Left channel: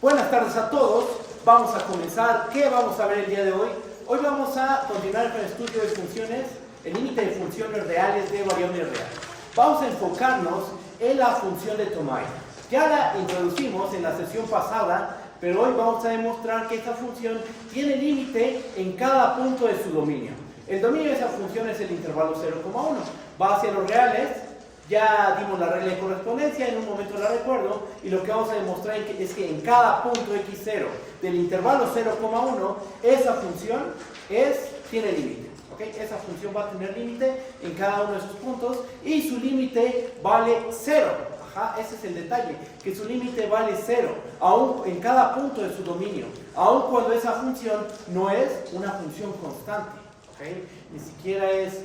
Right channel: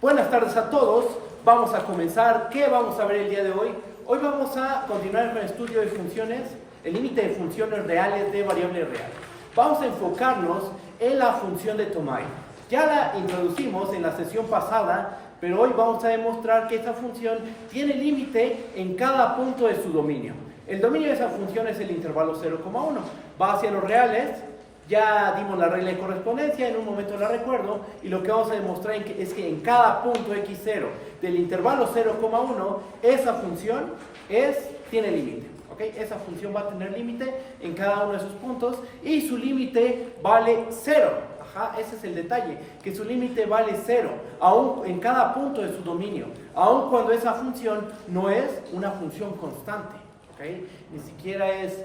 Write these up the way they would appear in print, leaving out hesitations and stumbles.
Buenas tardes a todos. Vamos a comenzar. ¿Qué vamos a ver el día de hoy? Hoy vamos a continuar con el estudio de funciones, el límite de funciones reales de variable real. Vamos a enfocarnos en la función de Tomai. Ya la introducimos en la sesión pasada, pero hoy vamos a demostrar que esta función tiene límite en cada punto de su dominio. El dominio de esa función es el intervalo 0,1. Va hacia los reales. Ya dimos la regla de correspondencia, en un momento la recuerdo, y lo que vamos a demostrar es que en cada punto x0 del intervalo 0,1, esa función tiene límite. ¿Okay? Esa función va a tener límite en cada uno de sus puntos y su límite vale 0. Ese es el detalle, que su límite vale 0, aún en cada punto de su dominio, aun cuando esa función no es una función constante. ¿Okay? Ni siquiera es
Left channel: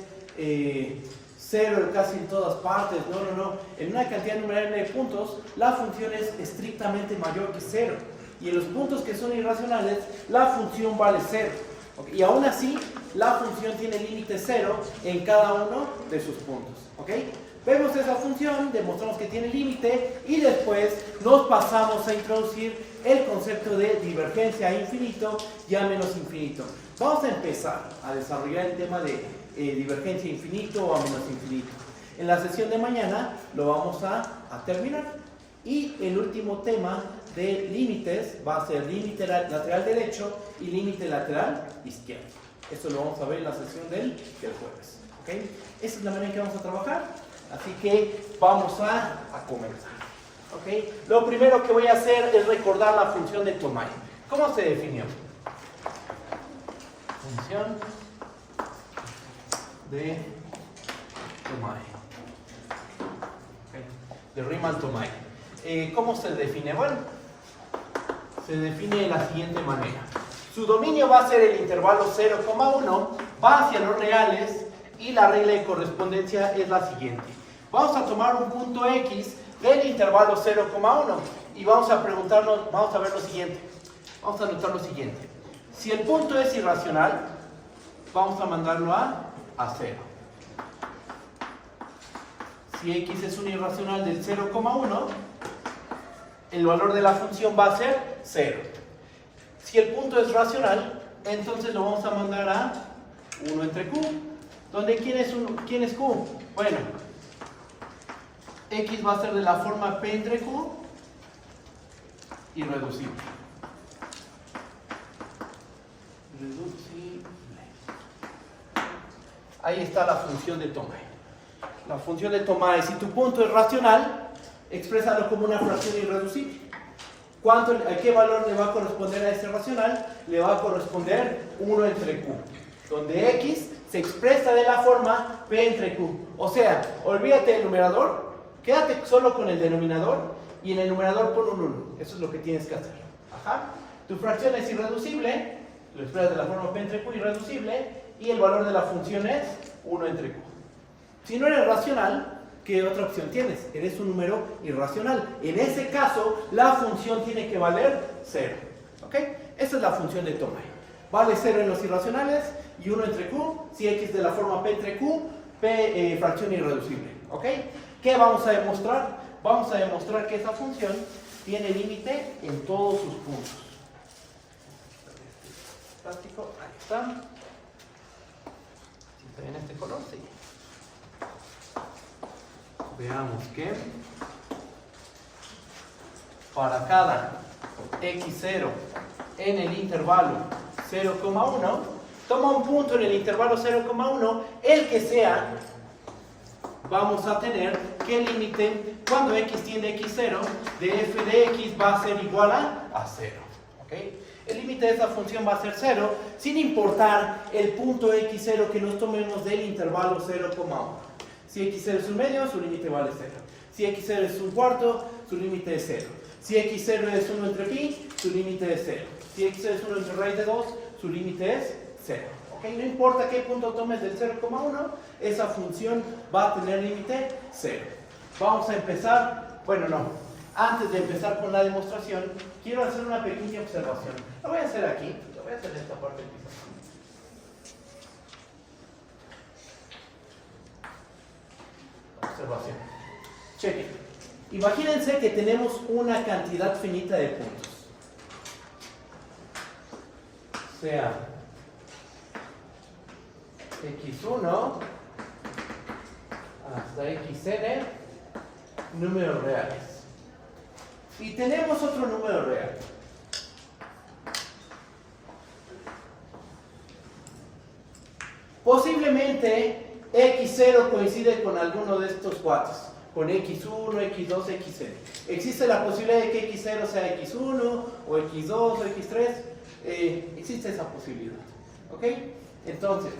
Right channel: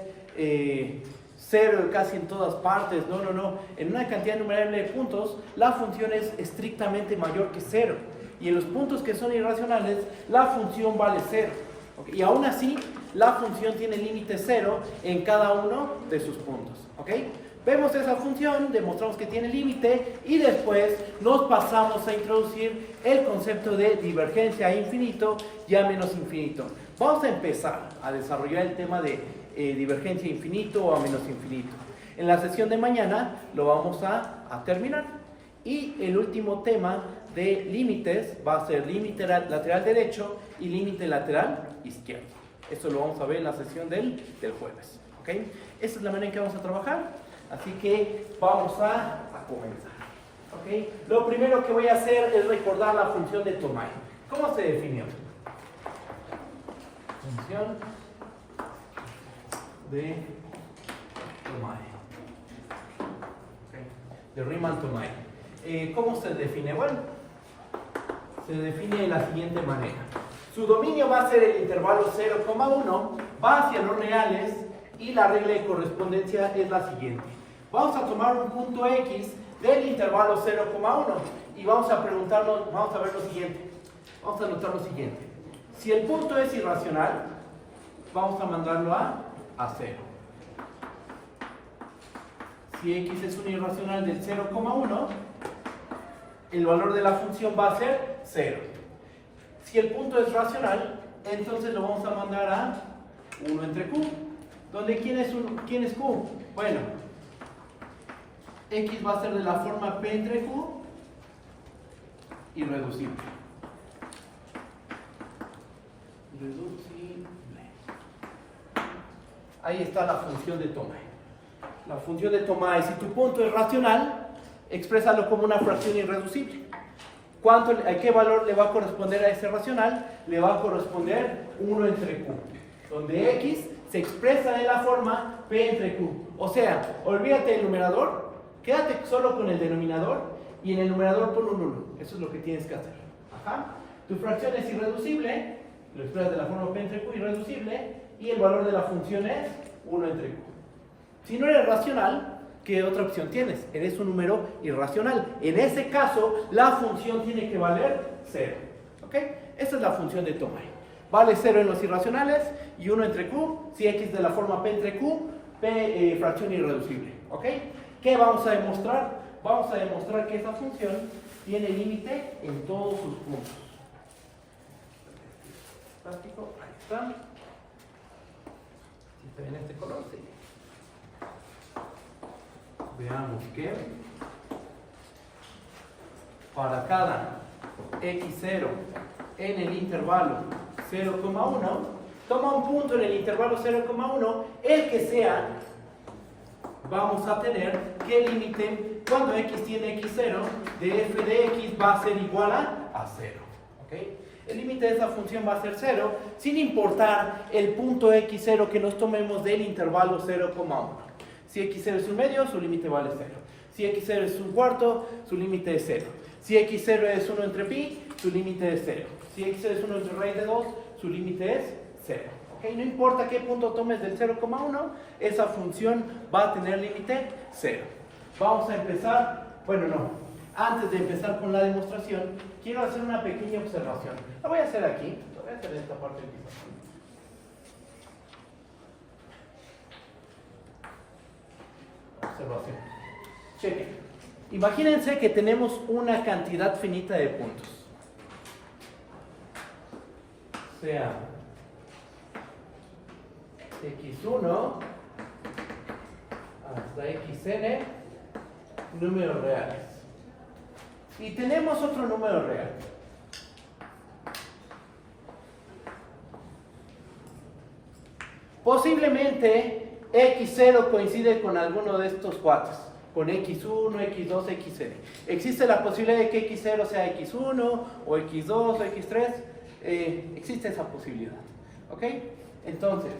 0 casi en todas partes, no. En una cantidad numerable de puntos, la función es estrictamente mayor que 0. Y en los puntos que son irracionales, la función vale 0. ¿Okay? Y aún así, la función tiene límite 0 en cada uno de sus puntos. ¿Okay? Vemos esa función, demostramos que tiene límite y después nos pasamos a introducir el concepto de divergencia a infinito y a menos infinito. Vamos a empezar a desarrollar el tema de divergencia a infinito o a menos infinito. En la sesión de mañana lo vamos a terminar. Y el último tema de límites va a ser límite lateral derecho y límite lateral izquierdo. Esto lo vamos a ver en la sesión del jueves. ¿Okay? Esa es la manera en que vamos a trabajar. Así que vamos a comenzar. ¿Okay? Lo primero que voy a hacer es recordar la función de Tomai. ¿Cómo se definió? Función de Tomai. De Riemann-Tomai. ¿Cómo se define? Bueno, se define de la siguiente manera. Su dominio va a ser el intervalo 0,1, va hacia los reales y la regla de correspondencia es la siguiente. Vamos a tomar un punto X del intervalo 0,1 y vamos a ver lo siguiente. Vamos a notar lo siguiente. Si el punto es irracional, vamos a mandarlo a 0. Si X es un irracional del 0,1, el valor de la función va a ser 0. Si el punto es racional, entonces lo vamos a mandar a 1 entre Q. ¿Dónde quién es Q? Bueno, X va a ser de la forma P entre Q irreducible. Ahí está la función de Tomai. La función de Tomai, si tu punto es racional, exprésalo como una fracción irreducible. ¿A qué valor le va a corresponder a este racional? Le va a corresponder 1 entre Q, donde X se expresa de la forma P entre Q. O sea, olvídate del numerador, quédate solo con el denominador y en el numerador pon un 1. Eso es lo que tienes que hacer. Tu fracción es irreducible, lo expresas de la forma P entre Q irreducible y el valor de la función es 1 entre Q. Si no eres racional, ¿qué otra opción tienes? Eres un número irracional. En ese caso, la función tiene que valer 0. ¿Ok? Esa es la función de Tomai. Vale 0 en los irracionales y 1 entre Q. Si X de la forma P entre Q, P fracción irreducible. ¿Ok? ¿Qué vamos a demostrar? Vamos a demostrar que esa función tiene límite en todos sus puntos. Plástico, ahí está. Si está en este color, sí. Veamos que para cada x0 en el intervalo 0,1, toma un punto en el intervalo 0,1, el que sea, vamos a tener que el límite, cuando x tiende a x0, de f de x va a ser igual a 0. ¿Okay? El límite de esa función va a ser 0, sin importar el punto x0 que nos tomemos del intervalo 0,1. Si x0 es un medio, su límite vale 0. Si x0 es un cuarto, su límite es 0. Si x0 es 1 entre pi, su límite es 0. Si x0 es 1 entre raíz de 2, su límite es 0. ¿Okay? No importa qué punto tomes del 0,1, esa función va a tener límite 0. Vamos a empezar, antes de empezar con la demostración, quiero hacer una pequeña observación. Lo voy a hacer aquí, lo voy a hacer en esta parte del pizarrón. Observación. Chequen. Imagínense que tenemos una cantidad finita de puntos. sea x1 hasta xn números reales. Y tenemos otro número real. Posiblemente x0 coincide con alguno de estos cuates, con x1, x2, xn. Existe la posibilidad de que x0 sea x1 o x2 o x3. Existe esa posibilidad. ¿Ok? Entonces,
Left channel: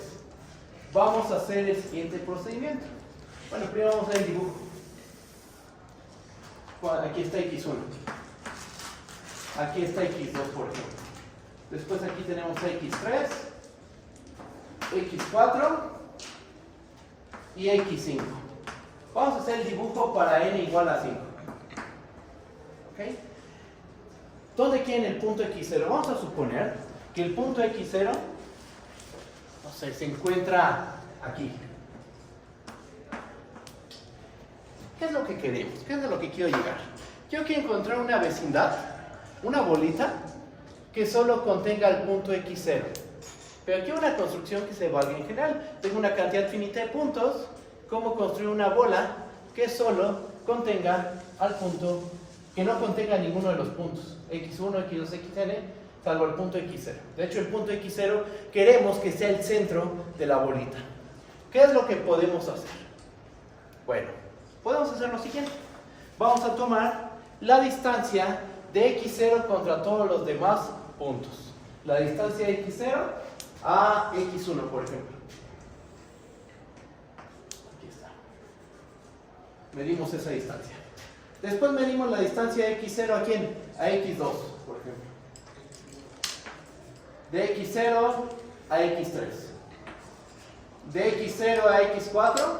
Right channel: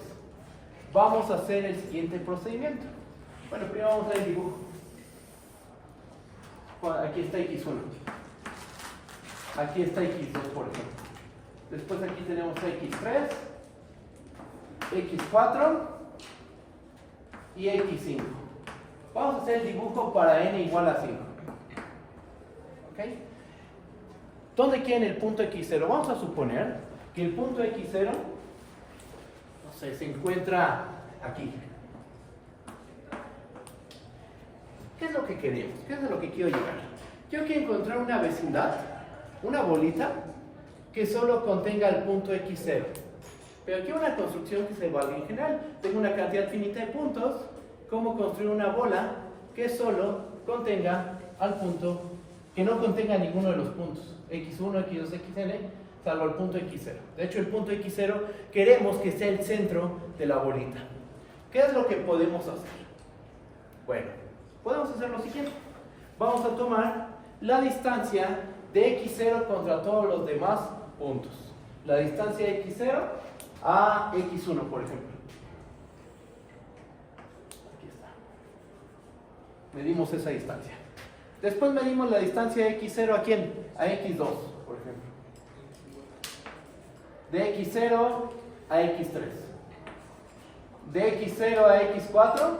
vamos a hacer el siguiente procedimiento. Bueno, primero vamos a ver el dibujo. Aquí está x1. Aquí está x2, por ejemplo. Después aquí tenemos x3, x4 y x5. Vamos a hacer el dibujo para n igual a 5. ¿Ok? ¿Dónde quieren el punto x0? Vamos a suponer que el punto x0, no sé, se encuentra aquí. ¿Qué es lo que queremos? ¿Qué es lo que quiero llegar? Yo quiero encontrar una vecindad, una bolita, que solo contenga el punto x0. Pero aquí una construcción que se valga en general. Tengo una cantidad finita de puntos. ¿Cómo construir una bola que solo contenga al punto, que no contenga ninguno de los puntos? x1, x2, xn, salvo el punto x0. De hecho, el punto x0 queremos que sea el centro de la bolita. ¿Qué es lo que podemos hacer? Bueno, podemos hacer lo siguiente. Vamos a tomar la distancia de x0 contra todos los demás puntos. La distancia de x0 a x1, por ejemplo. Aquí está. Medimos esa distancia. Después medimos la distancia de x0 a quién? A x2, por ejemplo. De x0 a x3. De x0 a x4.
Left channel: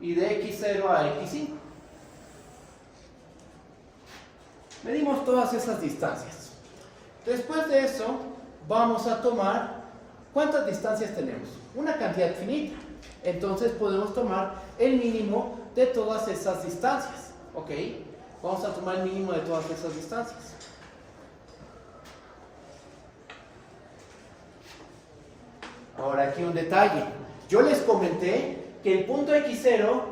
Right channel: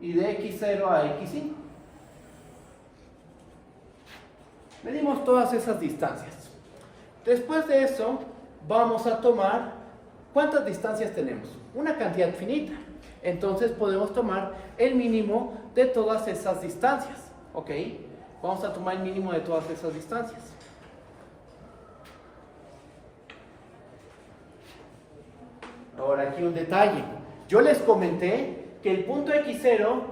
Y de x0 a x5. Medimos todas esas distancias. Después de eso, vamos a tomar, ¿cuántas distancias tenemos? Una cantidad finita. Entonces podemos tomar el mínimo de todas esas distancias. ¿Ok? Vamos a tomar el mínimo de todas esas distancias. Ahora aquí un detalle. Yo les comenté que el punto x0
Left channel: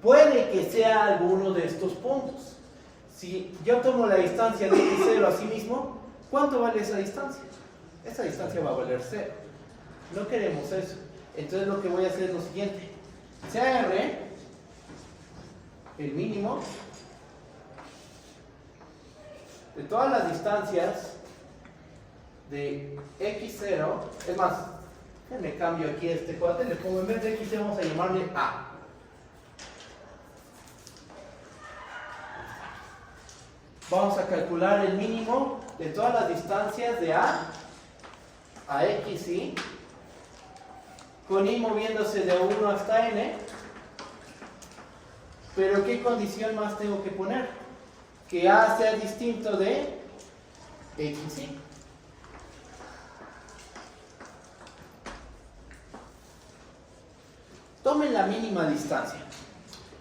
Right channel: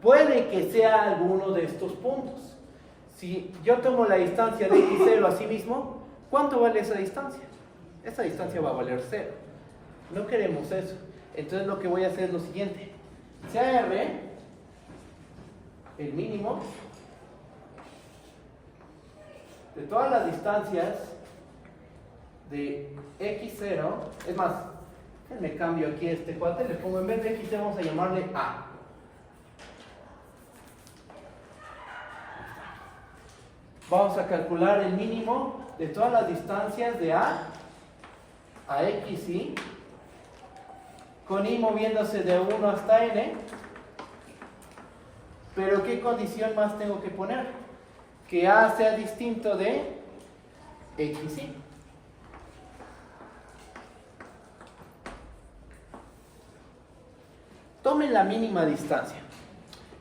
puede que sea alguno de estos puntos. Si yo tomo la distancia de x0 a sí mismo, ¿cuánto vale esa distancia? Esa distancia va a valer 0. No queremos eso. Entonces lo que voy a hacer es lo siguiente. Sea r, el mínimo, de todas las distancias de x0, es más, me cambio aquí este cuadro, le pongo en vez de x0 vamos a llamarle a. Vamos a calcular el mínimo de todas las distancias de a x, ¿sí? Con i moviéndose de 1 hasta n. Pero ¿qué condición más tengo que poner? Que a sea distinto de x, ¿sí? Tomen la mínima distancia.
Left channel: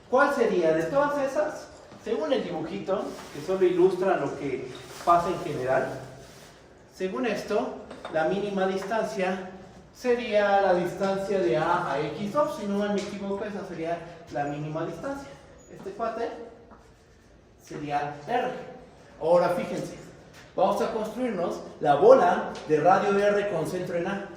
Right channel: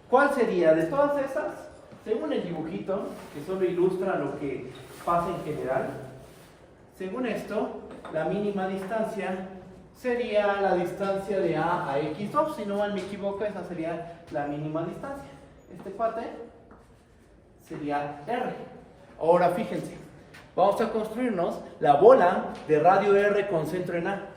¿Cuál sería? De todas esas, según el dibujito, que solo ilustra lo que pasa en general, según esto, la mínima distancia sería la distancia de a x2. Si no mal me equivoco, esa sería la mínima distancia. Este cuate sería r. Ahora fíjense, vamos a construirnos la bola de radio r con centro en a.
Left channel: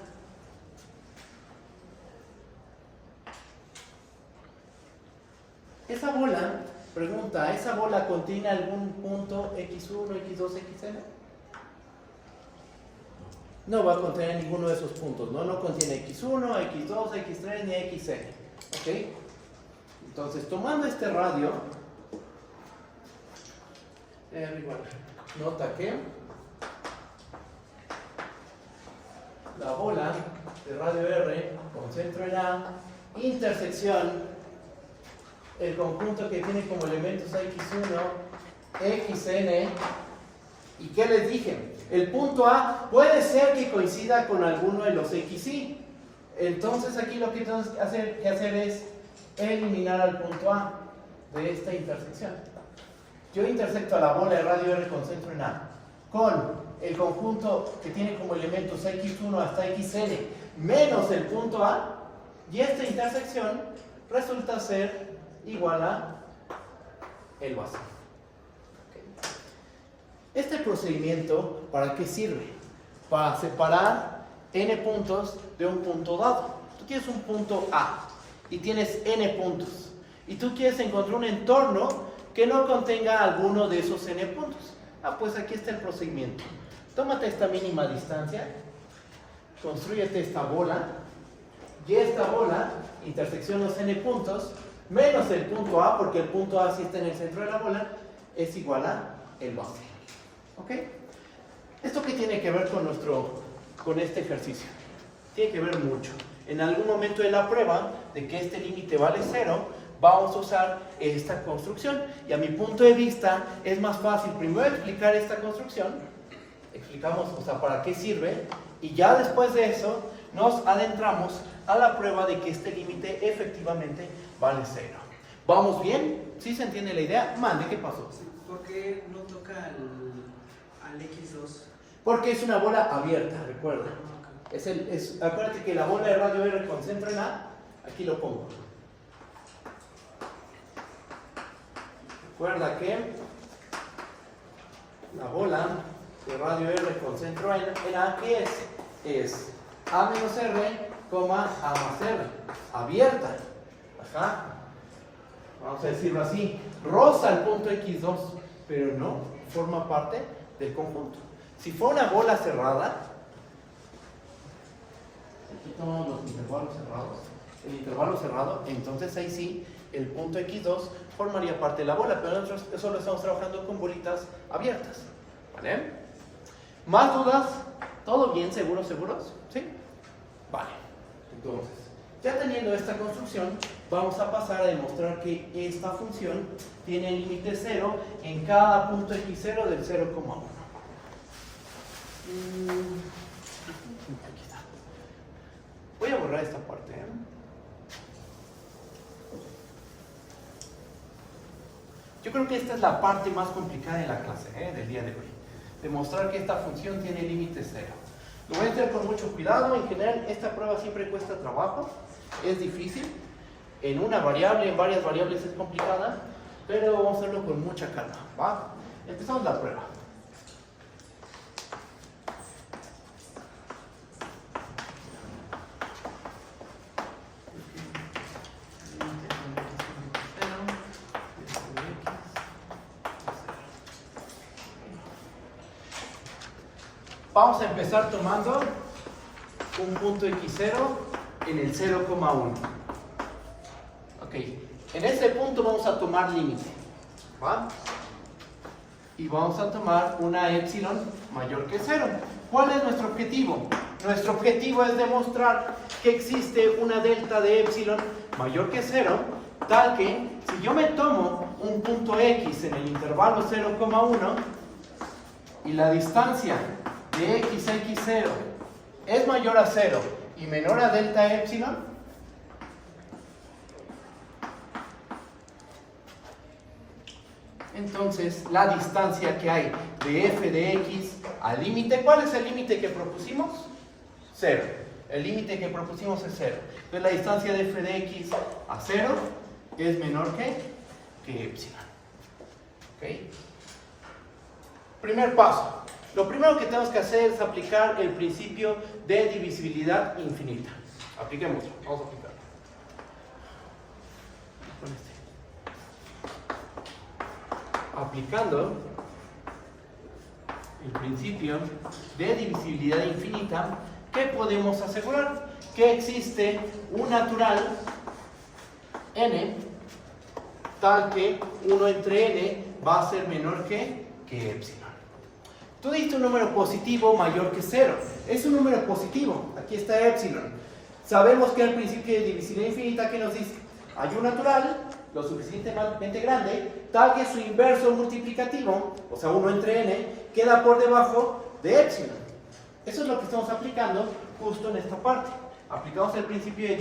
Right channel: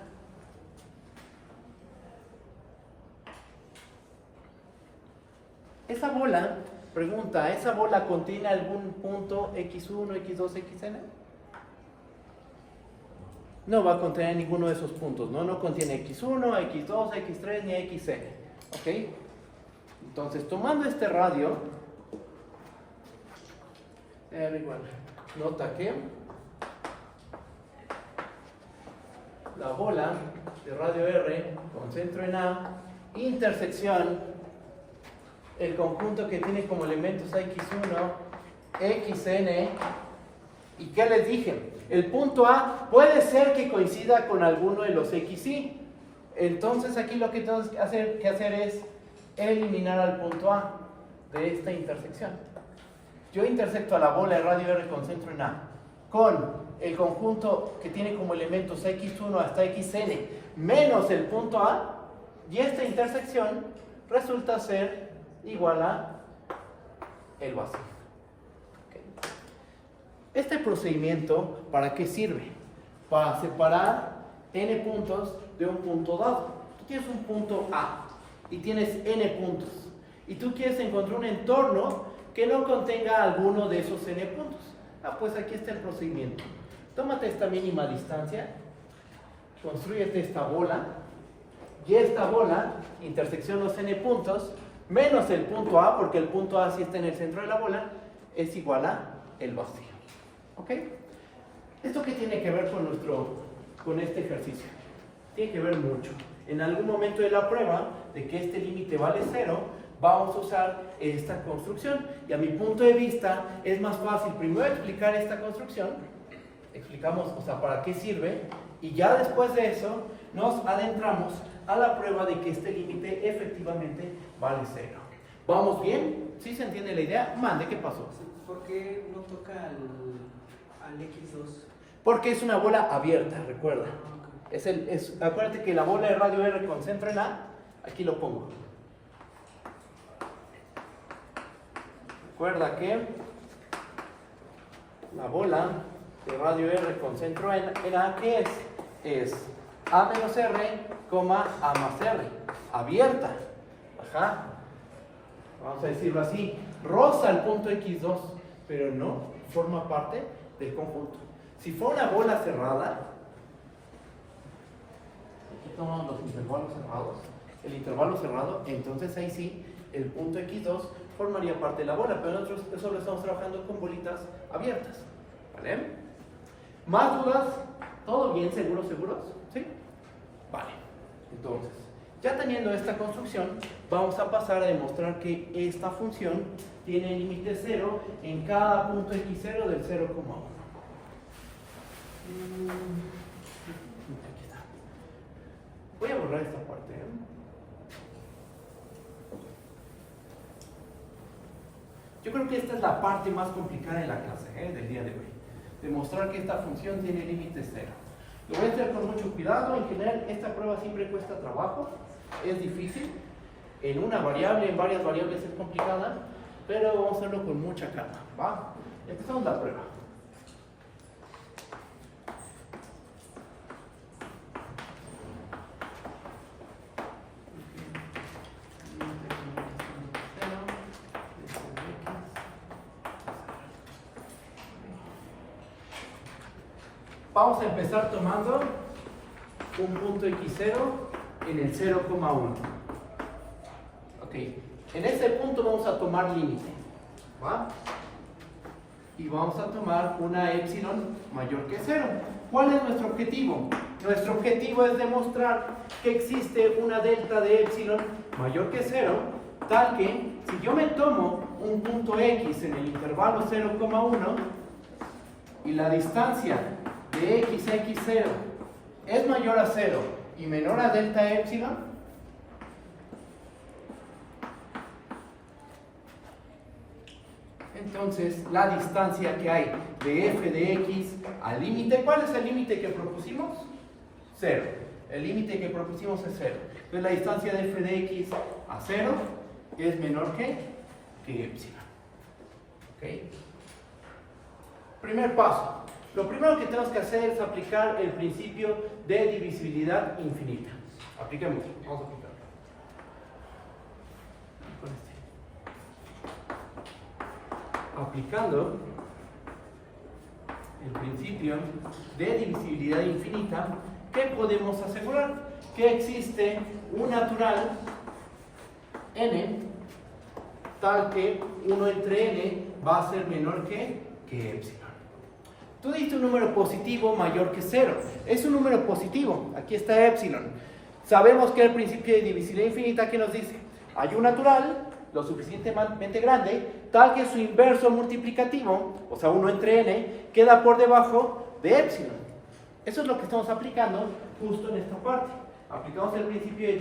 Esa bola, pregunta, ¿esa bola contiene algún punto x1, x2, xn? No va a contener ninguno de esos puntos, ¿no? No contiene x1, x2, x3 ni xn. ¿Ok? Entonces, tomando este radio, nota que la bola de radio R con centro en A, intersección, el conjunto que tiene como elementos a x1, xn, ¿y qué les dije? El punto A puede ser que coincida con alguno de los xy. Entonces aquí lo que tenemos que hacer es eliminar al punto A de esta intersección. Yo intersecto a la bola de radio R con centro en A. con el conjunto que tiene como elementos x1 hasta xn menos el punto A, y esta intersección resulta ser igual a el vacío. Este procedimiento, ¿para qué sirve? Para separar n puntos de un punto dado. Tú tienes un punto A y tienes n puntos, y tú quieres encontrar un entorno que no contenga alguno de esos n puntos. Pues aquí está el procedimiento. Tómate esta mínima distancia, constrúyete esta bola, y esta bola, intersección los n puntos, menos el punto A, porque el punto A sí está en el centro de la bola, es igual a el vacío. ¿Ok? ¿Esto qué tiene que ver con este ejercicio? Tiene que ver mucho. En algún momento de la prueba, de que este límite vale 0, vamos a usar esta construcción. Y a mi punto de vista, es más fácil primero explicar esta construcción, explicamos, o sea, para qué sirve, y ya después de eso, nos adentramos a la prueba de que este límite efectivamente vale 0. ¿Vamos bien? ¿Sí se entiende la idea? Mande, ¿qué pasó? ¿Por qué no toca al X2? Porque es una bola abierta, recuerda. Okay. Acuérdate que la bola de radio R con centro en A, aquí lo pongo. Recuerda que la bola de radio R con centro en A, ¿qué es? Es A menos R, A más R, abierta. Ajá. Vamos a decirlo así, roza el punto X2, pero no forma parte del conjunto. Si fuera una bola cerrada, aquí tomamos los intervalos cerrados, el intervalo cerrado, entonces ahí sí, el punto X2 formaría parte de la bola, pero nosotros solo estamos trabajando con bolitas abiertas. ¿Vale? ¿Más dudas? ¿Todo bien? ¿Seguros? ¿Sí? Vale. Entonces, ya teniendo esta construcción, vamos a pasar a demostrar que esta función tiene límite 0 en cada punto x0 del 0,1. Voy a borrar esta parte. Yo creo que esta es la parte más complicada de la clase, del día de hoy. Demostrar que esta función tiene límite 0. Lo voy a hacer con mucho cuidado. En general, esta prueba siempre cuesta trabajo. Es difícil. En una variable, en varias variables es complicada, pero vamos a hacerlo con mucha calma. ¿Va? Empezamos la prueba. Vamos a empezar tomando un punto x0 en el 0,1. Ok, en ese punto vamos a tomar límite, ¿va? Y vamos a tomar una epsilon mayor que 0. ¿Cuál es nuestro objetivo? Nuestro objetivo es demostrar que existe una delta de epsilon mayor que 0, tal que si yo me tomo un punto x en el intervalo 0,1 y la distancia de x a x0 es mayor a 0 y menor a delta epsilon, entonces la distancia que hay de f de x al límite, ¿cuál es el límite que propusimos? 0. El límite que propusimos es 0. Entonces la distancia de f de x a 0 es menor que epsilon. ¿Okay? Primer paso. Lo primero que tenemos que hacer es aplicar el principio de divisibilidad infinita. Apliquémoslo. Vamos a aplicarlo. Aplicando el principio de divisibilidad infinita, ¿qué podemos asegurar? Que existe un natural n tal que 1 entre n va a ser menor que epsilon. Tú diste un número positivo mayor que 0. Es un número positivo. Aquí está epsilon. Sabemos que el principio de divisibilidad infinita, ¿qué nos dice? Hay un natural lo suficientemente grande, tal que su inverso multiplicativo, o sea 1 entre n, queda por debajo de epsilon. Eso es lo que estamos aplicando justo en esta parte. Aplicamos el principio de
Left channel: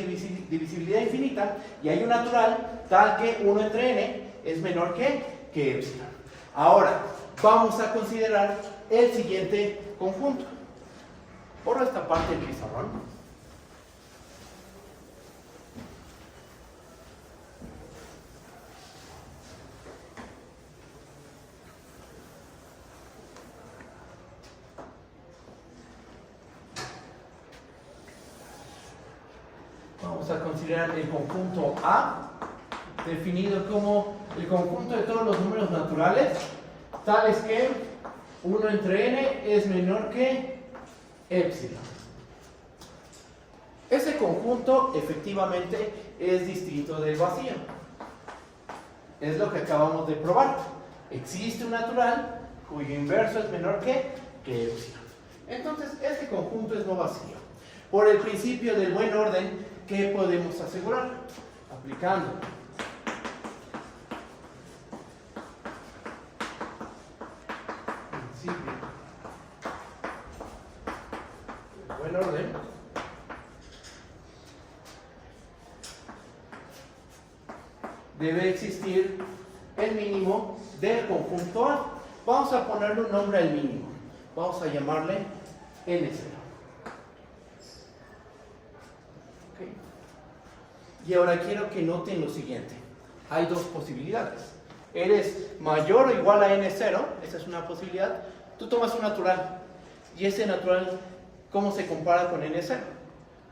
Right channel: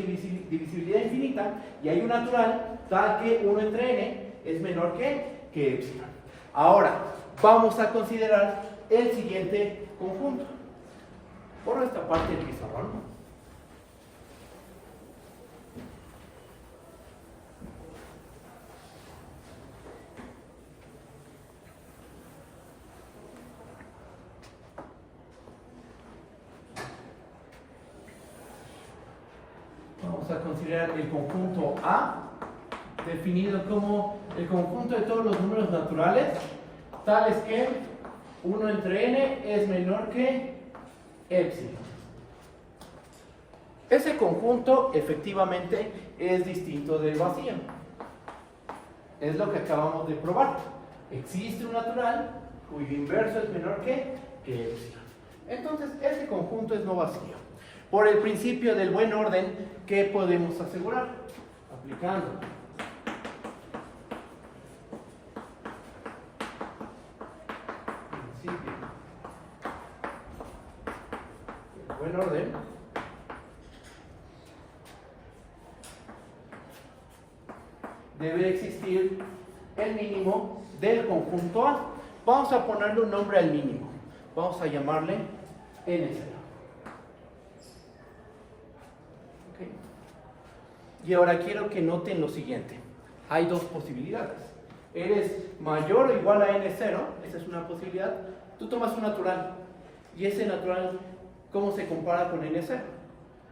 divisibilidad infinita y hay un natural tal que 1 entre n es menor que epsilon. Ahora, vamos a considerar el siguiente conjunto. Borro esta parte del pizarrón. Vamos a considerar el conjunto A, definido como el conjunto de todos los números naturales, tales que 1 entre n es menor que epsilon. Ese conjunto efectivamente es distinto del vacío. Es lo que acabamos de probar. Existe un natural cuyo inverso es menor que epsilon. Entonces, ese conjunto es no vacío. Por el principio del buen orden, ¿qué podemos asegurar? Aplicando principio del buen orden, debe existir el mínimo del conjunto A. Vamos a ponerle un nombre al mínimo. Vamos a llamarle N0. Y ahora quiero que noten lo siguiente. Hay dos posibilidades. Eres mayor o igual a n0, esa es una posibilidad. Tú tomas un natural. ¿Y ese natural cómo se compara con n0?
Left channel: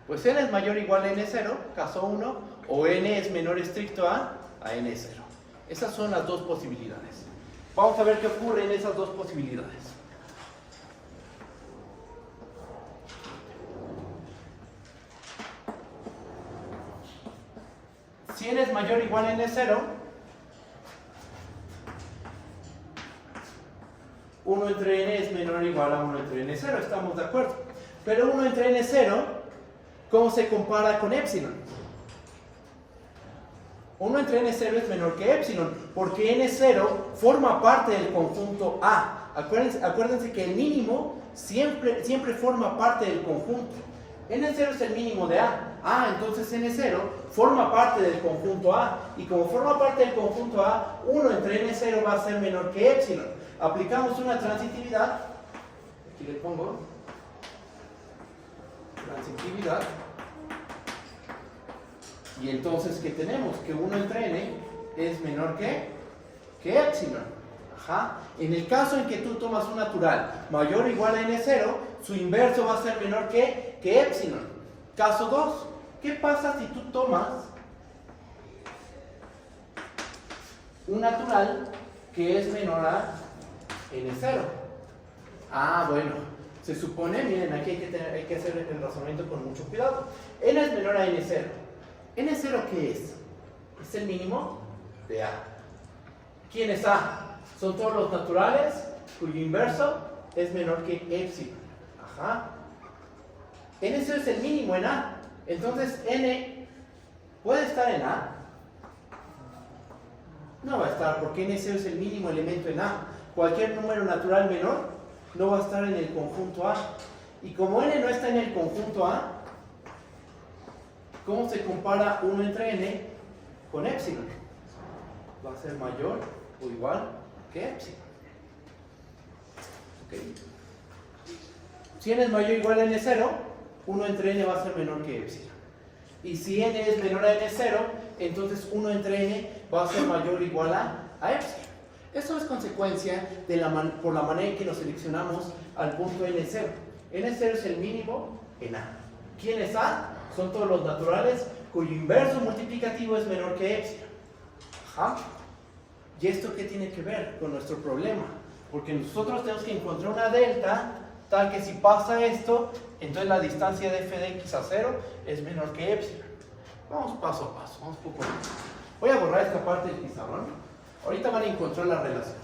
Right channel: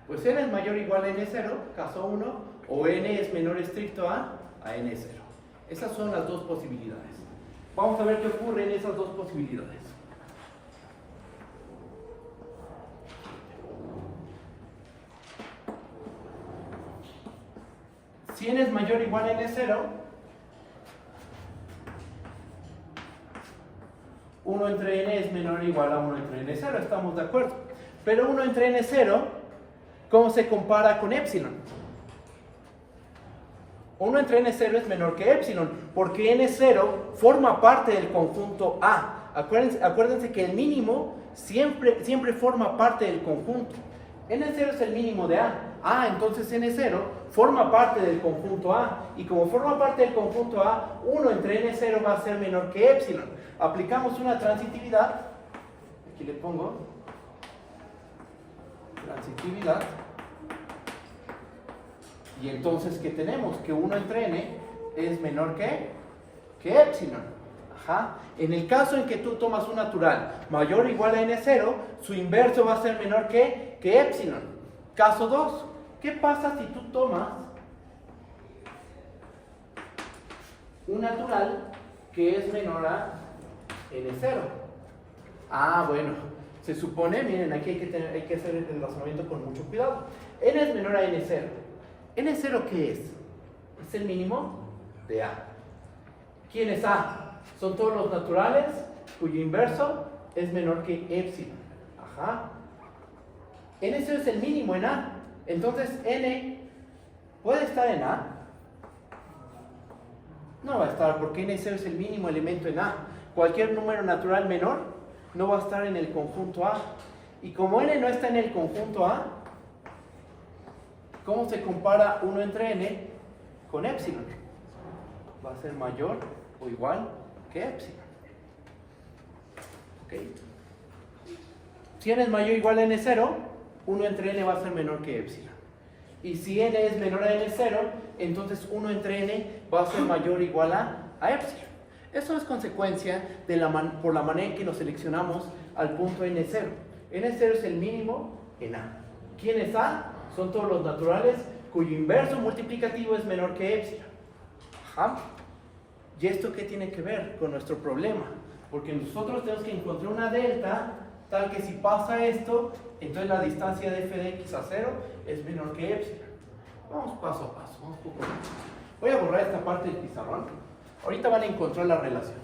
Pues n es mayor o igual a n0, caso 1, o n es menor estricto a n0. Esas son las dos posibilidades. Vamos a ver qué ocurre en esas dos posibilidades. Si n es mayor o igual a n0, 1 entre n es menor o igual a 1 entre n0, estamos de acuerdo. Pero 1 entre n0, ¿cómo se compara con epsilon? 1 entre n0 es menor que epsilon, porque n0 forma parte del conjunto A. Acuérdense que el mínimo siempre forma parte del conjunto. n0 es el mínimo de A. Entonces n0 forma parte del conjunto A. Y como forma parte del conjunto A, 1 entre n0 va a ser menor que epsilon. Aplicamos una transitividad. Aquí le pongo transitividad. Y entonces, ¿qué tenemos? Que 1 entre n es menor que epsilon. En el caso en que tú tomas un natural mayor o igual a n0, su inverso va a ser menor que epsilon. Caso 2. ¿Qué pasa si tú tomas un natural que es menor a n0? Bueno, se supone, miren, aquí hay que hacer el razonamiento con mucho cuidado. N es menor a n0. ¿n0 qué es? Es el mínimo de A. ¿Quién es A? Son todos los naturales cuyo inverso es menor que epsilon. n0 es el mínimo en A. Entonces, n ¿puede estar en A? No va a estar, porque n0 es el mínimo elemento en A. Cualquier número natural menor no va a estar en el conjunto A. Y como n no está en el conjunto A, ¿cómo se compara 1 entre n con epsilon? Va a ser mayor o igual que epsilon. Si n es mayor o igual a n0, 1 entre n va a ser menor que epsilon. Y si n es menor a n0, entonces 1 entre n va a ser mayor o igual a epsilon. Eso es consecuencia de por la manera en que lo seleccionamos al punto n0. n0 es el mínimo en A. ¿Quién es A? Son todos los naturales cuyo inverso multiplicativo es menor que epsilon. ¿Y esto qué tiene que ver con nuestro problema? Porque nosotros tenemos que encontrar una delta tal que si pasa esto, entonces la distancia de f de x a 0 es menor que epsilon. Vamos paso a paso, vamos poco a poco. Voy a borrar esta parte del pizarrón. Ahorita van a encontrar la relación.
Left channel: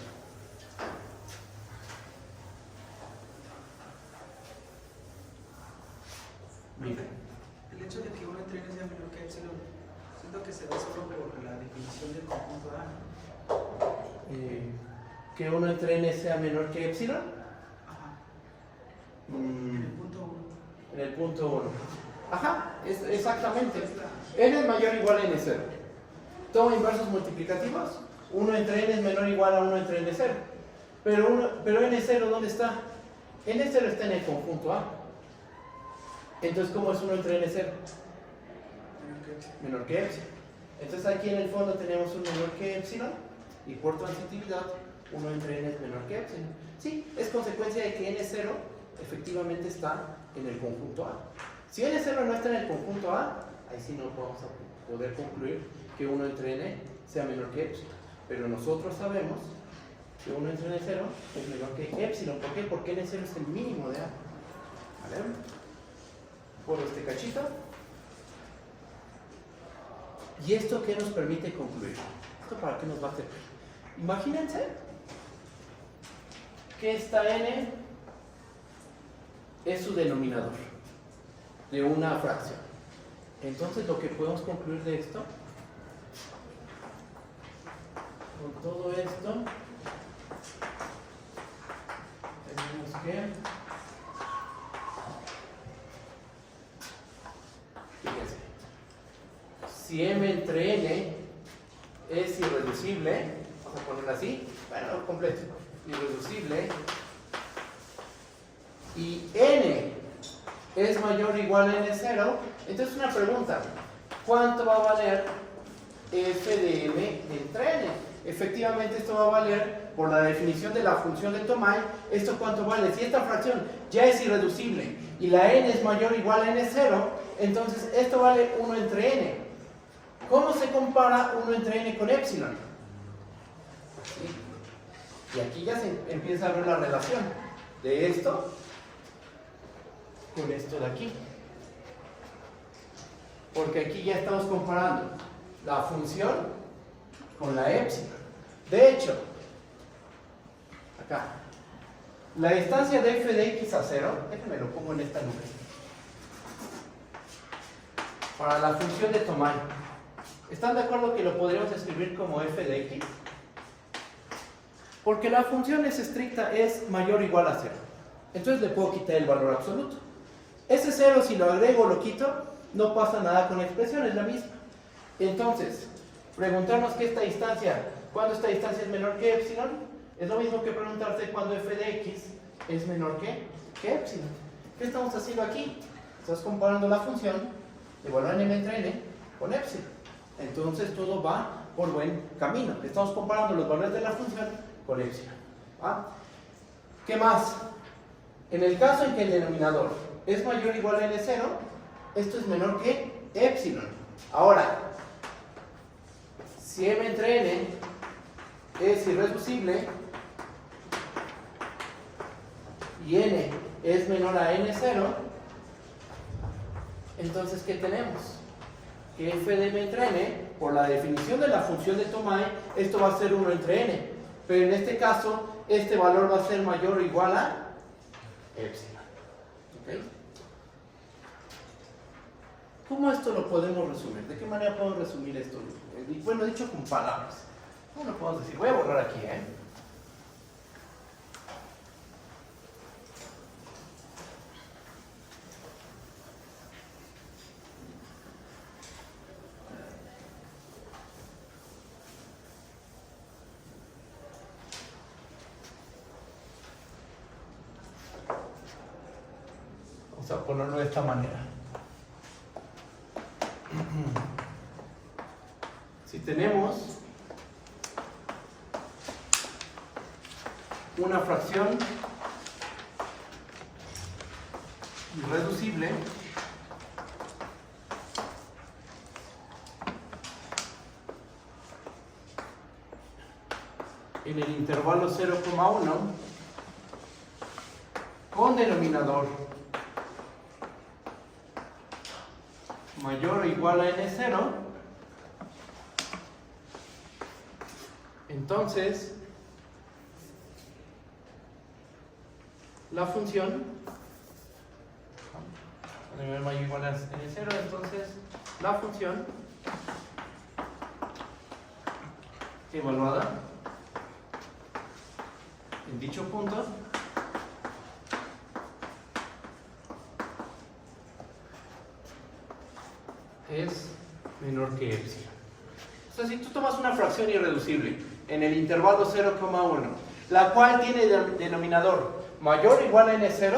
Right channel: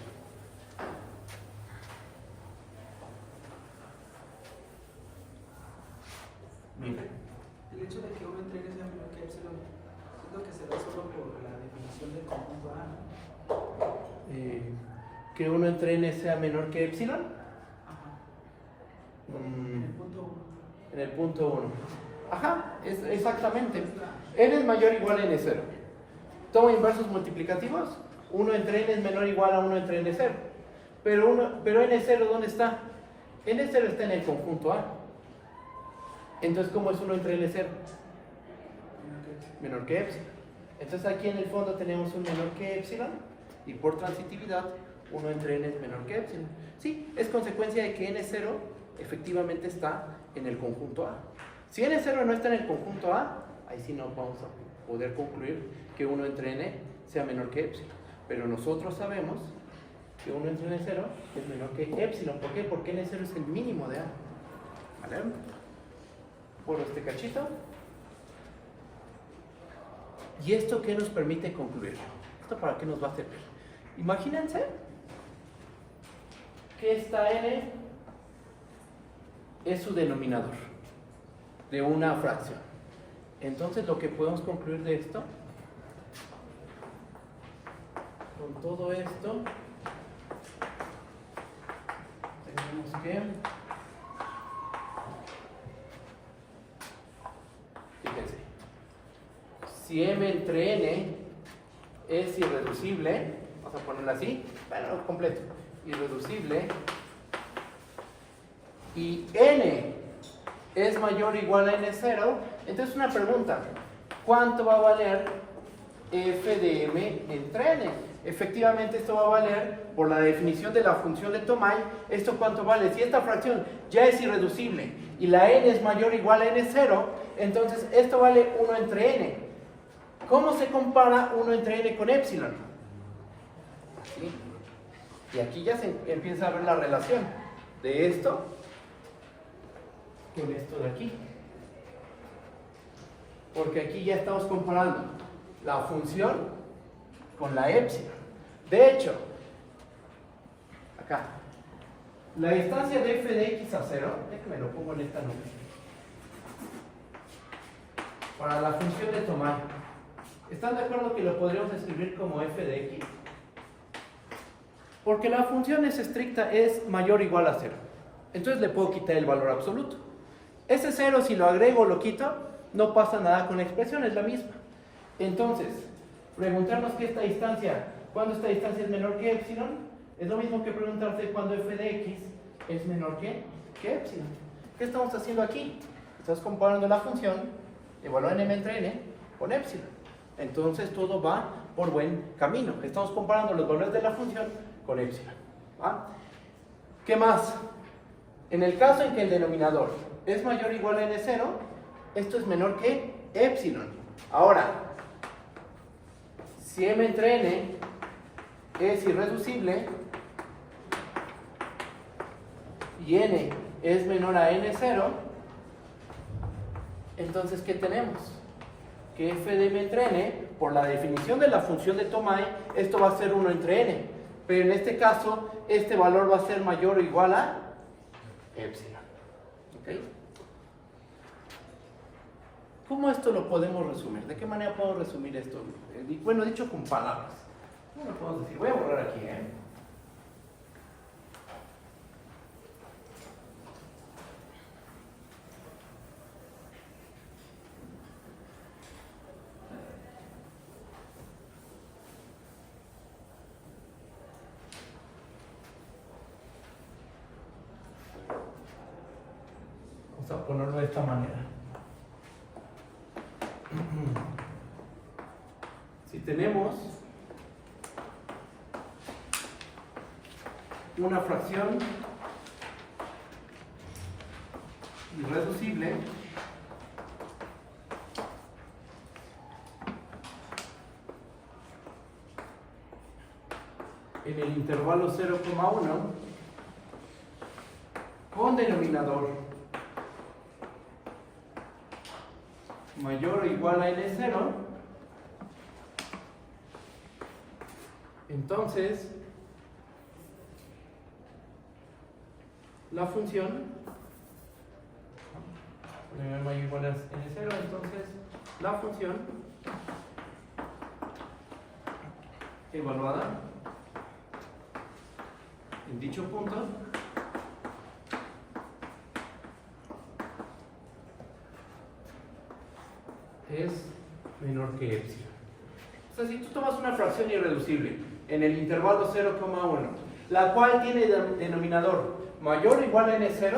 Miren. El hecho de que 1 entre n sea menor que epsilon, ¿es lo que se da solo por la definición del conjunto A? Que 1 entre n sea menor que epsilon. En el punto 1. En el punto 1. Exactamente. N es mayor o igual a n0. Toma inversos multiplicativos. 1 entre n es menor o igual a 1 entre n0. pero N0 ¿dónde está? N0 está en el conjunto A. Entonces, ¿cómo es 1 entre N0? Menor que epsilon. Entonces aquí en el fondo tenemos un menor que epsilon y por transitividad 1 entre N es menor que epsilon. Sí, es consecuencia de que N0 efectivamente está en el conjunto A. Si N0 no está en el conjunto A, ahí sí no vamos a poder concluir que 1 entre N sea menor que epsilon. Pero nosotros sabemos que 1 entre N0 es menor que epsilon. ¿Por qué? Porque N0 es el mínimo de A. ¿Vale? Borro este cachito. ¿Y esto qué nos permite concluir? ¿Esto para qué nos va a servir? Imagínense que esta n es su denominador de una fracción. Entonces lo que podemos concluir de esto, con todo esto, tenemos que, fíjense, si m entre n es irreducible, vamos a ponerlo así, bueno, completo, irreducible, y n es mayor o igual a n0, entonces una pregunta, ¿cuánto va a valer f de m entre n? Efectivamente esto va a valer, por la definición de la función de Thomai, ¿esto cuánto vale? Si esta fracción ya es irreducible y la n es mayor o igual a n0, entonces esto vale 1 entre n. ¿Cómo se compara 1 entre n con epsilon? ¿Sí? Y aquí ya se empieza a ver la relación de esto con esto de aquí. Porque aquí ya estamos comparando la función con la epsilon. De hecho, acá, la distancia de f de x a 0, déjenme lo pongo en esta nube, para la función de Thomai. ¿Están de acuerdo que lo podríamos escribir como f de x? Porque la función es estricta, es mayor o igual a 0. Entonces le puedo quitar el valor absoluto. Ese 0, si lo agrego o lo quito, no pasa nada con la expresión, es la misma. Entonces, preguntarnos que esta distancia, ¿cuándo esta distancia es menor que epsilon? Es lo mismo que preguntarse cuándo f de x es menor que epsilon. ¿Qué estamos haciendo aquí? Estamos comparando la función de valor m entre n con epsilon. Entonces todo va por buen camino. Estamos comparando los valores de la función con epsilon. ¿Va? ¿Qué más? En el caso en que el denominador es mayor o igual a n0, esto es menor que epsilon. Ahora, si m entre n es irreducible y n es menor a n0, entonces ¿qué tenemos? Que f de m entre n, por la definición de la función de Thomai, esto va a ser 1 entre n. Pero en este caso, este valor va a ser mayor o igual a epsilon. ¿Ok? ¿Cómo esto lo podemos resumir? ¿De qué manera podemos resumir esto? Bueno, dicho con palabras. ¿Cómo lo podemos decir? Voy a borrar aquí, Vamos a ponerlo de esta manera. Si tenemos una fracción irreducible en el intervalo 0,1 con denominador mayor o igual a n0, entonces la función mayor o igual a n0, entonces la función evaluada en dicho punto es menor que epsilon. O sea, si tú tomas una fracción irreducible en el intervalo 0,1 la cual tiene denominador mayor o igual a n0,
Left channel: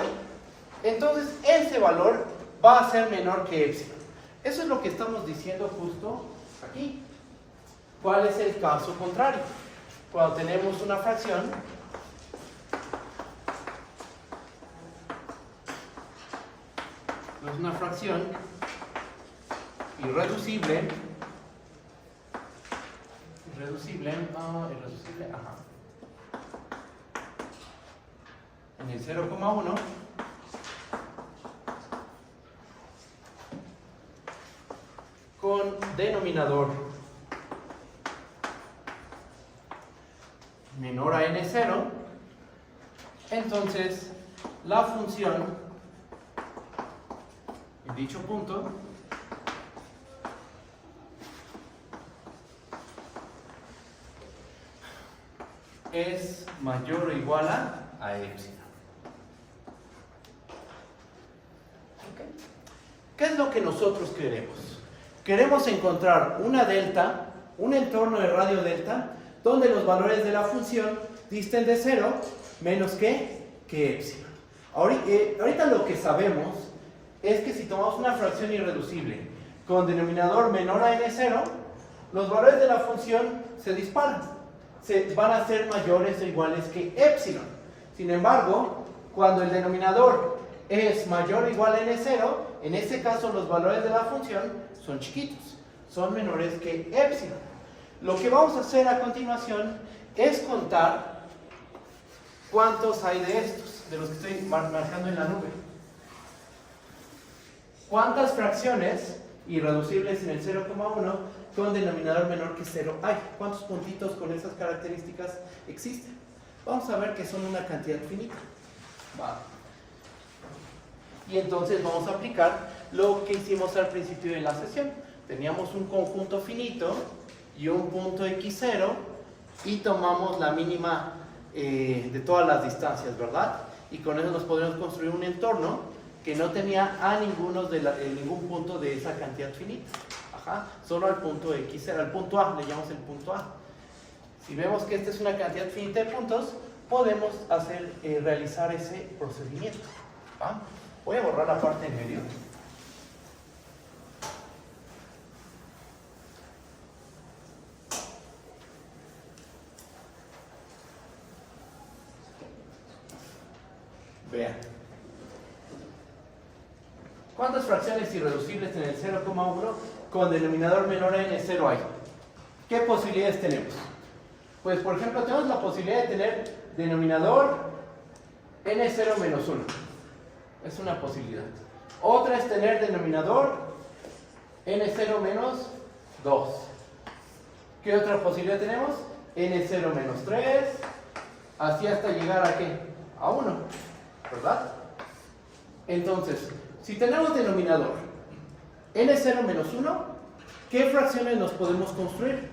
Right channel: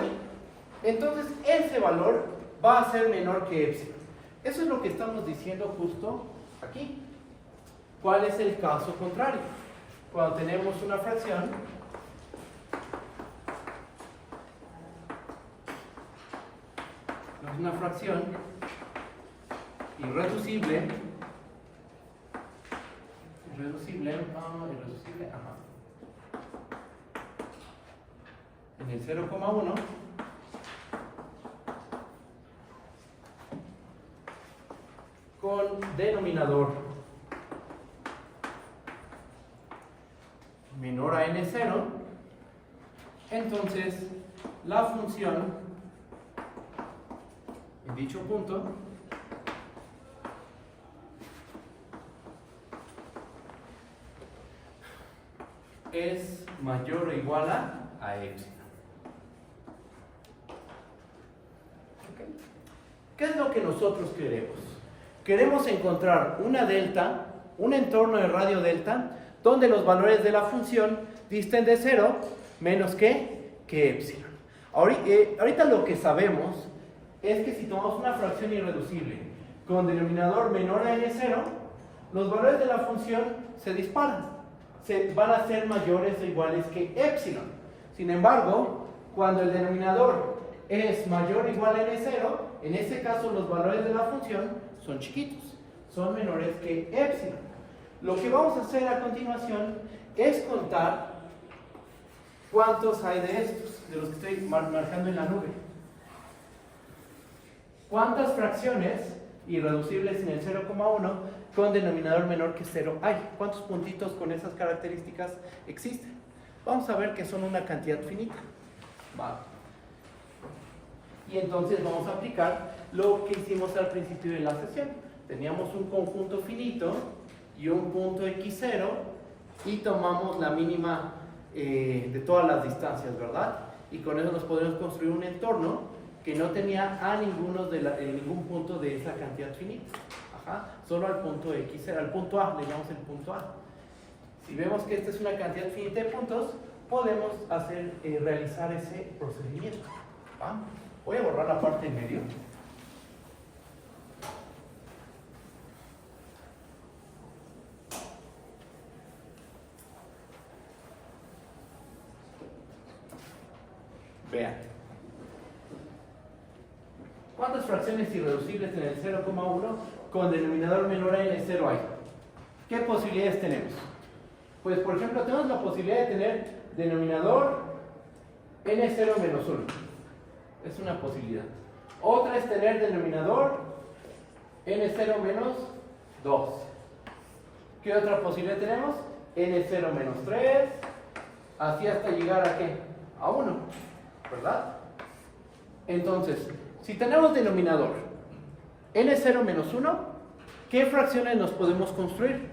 entonces ese valor va a ser menor que epsilon. Eso es lo que estamos diciendo justo aquí. ¿Cuál es el caso contrario? Cuando tenemos una fracción irreducible, ajá, en el 0,1 con denominador menor a n0, entonces la función en dicho punto es mayor o igual a epsilon. ¿Okay? ¿Qué es lo que nosotros queremos? Queremos encontrar una delta, un entorno de radio delta, donde los valores de la función disten de 0 menos que epsilon. Ahorita lo que sabemos es que si tomamos una fracción irreducible con denominador menor a n0, los valores de la función se disparan. Van a ser mayores o iguales que epsilon. Sin embargo, cuando el denominador es mayor o igual a n0, en ese caso los valores de la función son chiquitos, son menores que epsilon. Lo que vamos a hacer a continuación es contar cuántos hay de estos, de los que estoy marcando en la nube. ¿Cuántas fracciones irreducibles en el 0,1 con denominador menor que 0 hay? ¿Cuántos puntitos con esas características existen? Vamos a ver que son una cantidad finita. Vale. Y entonces vamos a aplicar lo que hicimos al principio de la sesión. Teníamos un conjunto finito y un punto x0 y tomamos la mínima de todas las distancias, ¿verdad? Y con eso nos podemos construir un entorno que no tenía a ningún punto de esa cantidad finita. Ajá, solo al punto x0, al punto A, le llamamos el punto A. Si vemos que esta es una cantidad finita de puntos, podemos realizar ese procedimiento. ¿Va? Voy a borrar la parte en medio. Vean. ¿Cuántas fracciones irreducibles en el 0,1 con denominador menor a n0 hay? ¿Qué posibilidades tenemos? Pues, por ejemplo, tenemos la posibilidad de tener denominador n0 menos 1. Es una posibilidad. Otra es tener denominador n0 menos 2. ¿Qué otra posibilidad tenemos? n0 menos 3. Así hasta llegar a ¿qué? A 1. ¿Verdad? Entonces, si tenemos denominador n0 menos 1, ¿qué fracciones nos podemos construir?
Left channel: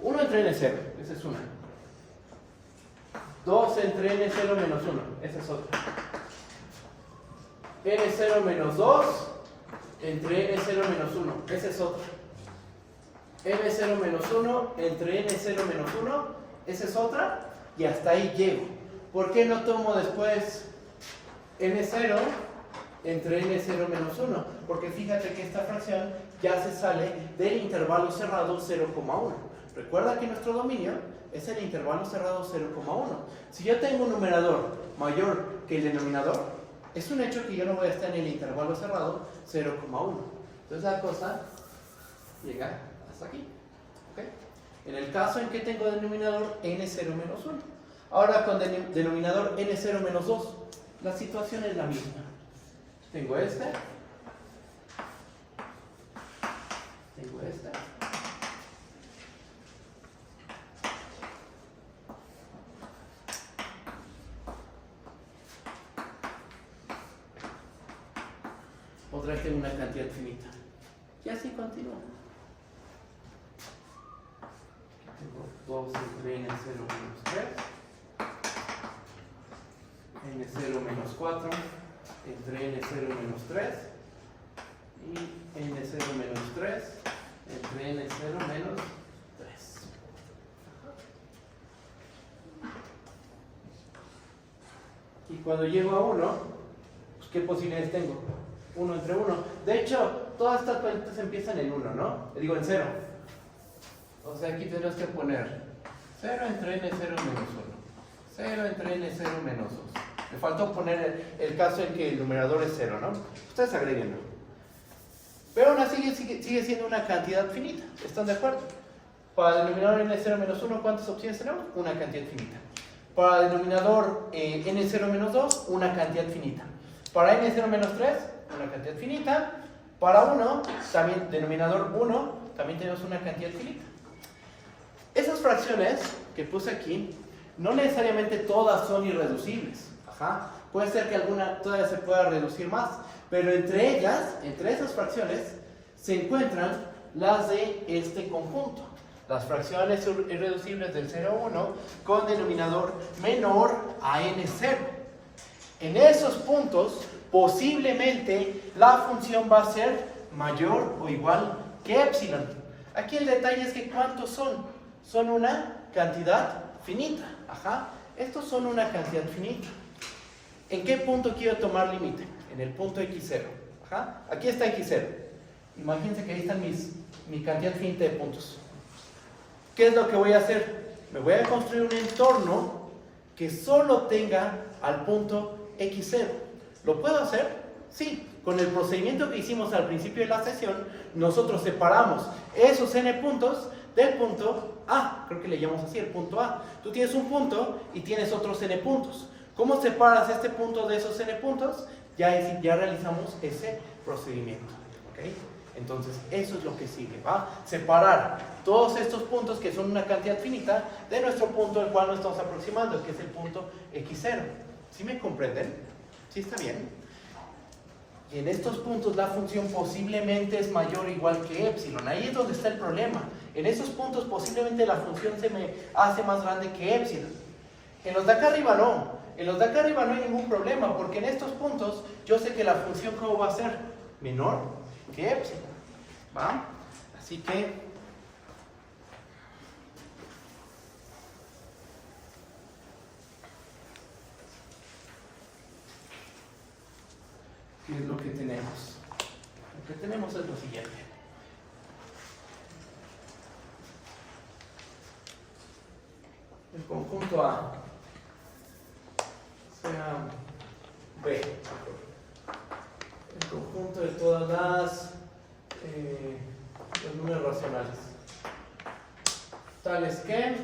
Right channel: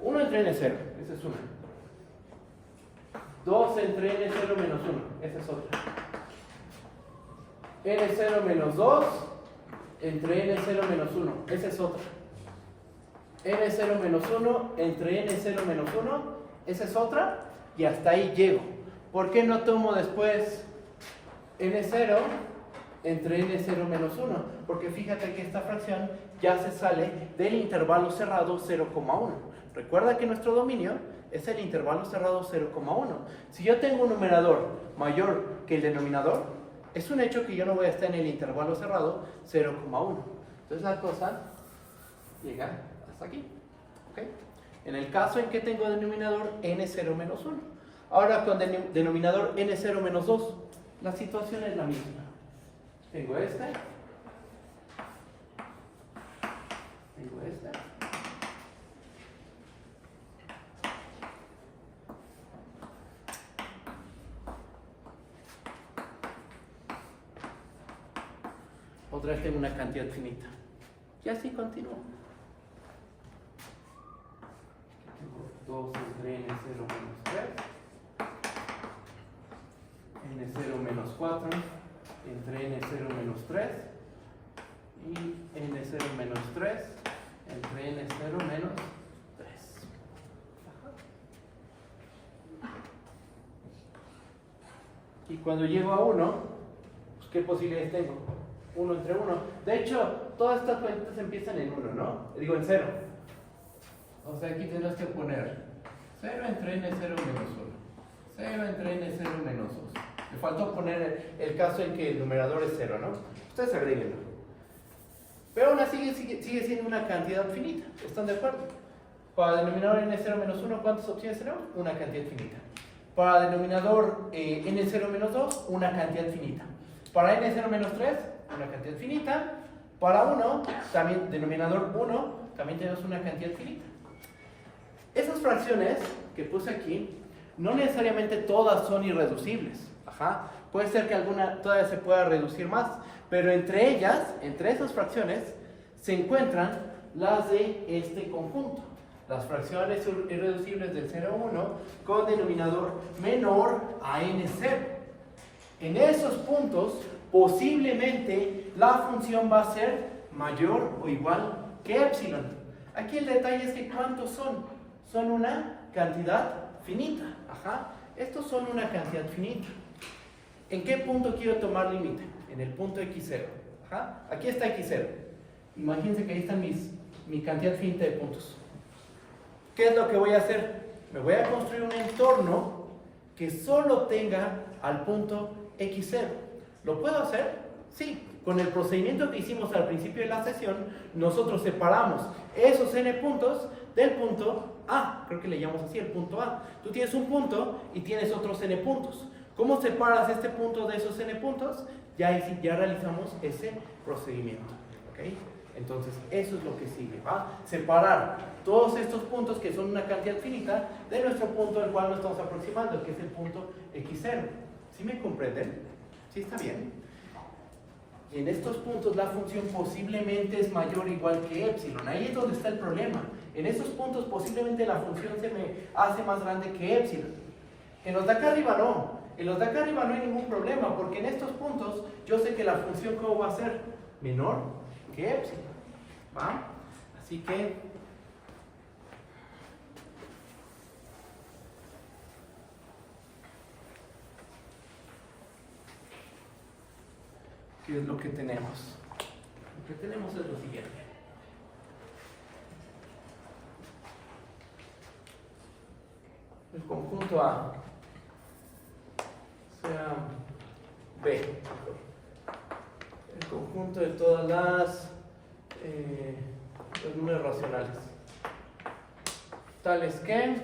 1 entre n0, esa es una. 2 entre n0 menos 1, esa es otra. n0 menos 2 entre n0 menos 1, esa es otra. n0 menos 1 entre n0 menos 1, esa es otra. Y hasta ahí llego. ¿Por qué no tomo después n0 entre n0 menos 1? Porque fíjate que esta fracción ya se sale del intervalo cerrado 0,1. Recuerda que nuestro dominio es el intervalo cerrado 0,1. Si yo tengo un numerador mayor que el denominador, es un hecho que yo no voy a estar en el intervalo cerrado 0,1. Entonces la cosa llega hasta aquí. ¿Okay? En el caso en que tengo denominador n0 menos 1. Ahora con denominador n0 menos 2, la situación es la misma. Tengo este. Tengo este. Otra vez tengo una cantidad finita. Y así continúo. Tengo 2 entre n0 menos 3. n0 menos 4 entre n0 menos 3 y n0 menos 3 entre n0 menos 3. Y cuando llego a 1, pues, ¿qué posibilidades tengo? 1 entre 1. De hecho, todas estas cuentas empiezan en 1, ¿no? Digo, en 0. O sea, aquí tendrás que poner 0 entre n0 menos 1. 0 entre n0 menos 2. Me faltó poner el caso en que el numerador es 0, ¿no? Ustedes agréguenlo. Pero aún así sigue siendo una cantidad finita. ¿Están de acuerdo? Para el denominador n0 menos 1, ¿cuántas opciones tenemos? Una cantidad finita. Para el denominador n0 menos 2, una cantidad finita. Para n0 menos 3, una cantidad finita. Para 1, también denominador 1, también tenemos una cantidad finita. Esas fracciones que puse aquí, no necesariamente todas son irreducibles. Ajá. Puede ser que alguna todavía se pueda reducir más, pero entre ellas, entre esas fracciones, se encuentran las de este conjunto. Las fracciones irreducibles del 0 a 1 con denominador menor a n0. En esos puntos, posiblemente la función va a ser mayor o igual que epsilon. Aquí el detalle es que ¿cuántos son? Son una cantidad finita. Ajá. Estos son una cantidad finita. ¿En qué punto quiero tomar límite? En el punto x0. Ajá. Aquí está x0. Imagínense que ahí están mi cantidad finita de puntos. ¿Qué es lo que voy a hacer? Me voy a construir un entorno que solo tenga al punto x0. ¿Lo puedo hacer? Sí. Con el procedimiento que hicimos al principio de la sesión, nosotros separamos esos n puntos del punto A. Creo que le llamamos así, el punto A. Tú tienes un punto y tienes otros n puntos. ¿Cómo separas este punto de esos n puntos? Ya realizamos ese procedimiento. ¿Okay? Entonces, eso es lo que sigue, ¿va? Separar todos estos puntos, que son una cantidad finita, de nuestro punto al cual nos estamos aproximando, que es el punto x0. ¿Sí me comprenden? ¿Sí está bien? Y en estos puntos la función posiblemente es mayor o igual que epsilon. Ahí es donde está el problema. En esos puntos posiblemente la función se me hace más grande que epsilon. En los de acá arriba no. En los de acá arriba no hay ningún problema, porque en estos puntos yo sé que la función ¿cómo va a ser? Menor que epsilon. ¿Va? Así que ¿qué es lo que tenemos? Lo que tenemos es lo siguiente. El conjunto A sea B. El conjunto de todas los números racionales. Tales que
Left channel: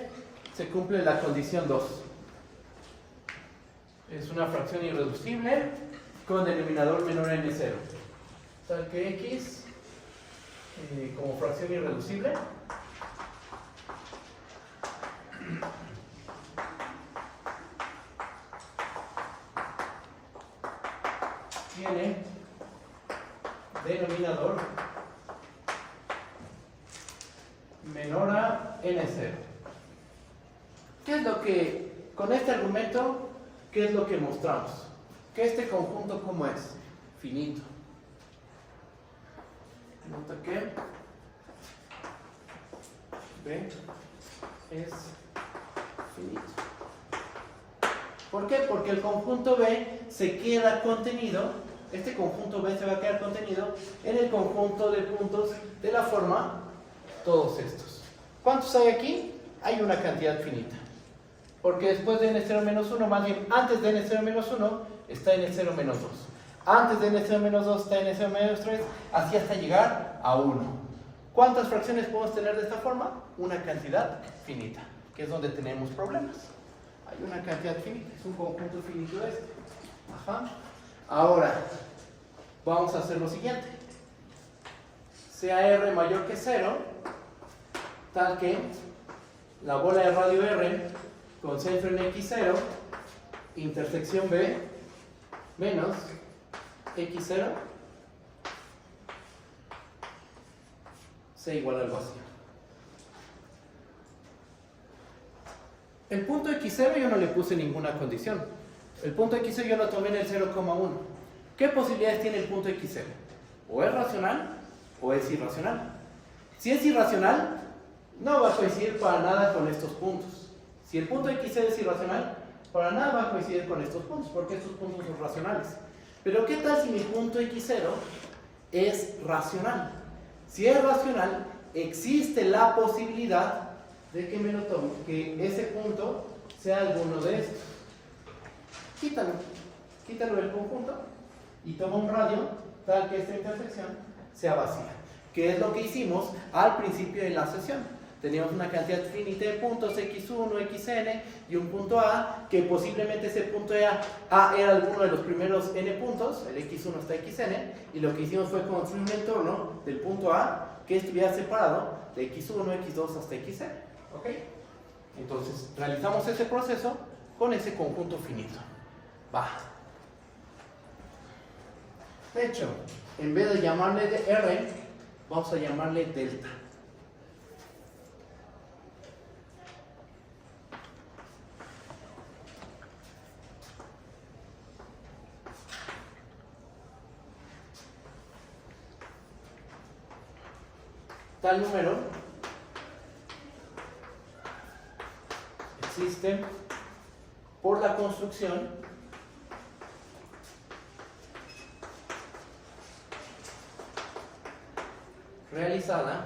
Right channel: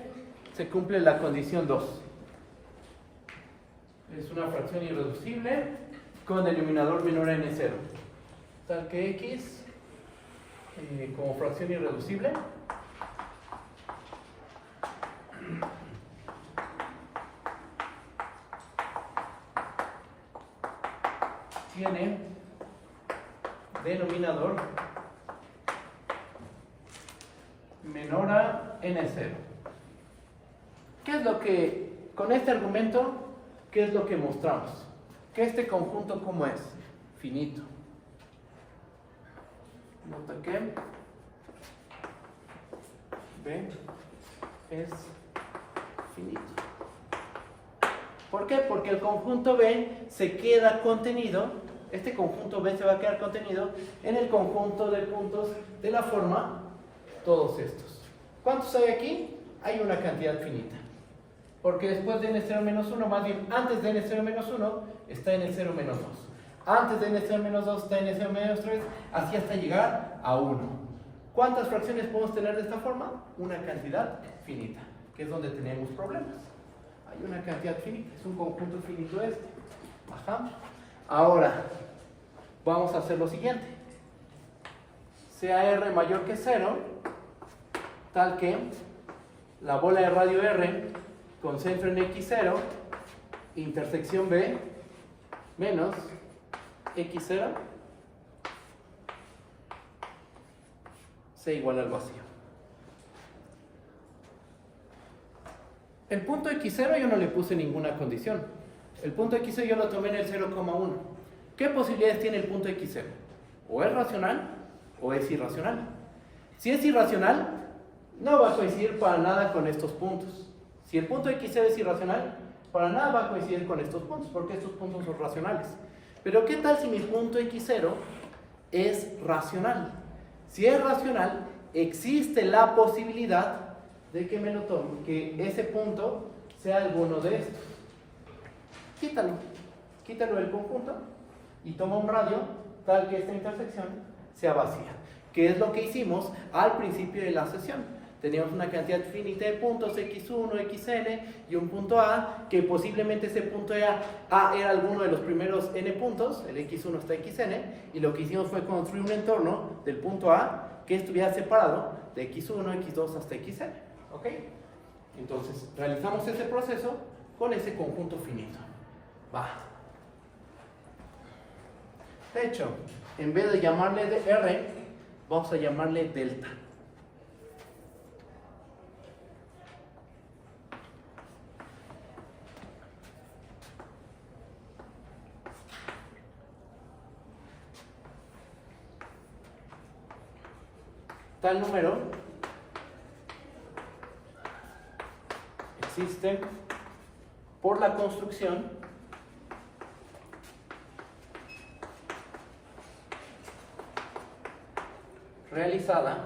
se cumple la condición 2. Es una fracción irreducible con denominador menor a n0. Tal que x como fracción irreducible tiene denominador menor a n0. ¿Qué es lo que, con este argumento, qué es lo que mostramos? Que este conjunto, ¿cómo es? Finito. Nota que B es finito. ¿Por qué? Porque el conjunto B se queda contenido, este conjunto B se va a quedar contenido en el conjunto de puntos de la forma todos estos. ¿Cuántos hay aquí? Hay una cantidad finita. Porque después de n0 menos 1, más bien antes de n0 menos 1, está n0 menos 2. Antes de n0 menos 2 está n0 menos 3, así hasta llegar a 1. ¿Cuántas fracciones podemos tener de esta forma? Una cantidad finita, que es donde tenemos problemas. Hay una cantidad finita, es un conjunto finito este. Ajá. Ahora, vamos a hacer lo siguiente. Sea R mayor que 0, tal que la bola de radio R concentre en x0, intersección B menos x0 sea igual al vacío. El punto x0 yo no le puse ninguna condición. El punto x0 yo lo tomé en el 0,1. ¿Qué posibilidades tiene el punto x0? O es racional o es irracional. Si es irracional, no va a coincidir para nada con estos puntos. Si el punto x0 es irracional, para nada va a coincidir con estos puntos, porque estos puntos son racionales. Pero ¿qué tal si mi punto x0 es racional? Si es racional, existe la posibilidad de que me lo tome, que ese punto sea alguno de estos. Quítalo del conjunto y toma un radio tal que esta intersección sea vacía, que es lo que hicimos al principio de la sesión. Teníamos una cantidad infinita de puntos, x1, xn, y un punto A, que posiblemente ese punto A era alguno de los primeros n puntos, el x1 hasta xn, y lo que hicimos fue construir un entorno del punto A que estuviera separado de x1, x2 hasta xn. ¿Ok? Entonces, realizamos ese proceso con ese conjunto finito. Va. De hecho, en vez de llamarle de R, vamos a llamarle delta. Tal número existe por la construcción realizada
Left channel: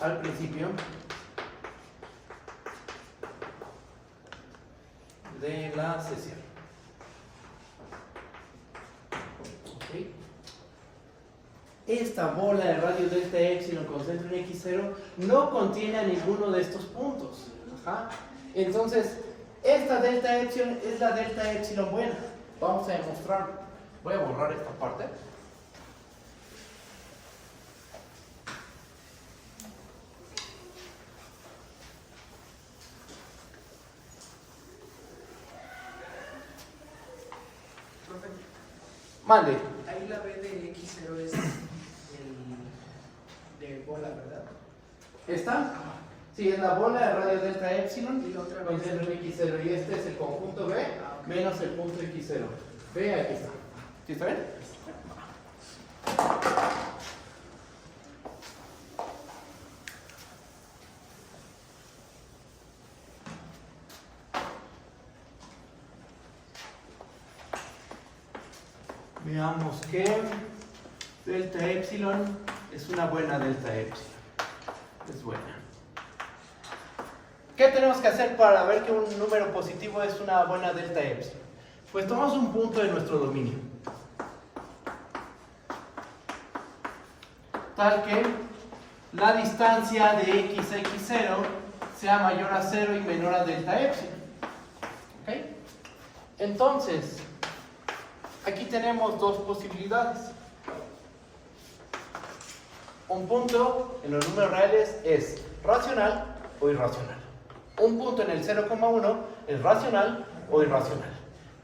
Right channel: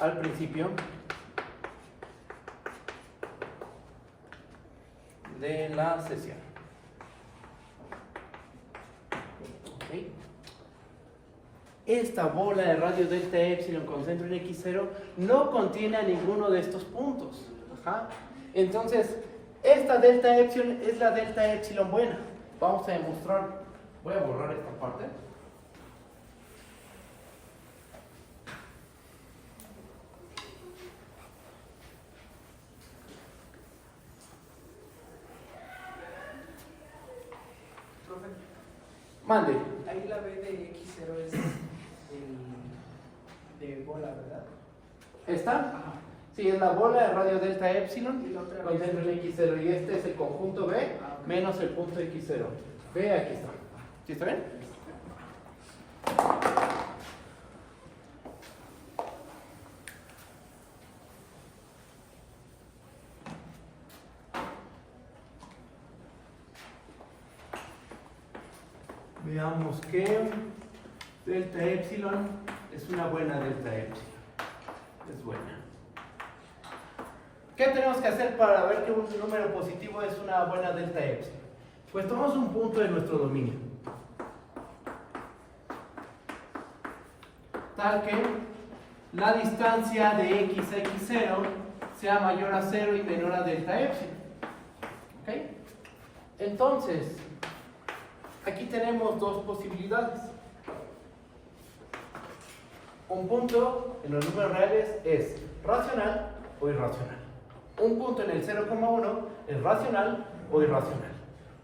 al principio de la sesión. ¿Okay? Esta bola de radio delta epsilon con centro en x0 no contiene a ninguno de estos puntos. Ajá. Entonces, esta delta epsilon es la delta epsilon buena. Vamos a demostrarlo. Voy a borrar esta parte. Profe, Mande. ahí la B de x0 es de bola, ¿verdad? ¿Esta? Ajá. Sí, es la bola de radio delta epsilon Y la otra con vez. centro en x0. Y este es el conjunto B menos el punto x0. B, aquí está. ¿Sí está bien? Veamos que delta epsilon es una buena delta epsilon. Es buena. ¿Qué tenemos que hacer para ver que un número positivo es una buena delta epsilon? Pues tomamos un punto de nuestro dominio, tal que la distancia de x a x0 sea mayor a 0 y menor a delta epsilon. ¿Ok? Entonces, aquí tenemos dos posibilidades. Un punto en los números reales es racional o irracional. Un punto en el 0,1 es racional o irracional.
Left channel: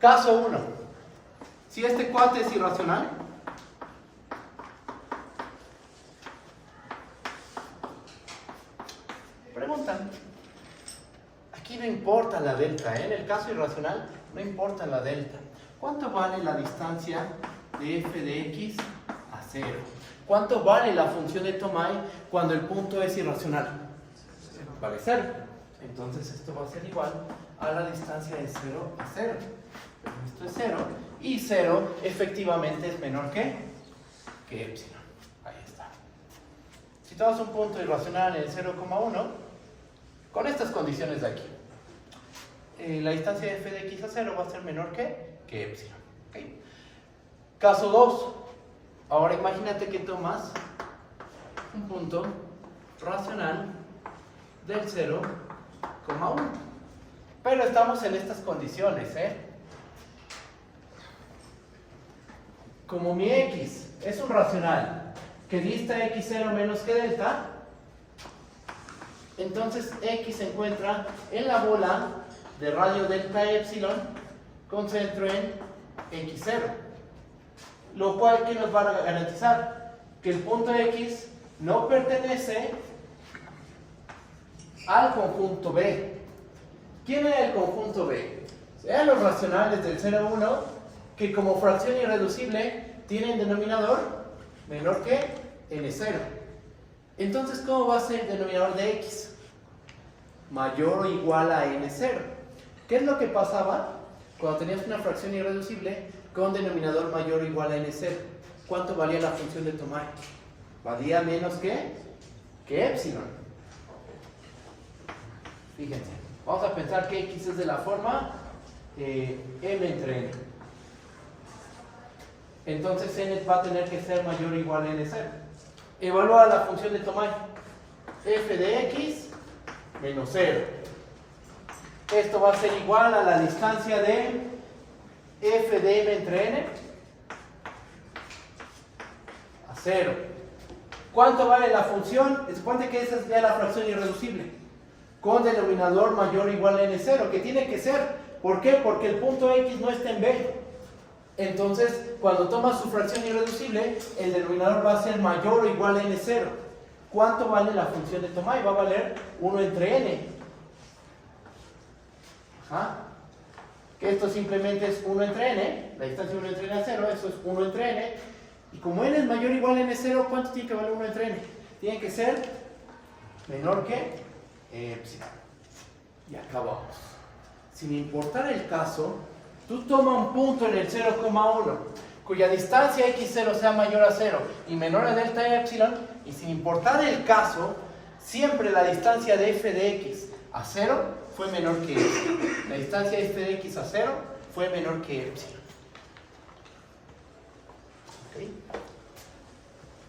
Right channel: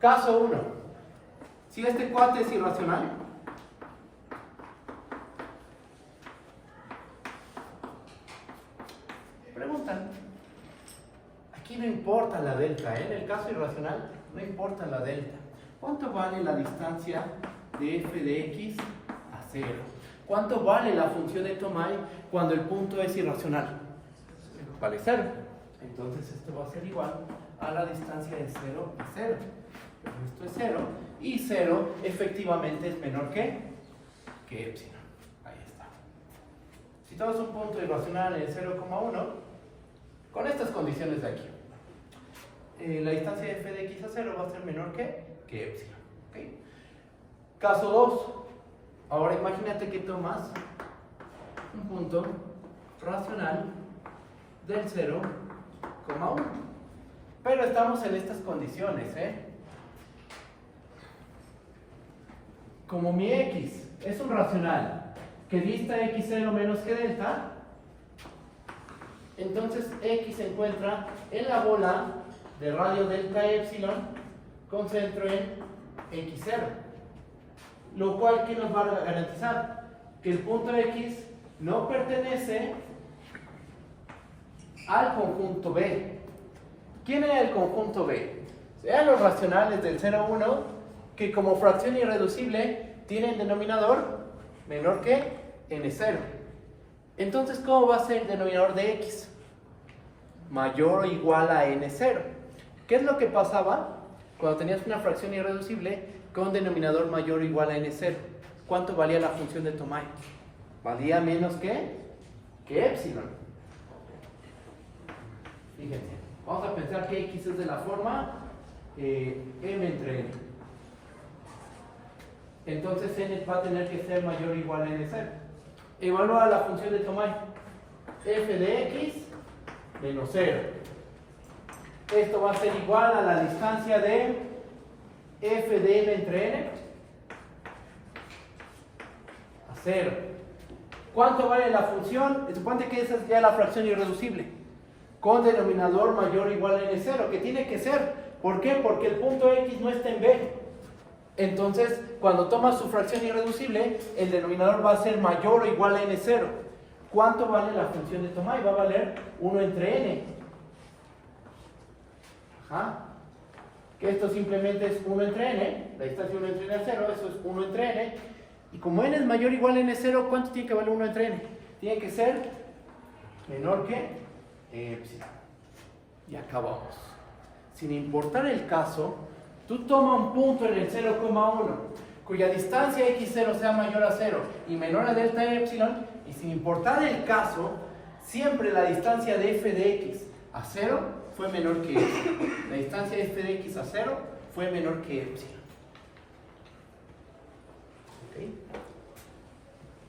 Caso 1. Si este cuate es irracional, preguntan. Aquí no importa la delta, ¿eh? En el caso irracional no importa la delta. ¿Cuánto vale la distancia de f de x a 0? ¿Cuánto vale la función de Tomai cuando el punto es irracional? Vale 0. Entonces esto va a ser igual a la distancia de 0 a 0. Esto es 0 y 0 efectivamente es menor que epsilon. Ahí está. Si tú das un punto irracional en el 0,1, con estas condiciones de aquí, la distancia de f de x a 0 va a ser menor que epsilon. ¿Okay? Caso 2. Ahora imagínate que tomas un punto racional del 0,1. Pero estamos en estas condiciones, ¿eh? Como mi x es un racional que dista x0 menos que delta, entonces x se encuentra en la bola de radio delta epsilon con centro en x0. Lo cual, ¿qué nos va a garantizar? Que el punto x no pertenece al conjunto B. ¿Quién era el conjunto B? Eran los racionales del 0,1 que como fracción irreducible tienen denominador menor que n0. Entonces, ¿cómo va a ser el denominador de x? mayor o igual a n0. ¿Qué es lo que pasaba cuando tenías una fracción irreducible con denominador mayor o igual a n0? ¿Cuánto valía la función de Tomai? Valía menos que epsilon. Fíjense, vamos a pensar que x es de la forma m entre n. Entonces n va a tener que ser mayor o igual a n0. Evalúa la función de Tomai. F de x menos 0. Esto va a ser igual a la distancia de f de m entre n a 0. ¿Cuánto vale la función? Supone que esa es ya la fracción irreducible con denominador mayor o igual a n0, que tiene que ser. ¿Por qué? Porque el punto x no está en b. Entonces, cuando tomas su fracción irreducible, el denominador va a ser mayor o igual a n0. ¿Cuánto vale la función de Tomai? Va a valer 1 entre n. Ajá. Que esto simplemente es 1 entre n, la distancia 1 entre n a 0, eso es 1 entre n. Y como n es mayor o igual a n0, ¿cuánto tiene que valer 1 entre n? Tiene que ser menor que epsilon. Y acabamos. Sin importar el caso, tú toma un punto en el 0,1 cuya distancia x0 sea mayor a 0 y menor a delta epsilon, y sin importar el caso, siempre la distancia de f de x a 0 fue menor que epsilon. La distancia de f de x a 0 fue menor que epsilon. ¿Okay?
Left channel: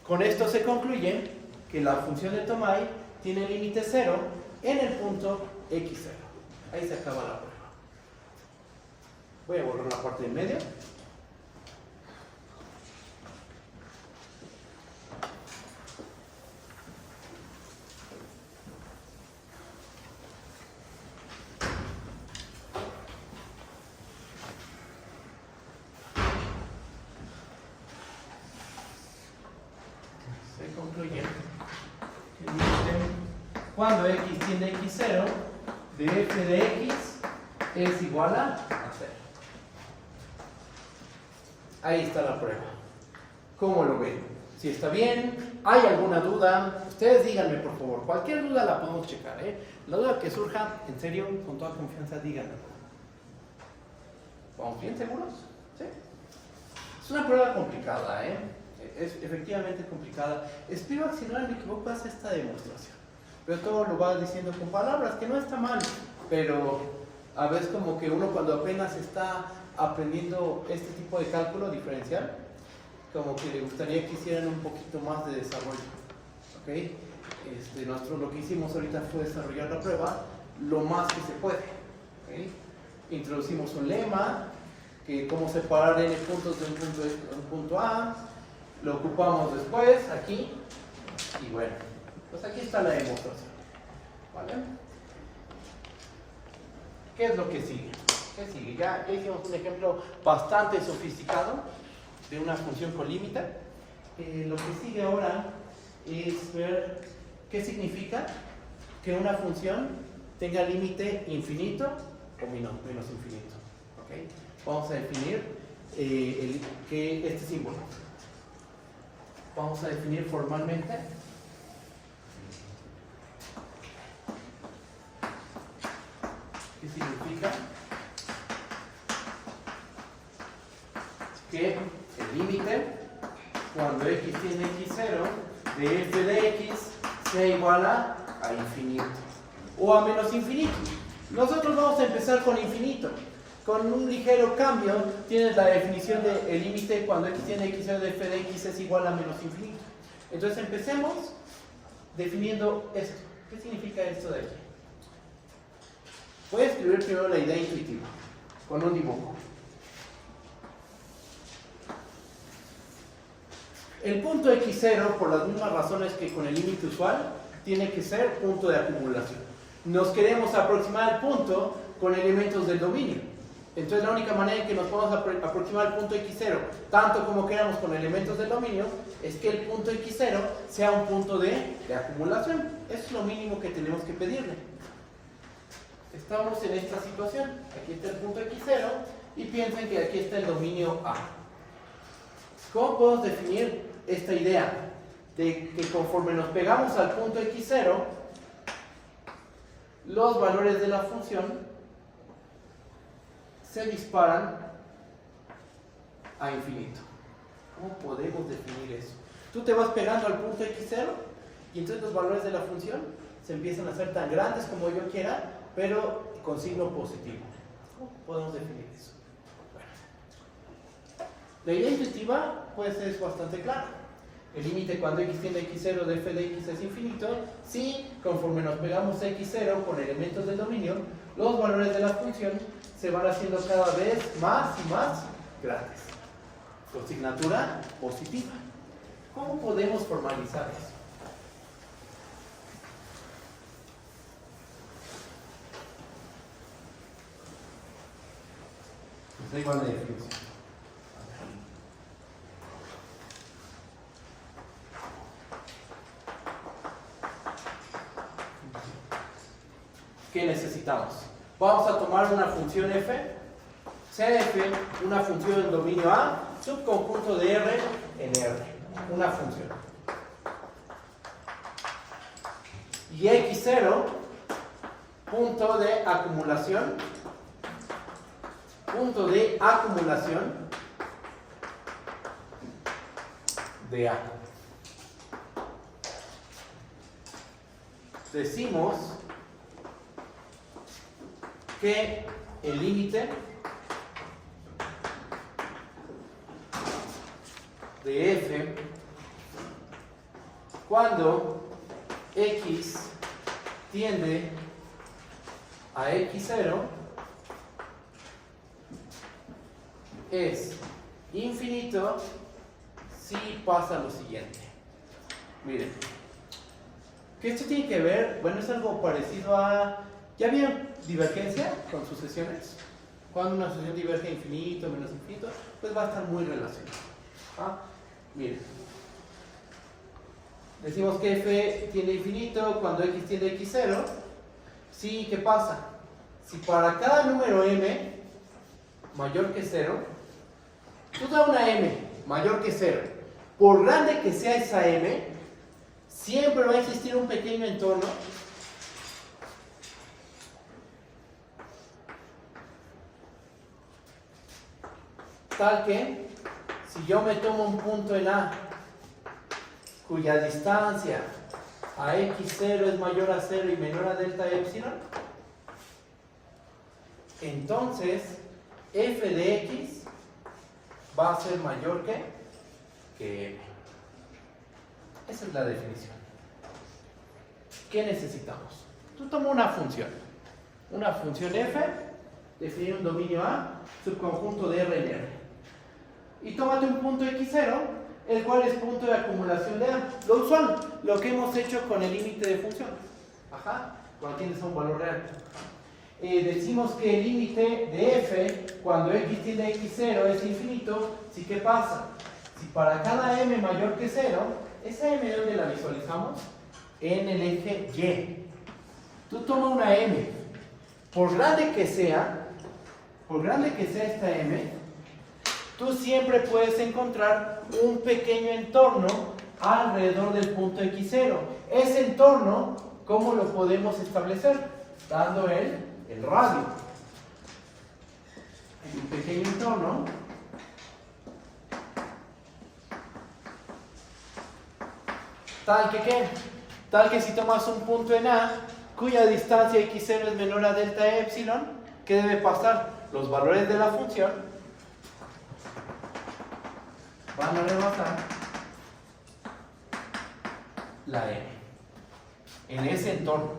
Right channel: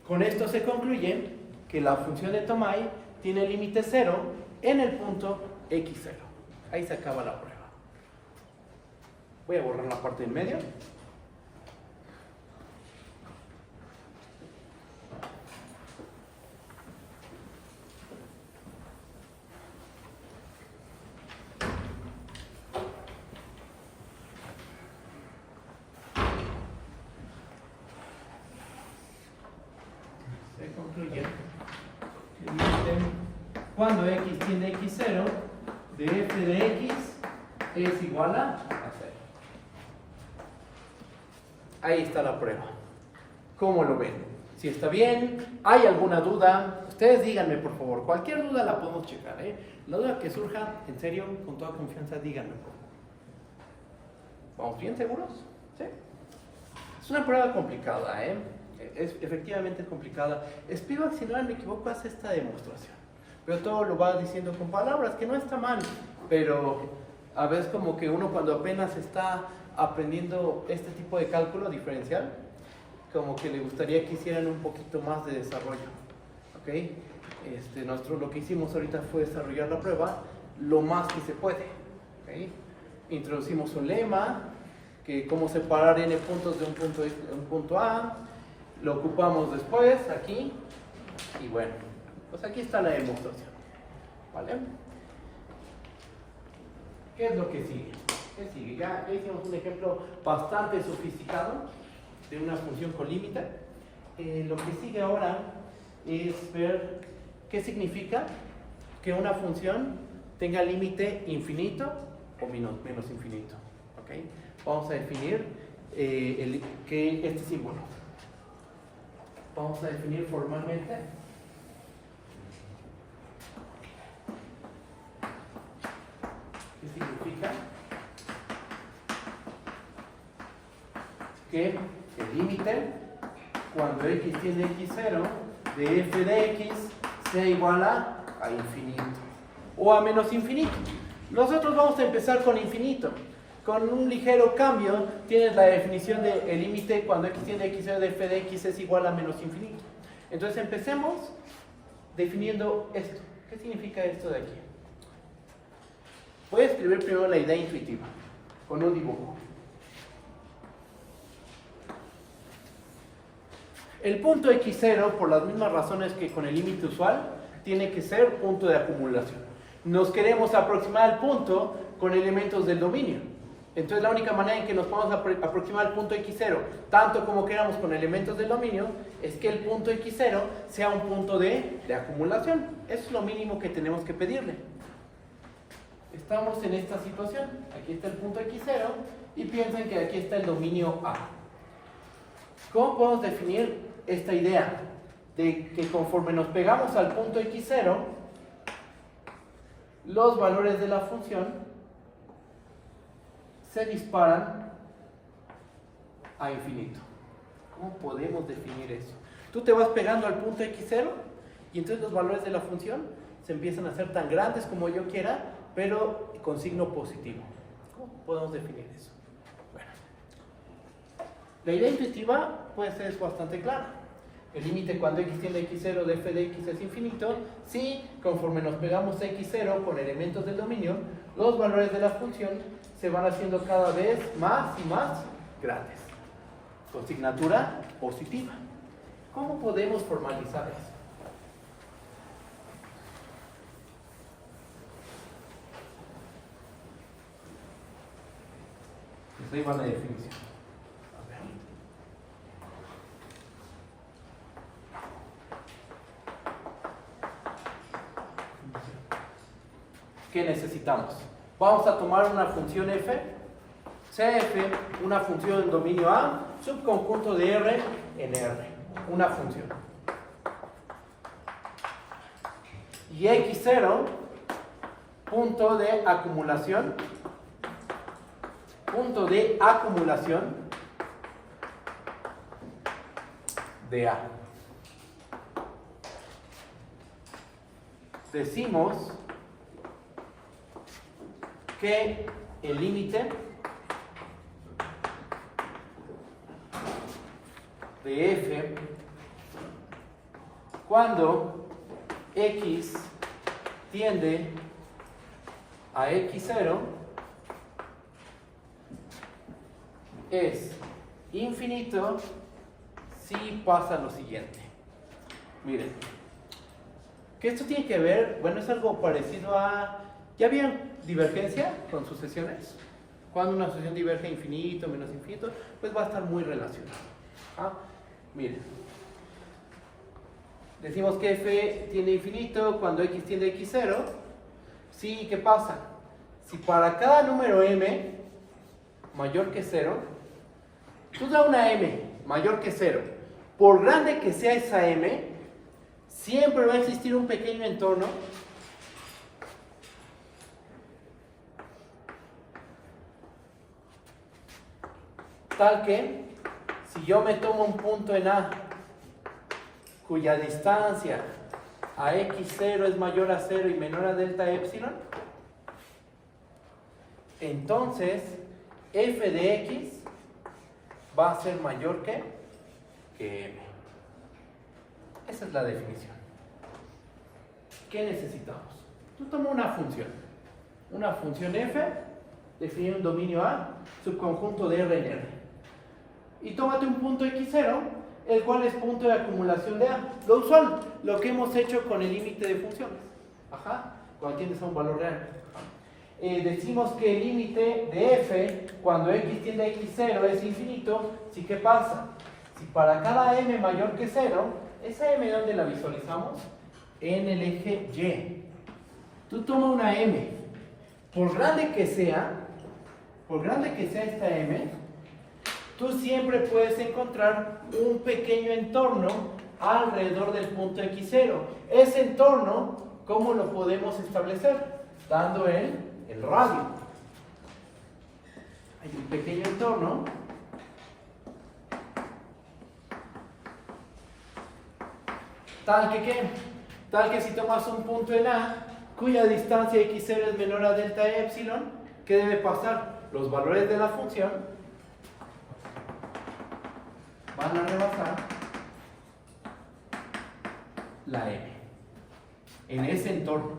Con esto se concluye que la función de Tomai tiene límite 0 en el punto x0. Ahí se acaba la prueba. Voy a borrar la parte en medio. Se concluye que cuando x tiende a x0, de f de x es igual a 0. Ahí está la prueba. ¿Cómo lo ven? Si está bien, ¿hay alguna duda? Ustedes díganme, por favor. Cualquier duda la podemos checar, ¿eh? La duda que surja, en serio, con toda confianza, díganme. ¿Vamos bien seguros? Sí. Es una prueba complicada, ¿eh? Es efectivamente complicada. Espero que, si no me equivoco, hace esta demostración. Pero todo lo va diciendo con palabras, que no está mal. Pero a veces como que uno cuando apenas está aprendiendo este tipo de cálculo diferencial, como que le gustaría que hicieran un poquito más de desarrollo. ¿Okay? Lo que hicimos ahorita fue desarrollar la prueba lo más que se puede. ¿Okay? Introducimos un lema, que cómo separar n puntos de un punto A, lo ocupamos después aquí, y bueno, pues aquí está la demostración. ¿Vale? ¿Qué es lo que sigue? ¿Qué sigue? Ya hicimos un ejemplo bastante sofisticado de una función con límite. Lo que sigue ahora es ver qué significa que una función tenga límite infinito o menos infinito. ¿Okay? Vamos a definir este símbolo. Vamos a definir formalmente qué significa que el límite cuando x tiene x0 de f de x sea igual a infinito o a menos infinito. Nosotros vamos a empezar con infinito. Con un ligero cambio tienes la definición del límite cuando x tiene x0 de f de x es igual a menos infinito. Entonces empecemos definiendo esto. ¿Qué significa esto de aquí? Voy a escribir primero la idea intuitiva con un dibujo. El punto x0, por las mismas razones que con el límite usual, tiene que ser punto de acumulación. Nos queremos aproximar al punto con elementos del dominio. Entonces la única manera en que nos podemos aproximar al punto x0, tanto como queramos con elementos del dominio, es que el punto x0 sea un punto de acumulación. Eso es lo mínimo que tenemos que pedirle. Estamos en esta situación. Aquí está el punto x0 y piensen que aquí está el dominio A. ¿Cómo podemos definir esta idea? De que conforme nos pegamos al punto x0, los valores de la función se disparan a infinito. ¿Cómo podemos definir eso? Tú te vas pegando al punto x0 y entonces los valores de la función se empiezan a hacer tan grandes como yo quiera, pero con signo positivo. ¿Cómo podemos definir eso? Bueno, la idea intuitiva pues es bastante clara. El límite cuando x tiende a x0 de f de x es infinito si conforme nos pegamos a x0 con elementos del dominio, los valores de la función se van haciendo cada vez más y más grandes. Con signatura positiva. ¿Cómo podemos formalizar eso? Está igual de definición. ¿Qué necesitamos? Vamos a tomar una función f, cf, una función en dominio A, subconjunto de R en R, una función. Y x0, punto de acumulación de A. Decimos que el límite de f cuando x tiende a x0 es infinito si pasa lo siguiente. Miren, que esto tiene que ver, bueno, es algo parecido a... ¿Ya vieron divergencia con sucesiones? Cuando una sucesión diverge a infinito, menos infinito, pues va a estar muy relacionado. ¿Ah? Miren, decimos que f tiende a infinito cuando x tiende a x0. Sí, ¿qué pasa? Si para cada número m mayor que 0, tú da una m mayor que 0, por grande que sea esa m, siempre va a existir un pequeño entorno tal que si yo me tomo un punto en A cuya distancia a x0 es mayor a 0 y menor a delta epsilon, entonces f de x va a ser mayor que m. Esa es la definición. ¿Qué necesitamos? Tú tomas una función f, definir un dominio A, subconjunto de R en R. Y tómate un punto x0, el cual es punto de acumulación de A. Lo usual, lo que hemos hecho con el límite de funciones. Ajá, cuando tienes a un valor real. Decimos que el límite de f cuando x tiende a x0 es infinito. ¿Sí? ¿Qué pasa? Si para cada m mayor que 0, esa m ¿dónde la visualizamos? En el eje y. Tú toma una m, por grande que sea esta m, tú siempre puedes encontrar un pequeño entorno alrededor del punto x0. Ese entorno, ¿cómo lo podemos establecer? Dando el radio. Hay un pequeño entorno tal que si tomas un punto en A cuya distancia x0 es menor a delta epsilon, ¿qué debe pasar? Los valores de la función van a rebasar la m en ese entorno,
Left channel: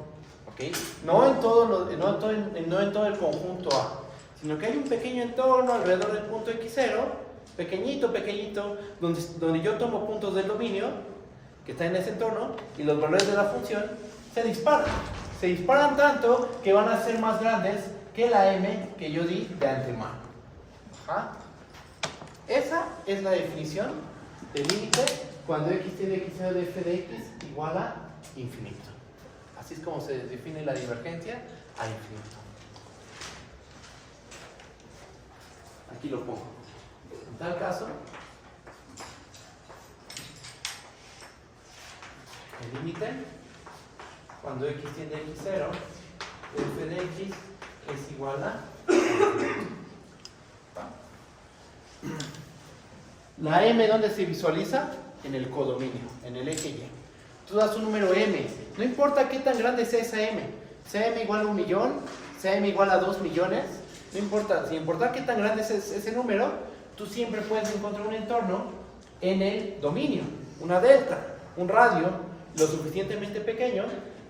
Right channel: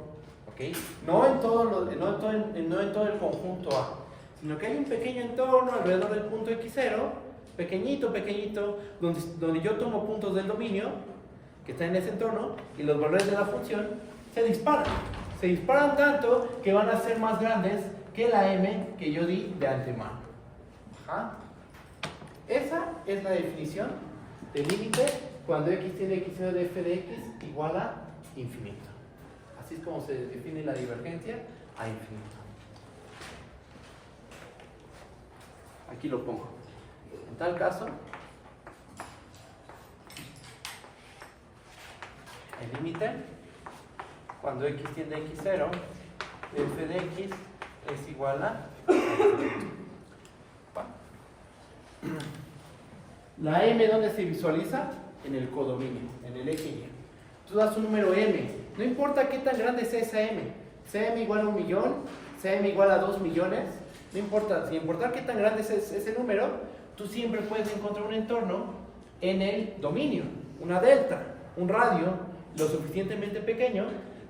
¿ok? No en todo el conjunto A, sino que hay un pequeño entorno alrededor del punto x0, pequeñito, donde yo tomo puntos del dominio que está en ese entorno y los valores de la función se disparan tanto que van a ser más grandes que la m que yo di de antemano. ¿Ah? Esa es la definición del límite cuando x tiende a x0 de f de x igual a infinito. Así es como se define la divergencia a infinito. Aquí lo pongo. En tal caso, el límite cuando x tiende a x0 f de x es igual a... La m, ¿dónde se visualiza? En el codominio, en el eje y. Tú das un número m, no importa qué tan grande sea esa m, sea m igual a 1 millón, sea m igual a 2 millones, no importa, sin importar qué tan grande es ese número, tú siempre puedes encontrar un entorno en el dominio, una delta, un radio lo suficientemente pequeño,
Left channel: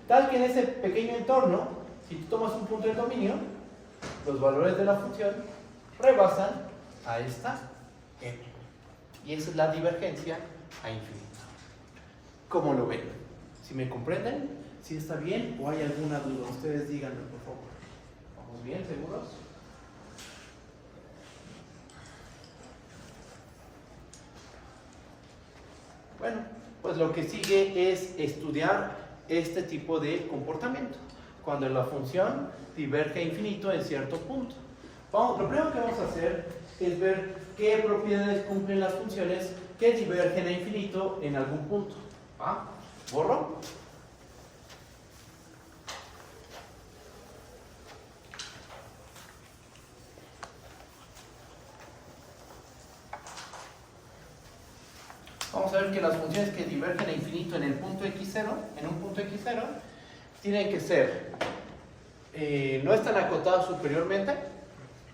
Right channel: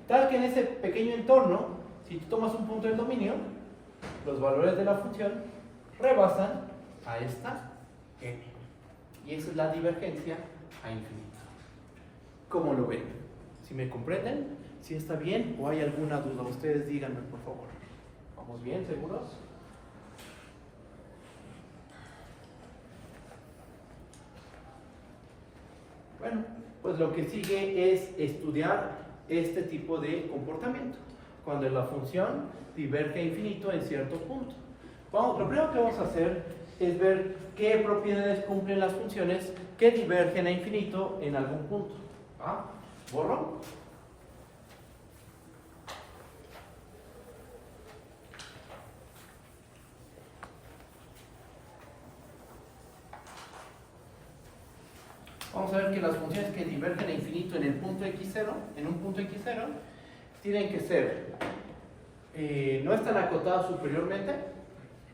tal que en ese pequeño entorno, si tú tomas un punto del dominio, los valores de la función rebasan a esta m. Y esa es la divergencia a infinito. ¿Cómo lo ven? ¿Si me comprenden? ¿Si está bien o hay alguna duda? Ustedes díganme, por favor. ¿Vamos bien? ¿Seguros? Bueno, pues lo que sigue es estudiar este tipo de comportamiento. Cuando la función diverge a infinito en cierto punto. Lo primero que vamos a hacer es ver qué propiedades cumplen las funciones que divergen a infinito en algún punto. ¿Ah? ¿Borro? Vamos a ver que las funciones que divergen a infinito en el punto x0, en un punto x0, tienen que ser, no están acotadas superiormente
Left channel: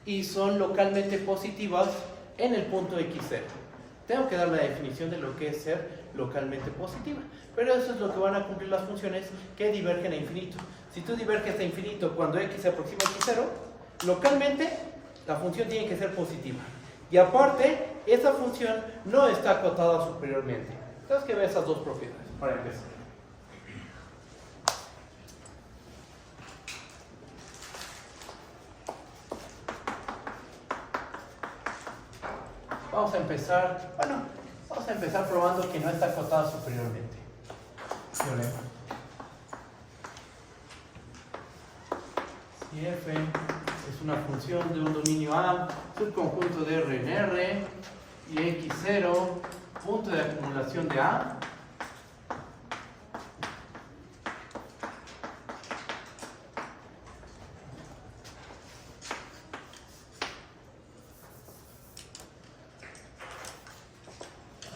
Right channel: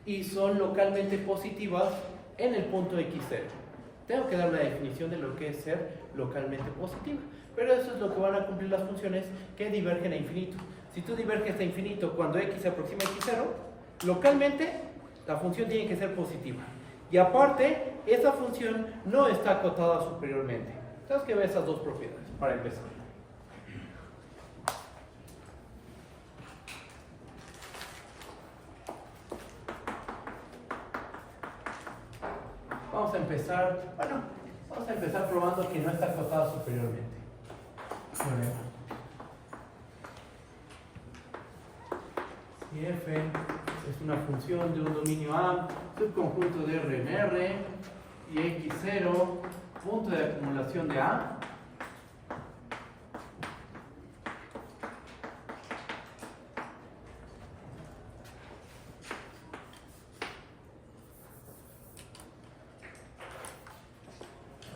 y son localmente positivas en el punto x0. Tengo que dar la definición de lo que es ser localmente positiva, pero eso es lo que van a cumplir las funciones que divergen a infinito. Si tú diverges a infinito cuando x se aproxima a x0, localmente la función tiene que ser positiva. Y aparte, esa función no está acotada superiormente. Tenemos que ver esas dos propiedades para empezar. Vamos a empezar probando que no está acotada superiormente. Si f es una función de un dominio A, subconjunto de R en R, y x0, punto de acumulación de A,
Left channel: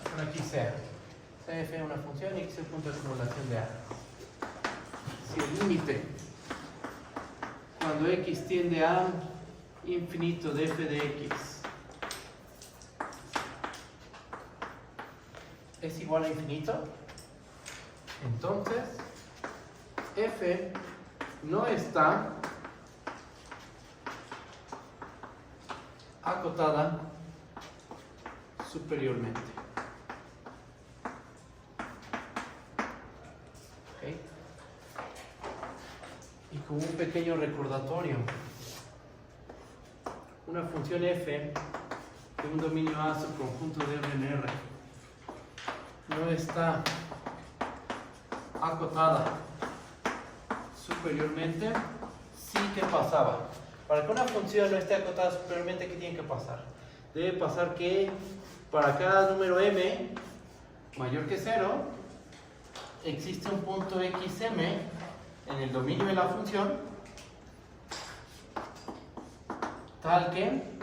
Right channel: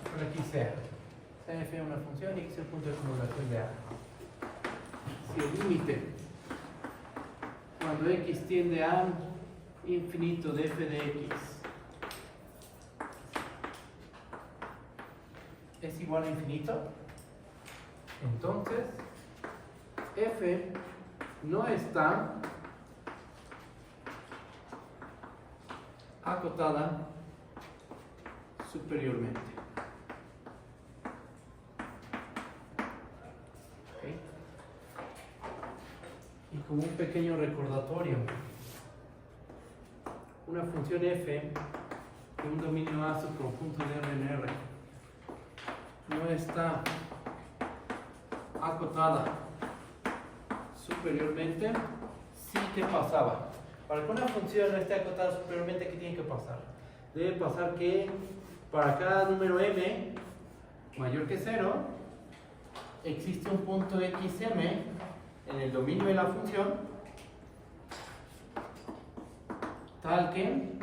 por aquí C. F es una función y x es punto de acumulación de A. Si el límite cuando x tiende a infinito de f de x es igual a infinito, entonces f no está acotada superiormente. ¿Okay? Y con un pequeño recordatorio, una función f de un dominio A subconjunto de R en R no está acotada superiormente, sí que pasaba. Para que una función no esté acotada superiormente, ¿qué tiene que pasar? Debe pasar que para cada número m mayor que 0 existe un punto xm en el dominio de la función tal que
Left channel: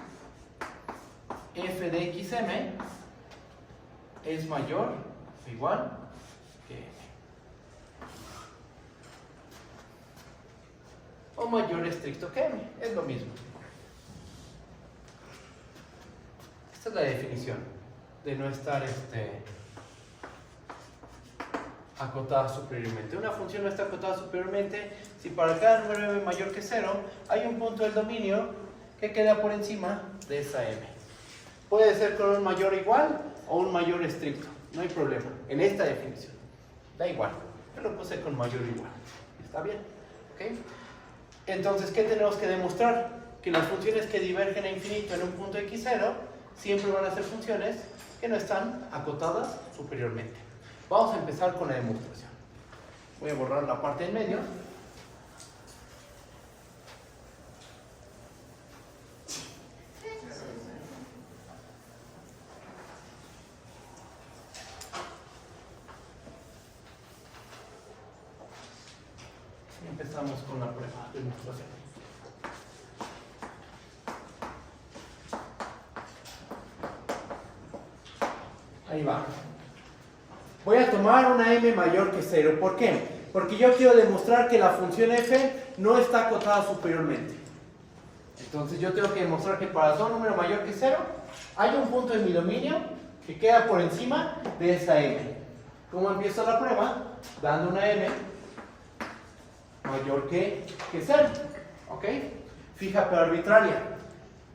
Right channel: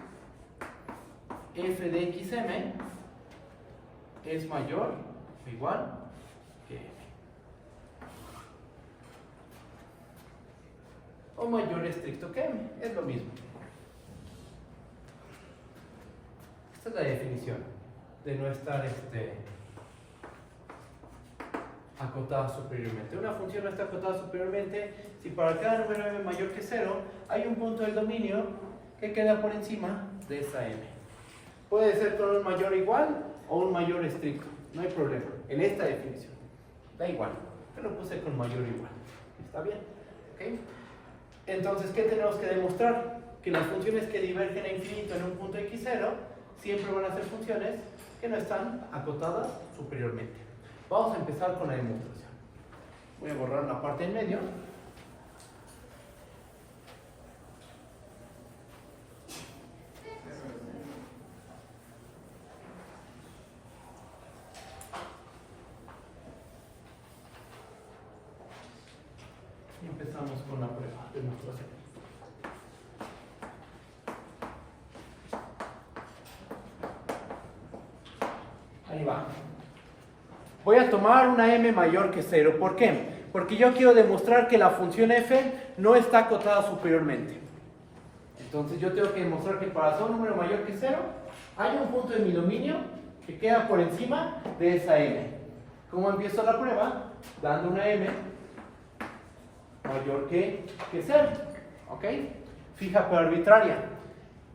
f de xm es mayor o igual que m, o mayor estricto que m, es lo mismo. Esta es la definición de no estar acotada superiormente. Una función no está acotada superiormente si para cada número m mayor que 0 hay un punto del dominio que queda por encima de esa m. Puede ser con un mayor igual o un mayor estricto, no hay problema en esta definición, da igual, pero lo puse con mayor igual, ¿está bien? ¿Okay? Entonces, ¿qué tenemos que demostrar? Que las funciones que divergen a infinito en un punto x0 siempre van a ser funciones que no están acotadas superiormente. Vamos a empezar con la demostración. Voy a borrar la parte en medio. Y empezamos con la prueba de demostración. Ahí va. Voy a tomar una m mayor que 0. ¿Por qué? Porque yo quiero demostrar que la función f no está acotada superiormente. Entonces yo tengo que demostrar que para todo número mayor que 0 hay un punto en mi dominio que queda por encima de esa m. ¿Cómo empiezo la prueba? Dando una m mayor que 0. ¿Ok? Fija pero arbitraria.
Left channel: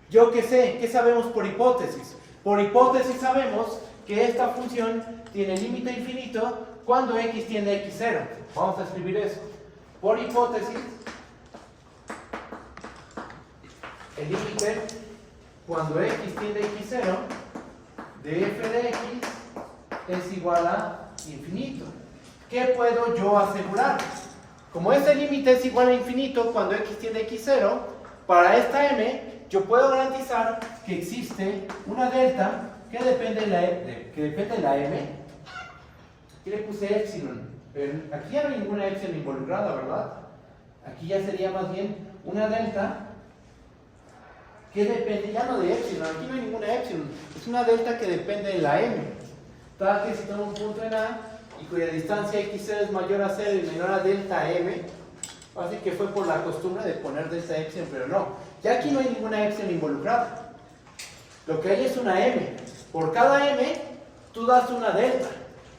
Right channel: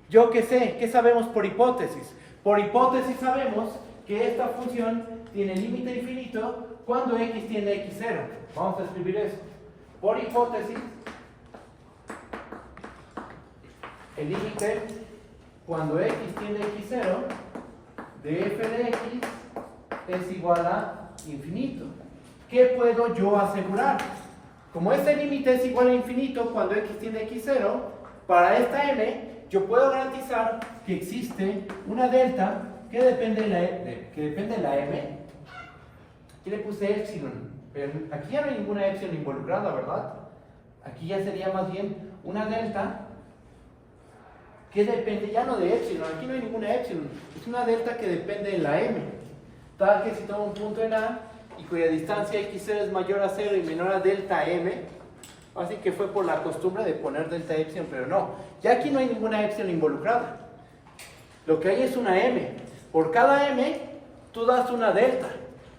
Yo qué sé, ¿qué sabemos por hipótesis? Por hipótesis sabemos que esta función tiene límite infinito cuando x tiende a x0. Vamos a escribir eso. Por hipótesis, el límite cuando x tiende a x0 de f de x es igual a infinito. ¿Qué puedo yo asegurar? Como este límite es igual a infinito cuando x tiende a x0, para esta m yo puedo garantizar que existe una delta que depende de la m. Aquí le puse epsilon, pero aquí ya no hay ninguna epsilon involucrada, ¿verdad? Aquí ya sería más bien una delta que depende, ya no de epsilon, aquí no hay ninguna epsilon, es una delta que depende de la m. Tal que si tomo un punto en A y cuya distancia x0 es mayor a 0 y menor a delta m, así que fue por la costumbre de poner delta epsilon, pero no, ya aquí no hay ninguna epsilon involucrada. Lo que hay es una m. Por cada m, tú das una delta.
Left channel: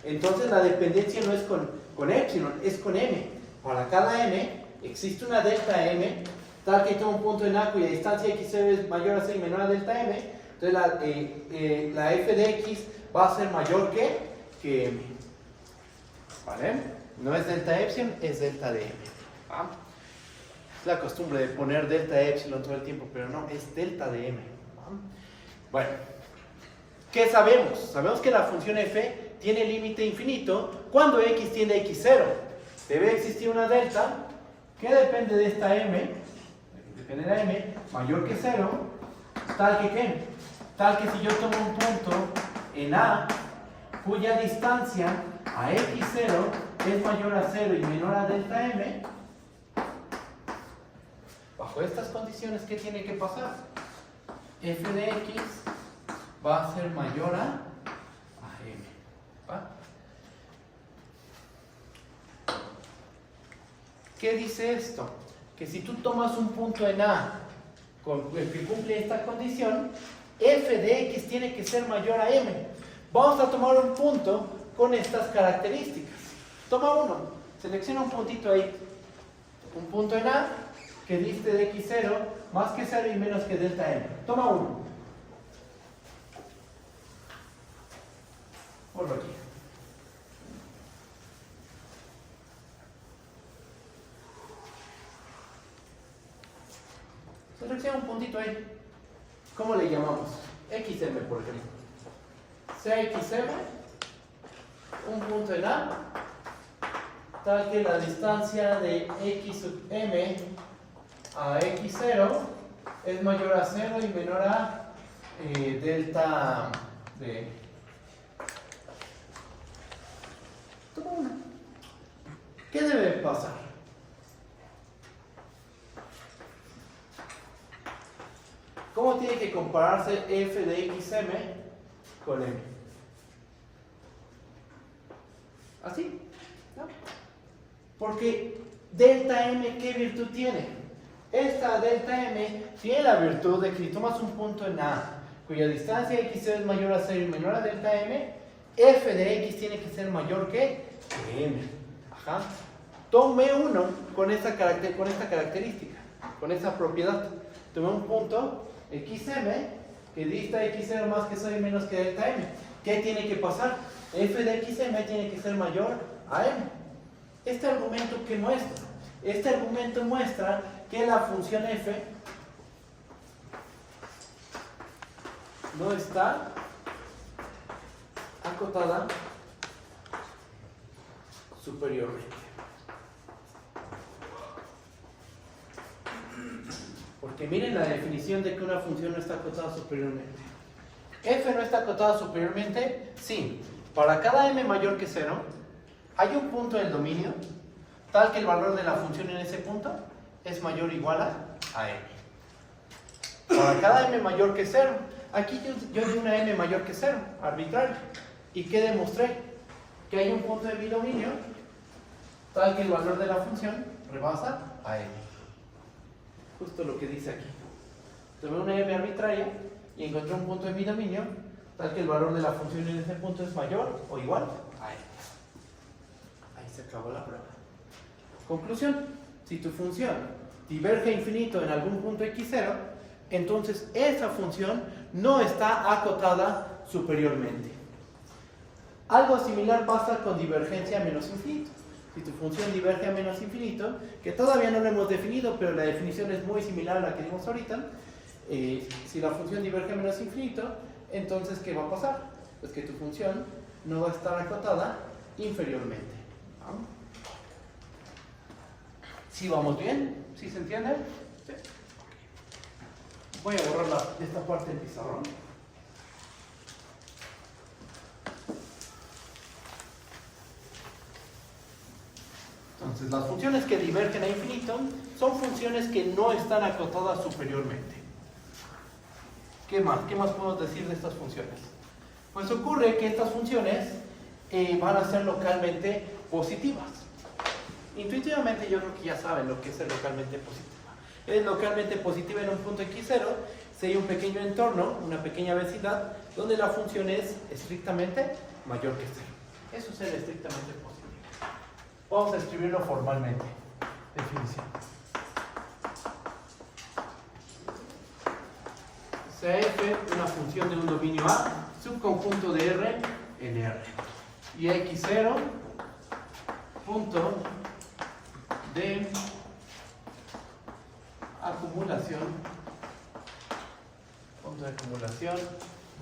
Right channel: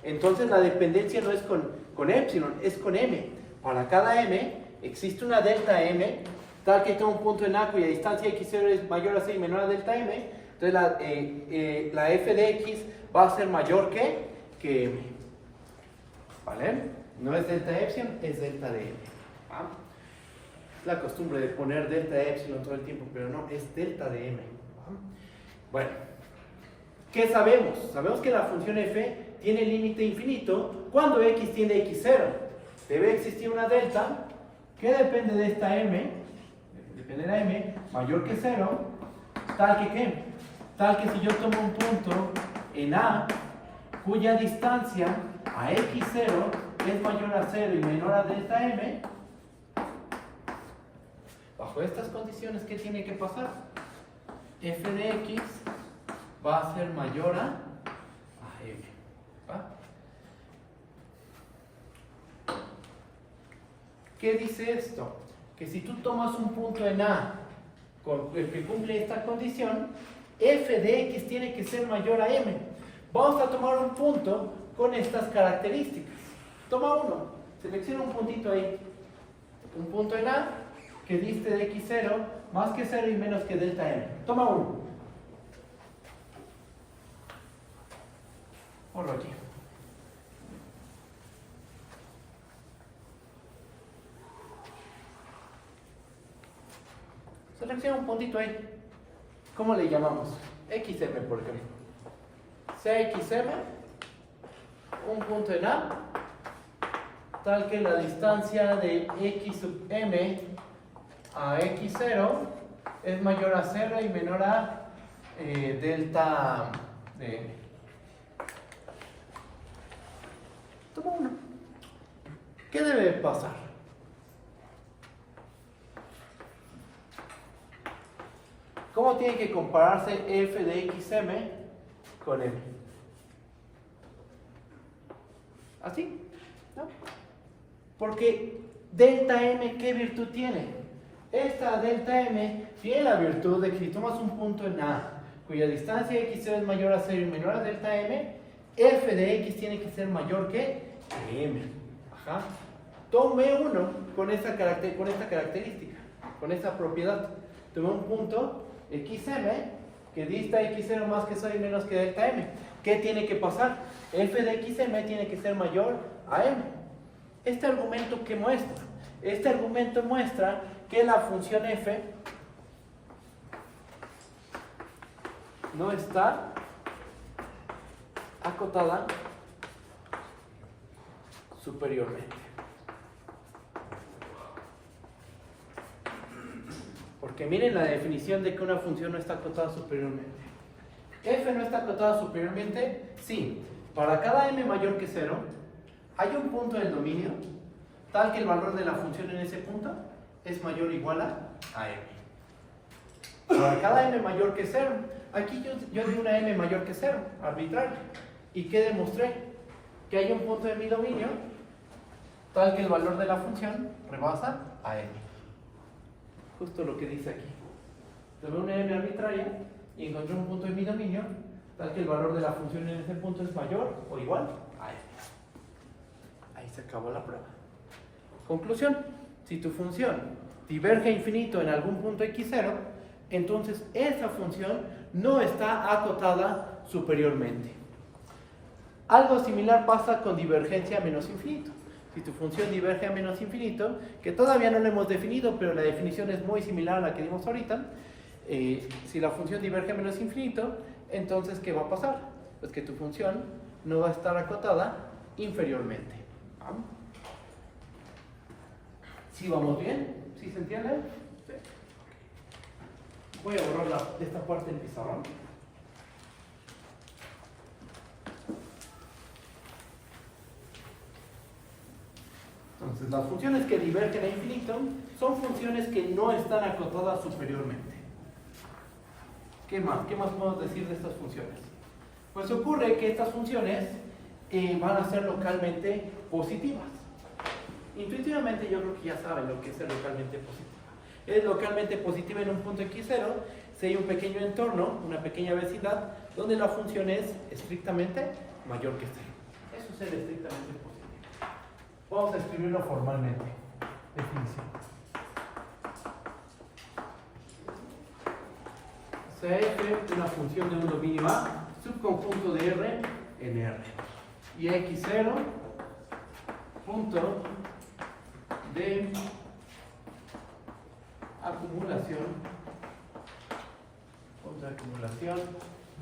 Entonces la dependencia no es con epsilon, es con m. Para cada m, existe una delta m, tal que tengo un punto en A cuya distancia x0 es mayor a 0 y menor a delta m. Entonces la f de x va a ser mayor que m. ¿Vale? No es delta epsilon, es delta de m. ¿Va? Es la costumbre de poner delta epsilon todo el tiempo, pero no, es delta de m. ¿Va? Bueno, ¿qué sabemos? Sabemos que la función f tiene límite infinito cuando x tiende a x0. Debe existir una delta que depende de esta m, depende de la m, mayor que 0, tal que ¿qué? Tal que si yo tomo un punto en A cuya distancia a x0 es mayor a 0 y menor a delta m, bajo estas condiciones, ¿qué tiene que pasar? F de x va a ser mayor a m. ¿Va? ¿Qué dice esto? Que si tú tomas un punto en A que cumple esta condición, f de x tiene que ser mayor a m. Vamos a tomar un punto con estas características. Toma uno, selecciona un puntito ahí. Un punto en A que diste de x0 más que 0 y menos que delta m. Toma uno. Por aquí. Selecciona un puntito ahí. ¿Cómo le llamamos? XM, por ejemplo. CXM, un punto en A, tal que la distancia de x sub m a x0 es mayor a 0 y menor a delta de m. Toma uno. ¿Qué debe pasar? ¿Cómo tiene que compararse f de xm con m? ¿Así? ¿No? Porque delta m, ¿qué virtud tiene? Esta delta m tiene la virtud de que si tomas un punto en A cuya distancia x0 es mayor a 0 y menor a delta m, f de x tiene que ser mayor que m. Ajá. Tomé uno con esta característica, con esa propiedad. Tomé un punto xm que dista x0 más que 0 y menos que delta m. ¿Qué tiene que pasar? F de xm tiene que ser mayor a m. ¿Este argumento qué muestra? Este argumento muestra que la función f no está acotada superiormente. Porque miren la definición de que una función no está acotada superiormente. F no está acotada superiormente, sí. Para cada m mayor que 0, hay un punto del dominio tal que el valor de la función en ese punto es mayor o igual a m. Para cada m mayor que 0, aquí yo di una m mayor que 0, arbitrario. ¿Y qué demostré? Que hay un punto de mi dominio tal que el valor de la función rebasa a m. Justo lo que dice aquí. Tomé una m arbitraria y encontré un punto de mi dominio tal que el valor de la función en ese punto es mayor o igual a m. Ahí se acabó la prueba. Conclusión: si tu función diverge a infinito en algún punto x0, entonces esa función no está acotada superiormente. Algo similar pasa con divergencia a menos infinito. Si tu función diverge a menos infinito, que todavía no lo hemos definido, pero la definición es muy similar a la que dimos ahorita, si la función diverge a menos infinito, entonces ¿qué va a pasar? Pues que tu función no va a estar acotada inferiormente. ¿Vamos? ¿Sí vamos bien? ¿Sí se entiende? Sí. Voy a borrar esta parte del pizarrón. Entonces, las funciones que divergen a infinito son funciones que no están acotadas superiormente. ¿Qué más? ¿Qué más podemos decir de estas funciones? Pues ocurre que estas funciones van a ser localmente positivas. Intuitivamente yo creo que ya saben lo que es el localmente positiva. Es localmente positiva en un punto x0 si hay un pequeño entorno, una pequeña vecindad, donde la función es estrictamente mayor que 0. Eso es el estrictamente posible. Vamos a escribirlo formalmente. Definición. Sea f una función de un dominio A, subconjunto de R en R. Y x0 punto de acumulación, punto de acumulación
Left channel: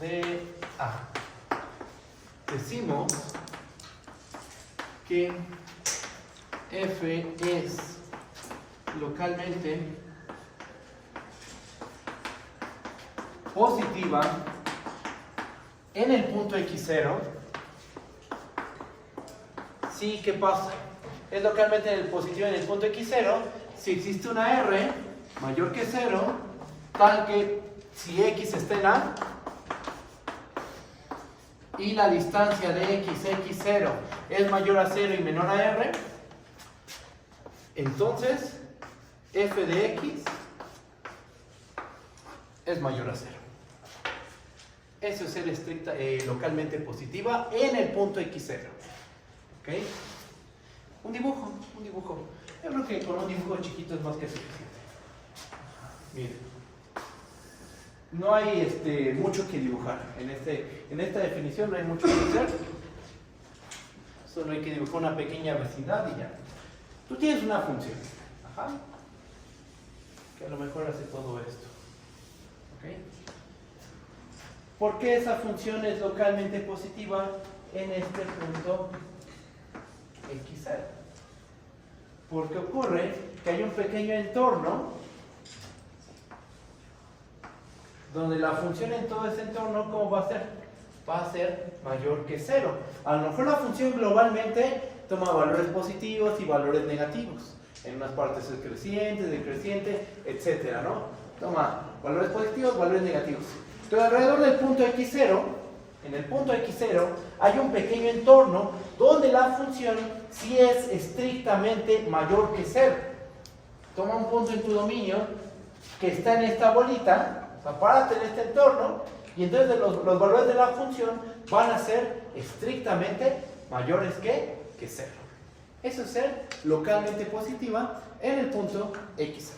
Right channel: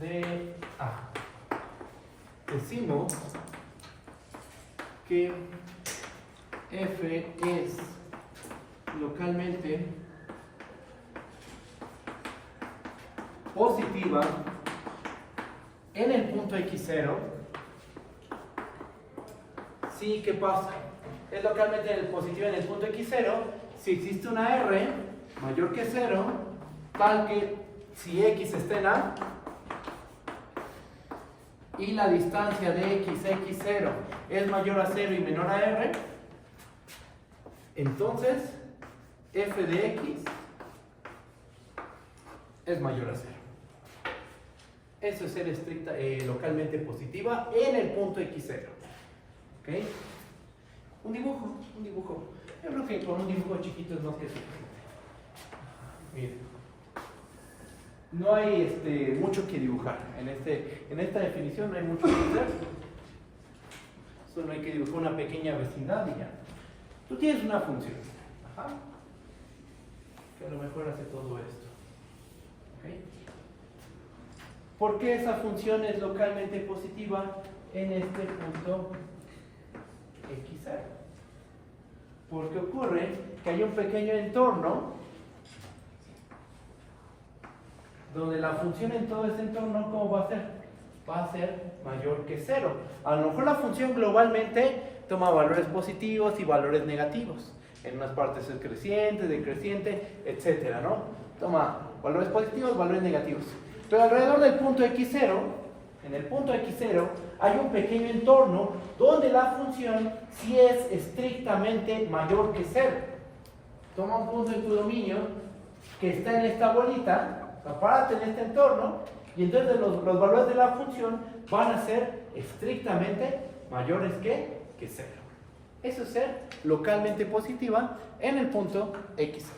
de A. Decimos que f es localmente positiva en el punto x0. Sí, ¿qué pasa? Es localmente positiva en el punto x0 si existe una r mayor que 0, tal que si x está en A y la distancia de x0 es mayor a 0 y menor a r, entonces f de x es mayor a 0. Eso es ser estricta, localmente positiva en el punto x0. ¿Ok? Un dibujo. Yo creo que con un dibujo chiquito es más que suficiente. Miren. No hay mucho que dibujar. En esta definición no hay mucho que hacer. Solo hay que dibujar una pequeña vecindad y ya. Tú tienes una función. Ajá. Que a lo mejor hace todo esto. ¿Ok? ¿Por qué esa función es localmente positiva en este punto x0? Porque ocurre que hay un pequeño entorno donde la función en todo ese entorno, ¿cómo va a ser? Va a ser mayor que 0. A lo mejor la función globalmente toma valores positivos y valores negativos. En unas partes es creciente, decreciente, etcétera, ¿no? Toma valores positivos, valores negativos. Pero alrededor del punto x0, en el punto x0, hay un pequeño entorno donde la función sí es estrictamente mayor que 0. Toma un punto en tu dominio que está en esta bolita, párate en este entorno, y entonces los valores de la función van a ser estrictamente mayores que 0. Eso es ser localmente positiva en el punto x0.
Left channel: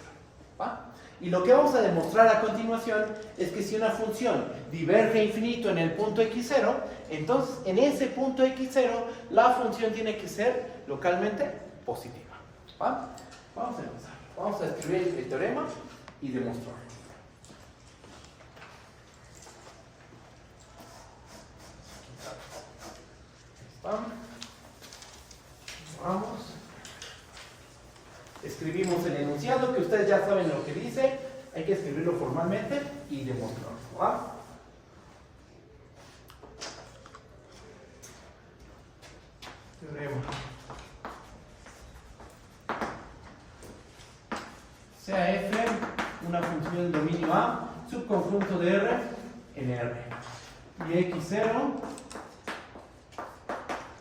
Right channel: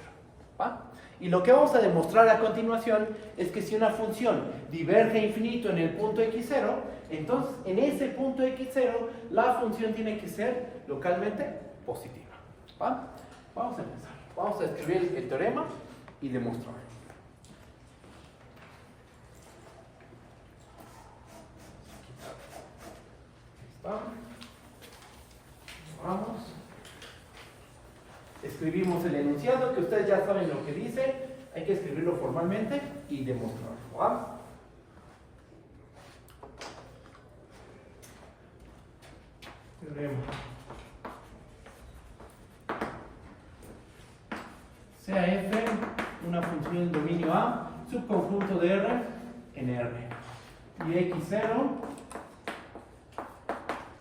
¿Va? Y lo que vamos a demostrar a continuación es que si una función diverge a infinito en el punto x0, entonces en ese punto x0 la función tiene que ser localmente positiva. ¿Va? Vamos a empezar. Vamos a escribir el teorema y demostrarlo. Vamos. Escribimos el enunciado, que ustedes ya saben lo que dice. Hay que escribirlo formalmente y demostrarlo. ¿Va? Teorema. sea f una función del dominio A, subconjunto de R en R. Y x0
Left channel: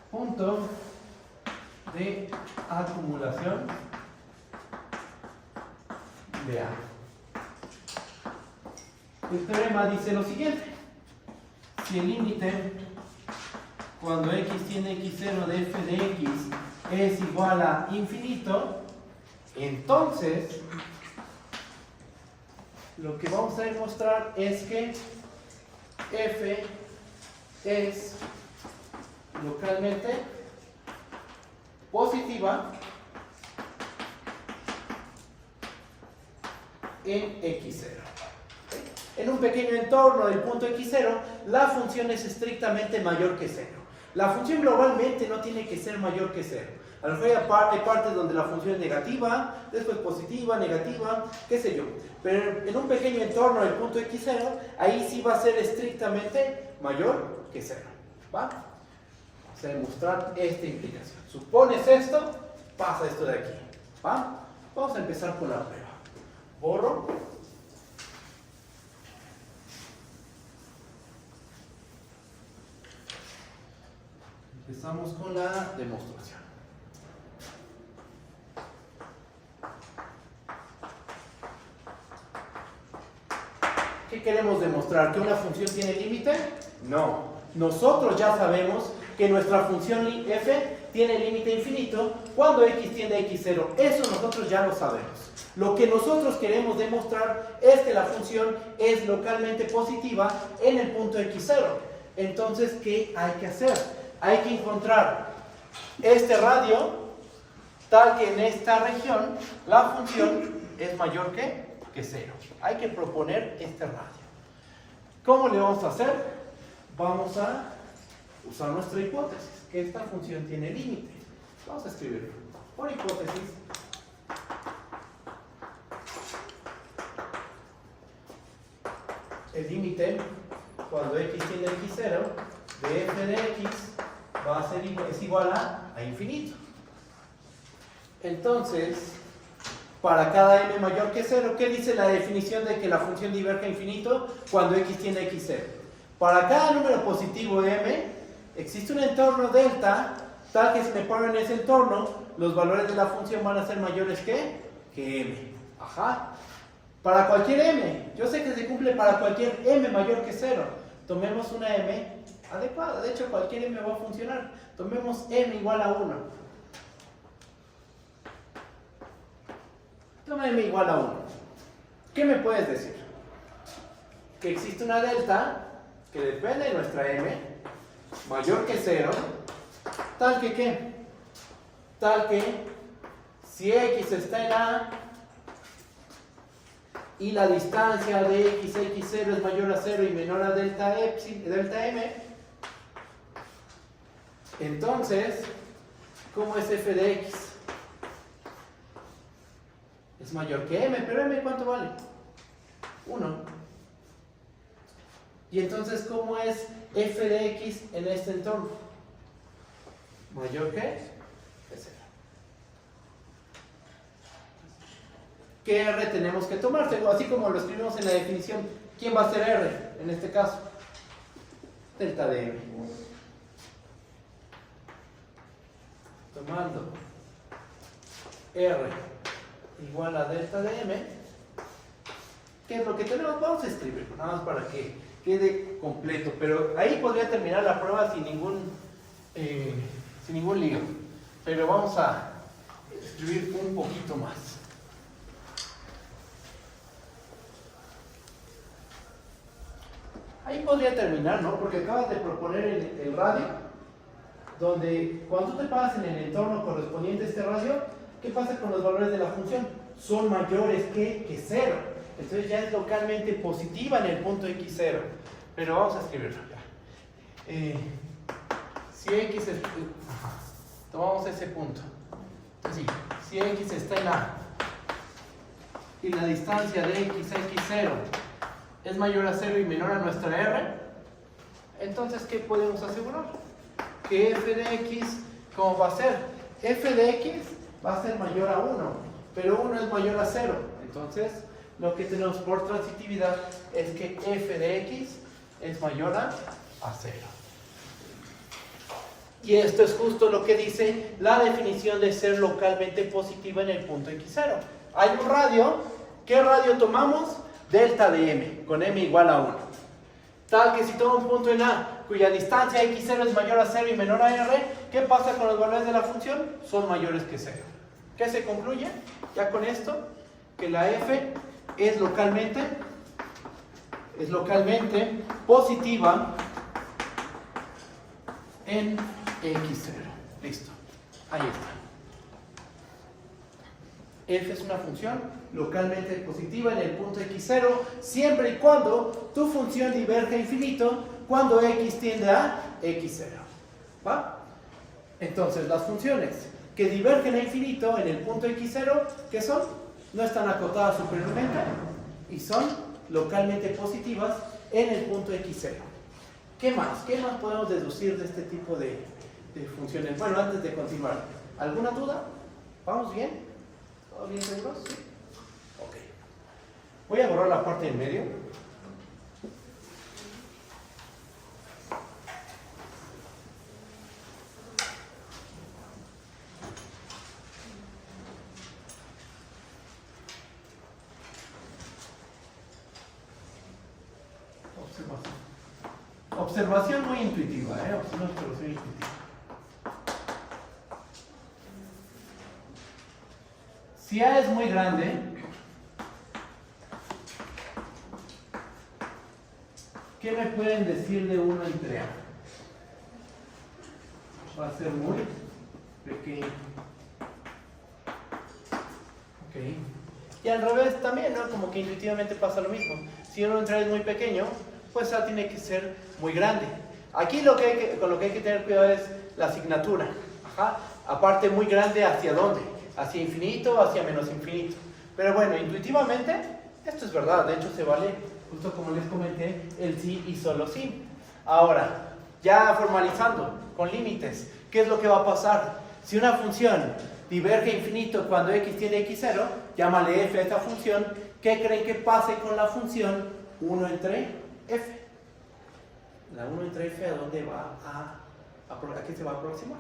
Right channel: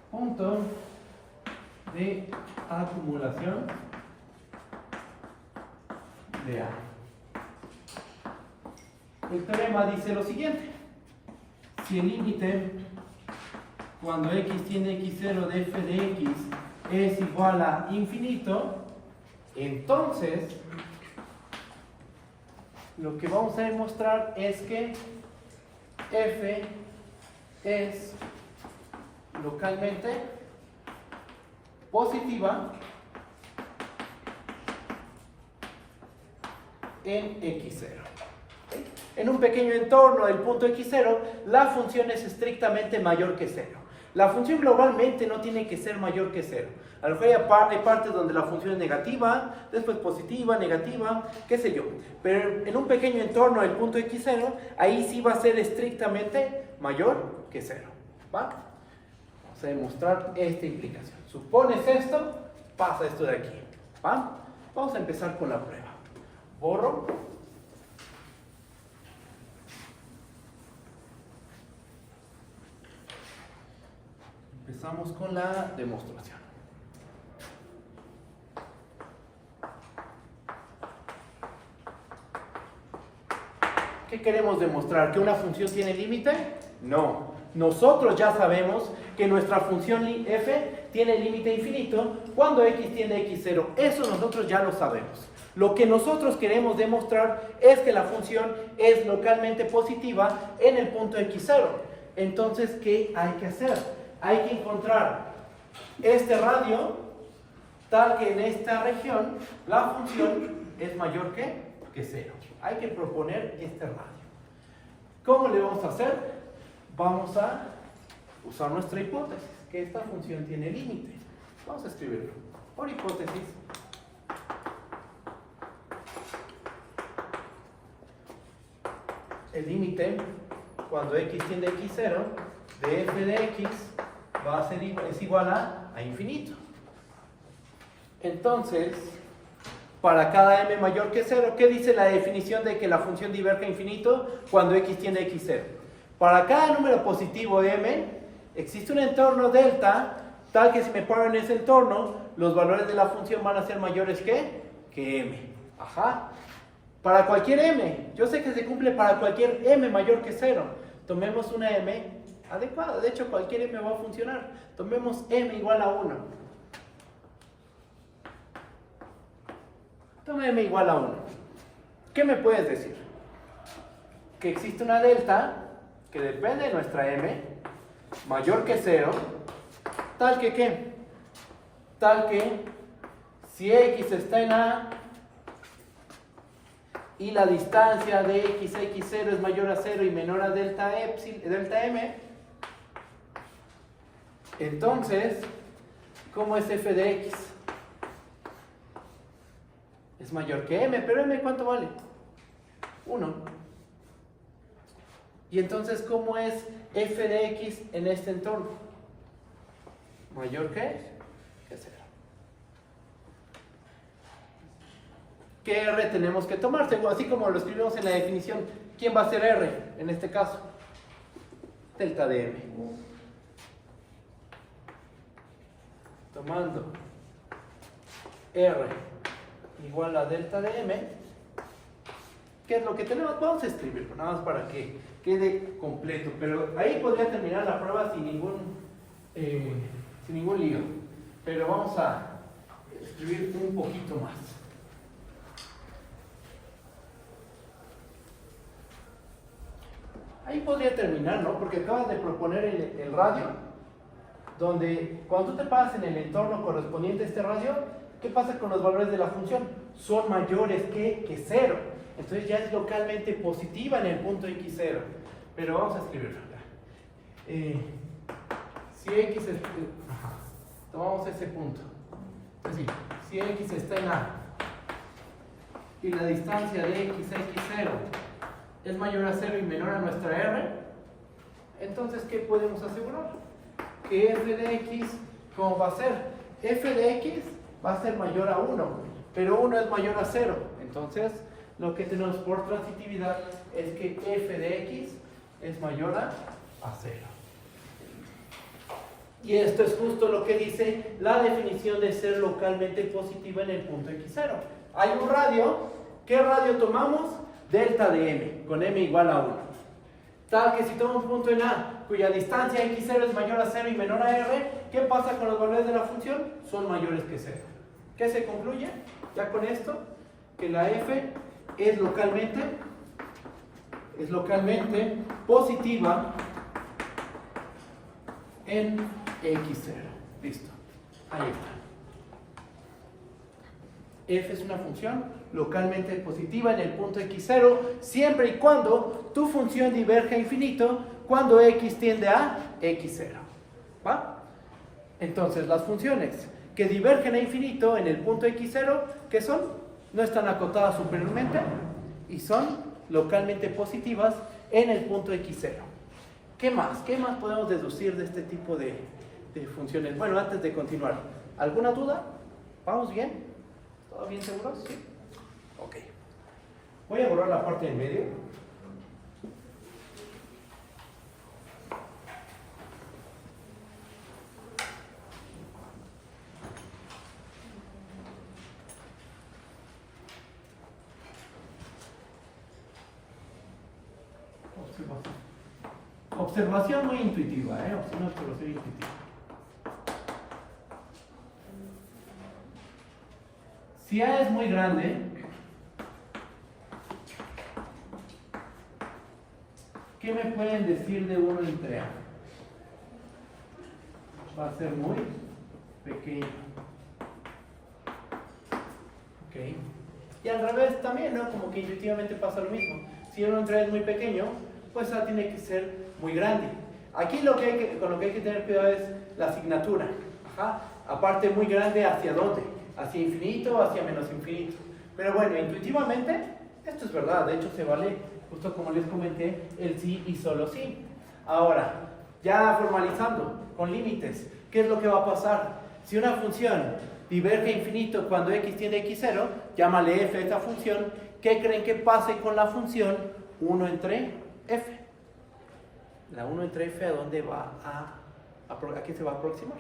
punto de acumulación de A. El teorema dice lo siguiente: si el límite cuando x tiene x0 de f de x es igual a infinito, entonces lo que vamos a demostrar es que f es localmente positiva en x0. En un pequeño entorno del punto x0, la función es estrictamente mayor que 0. La función globalmente no tiene que ser mayor que 0. A lo mejor hay partes donde la función es negativa, después positiva, negativa, qué sé yo. Pero en un pequeño entorno del punto x0, ahí sí va a ser estrictamente mayor que 0. ¿Va? Vamos a demostrar esta implicación. Supones esto, pasa esto de aquí. ¿Va? Vamos a empezar con la prueba. Borro. Empezamos con la demostración. ¿Qué queremos demostrar? ¿Que una función tiene límite? No. Nosotros ya sabemos que nuestra función f tiene límite infinito cuando x tiende a x0. Eso nosotros ya lo sabemos. Lo que nosotros queremos demostrar es que la función es localmente positiva en el punto x0. Entonces, ¿qué hay que hacer? Hay que encontrar este radio tal que en esta región la función es mayor que 0. Hay que proponer este radio. ¿Cómo le vamos a hacer? Vamos a usar nuestra hipótesis, que esta función tiene límite. Vamos a escribirlo. Por hipótesis, el límite cuando x tiende a x0 de f de x va a ser es igual a infinito. Entonces, para cada m mayor que 0, ¿qué dice la definición de que la función diverge a infinito cuando x tiende a x0? Para cada número positivo m, existe un entorno delta, tal que si me paro en ese entorno, los valores de la función van a ser mayores que m. Ajá. Para cualquier m, yo sé que se cumple para cualquier m mayor que 0. Tomemos una m adecuada, de hecho cualquier m va a funcionar. Tomemos m igual a 1. Toma m igual a 1. ¿Qué me puedes decir? Que existe una delta que depende de nuestra m mayor que 0, tal que ¿qué? Tal que si x está en A y la distancia de x a x0 es mayor a 0 y menor a delta m, entonces, ¿cómo es f de x? Es mayor que m, pero m ¿cuánto vale? 1. Y entonces, ¿cómo es f de x en este entorno? Mayor que 0. ¿Qué r tenemos que tomar? Así como lo escribimos en la definición, ¿quién va a ser r en este caso? Delta de m. Tomando r igual a delta de m, ¿qué es lo que tenemos? Vamos a escribirlo, nada más para que quede completo, pero ahí podría terminar la prueba sin ningún lío, pero vamos a escribir un poquito más. Ahí podría terminar, ¿no? Porque acabas de proponer el radio, donde cuando tú te paras en el entorno correspondiente a este radio, ¿qué pasa con los valores de la función? Son mayores que 0. Entonces ya es localmente positiva en el punto x0. Pero vamos a escribirlo. Si x es... tomamos ese punto. Entonces, si x está en A y la distancia de x a x0 es mayor a 0 y menor a nuestra r, entonces ¿qué podemos asegurar? Que f de x, ¿cómo va a ser? F de x va a ser mayor a 1, pero 1 es mayor a 0. Entonces, lo que tenemos por transitividad es que f de x es mayor a 0. Y esto es justo lo que dice la definición de ser localmente positiva en el punto x0. Hay un radio. ¿Qué radio tomamos? Delta de m, con m igual a 1. Tal que si tomo un punto en A, cuya distancia x0 es mayor a 0 y menor a r, ¿qué pasa con los valores de la función? Son mayores que 0. ¿Qué se concluye? Ya con esto, que la f es localmente positiva en x0. Listo. Ahí está. F es una función localmente positiva en el punto x0 siempre y cuando tu función diverge a infinito cuando x tiende a x0. ¿Va? Entonces las funciones que divergen a infinito en el punto x0, ¿qué son? No están acotadas superiormente y son localmente positivas en el punto x0. ¿Qué más? ¿Qué más podemos deducir de este tipo de funciones? Bueno, antes de continuar, ¿alguna duda? ¿Vamos bien? ¿Todo bien seguros? Sí. Ok. Voy a borrar la parte del medio. Observación muy intuitiva, una observación intuitiva. Si A es muy grande, ¿qué me pueden decir de 1 entre A? Va a ser muy pequeño. Ok. Y al revés también, ¿no? Como que intuitivamente pasa lo mismo. Si 1 entre A es muy pequeño, pues A tiene que ser muy grande. Aquí con lo que hay que tener cuidado es la asignatura. Ajá. Aparte, muy grande, ¿hacia dónde? ¿Hacia infinito o hacia menos infinito? Pero bueno, intuitivamente, esto es verdad. De hecho, se vale, justo como les comenté, el sí y solo sí. Ahora, ya formalizando, con límites, ¿qué es lo que va a pasar? Si una función diverge a infinito cuando x tiende a x0, llámale f a esta función, ¿qué creen que pase con la función 1 entre f? La 1 entre f, ¿a dónde va a qué se va a aproximar?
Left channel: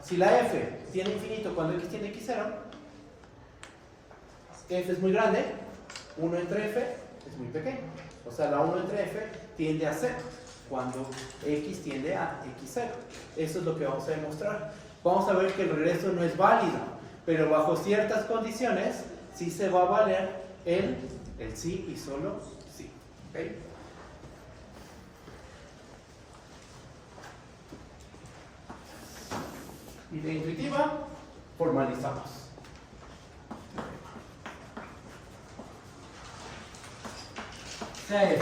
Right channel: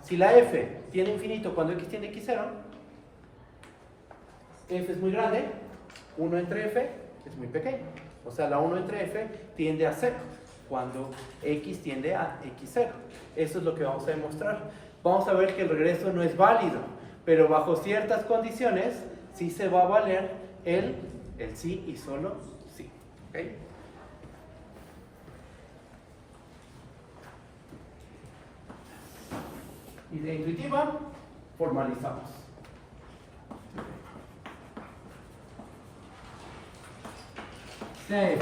Si la f tiende a infinito cuando x tiende a x0, f es muy grande, 1 entre f es muy pequeño. O sea, la 1 entre f tiende a 0 cuando x tiende a x0. Eso es lo que vamos a demostrar. Vamos a ver que el regreso no es válido, pero bajo ciertas condiciones sí se va a valer el sí y solo sí. ¿Okay? Y de intuitiva, formalizamos. C es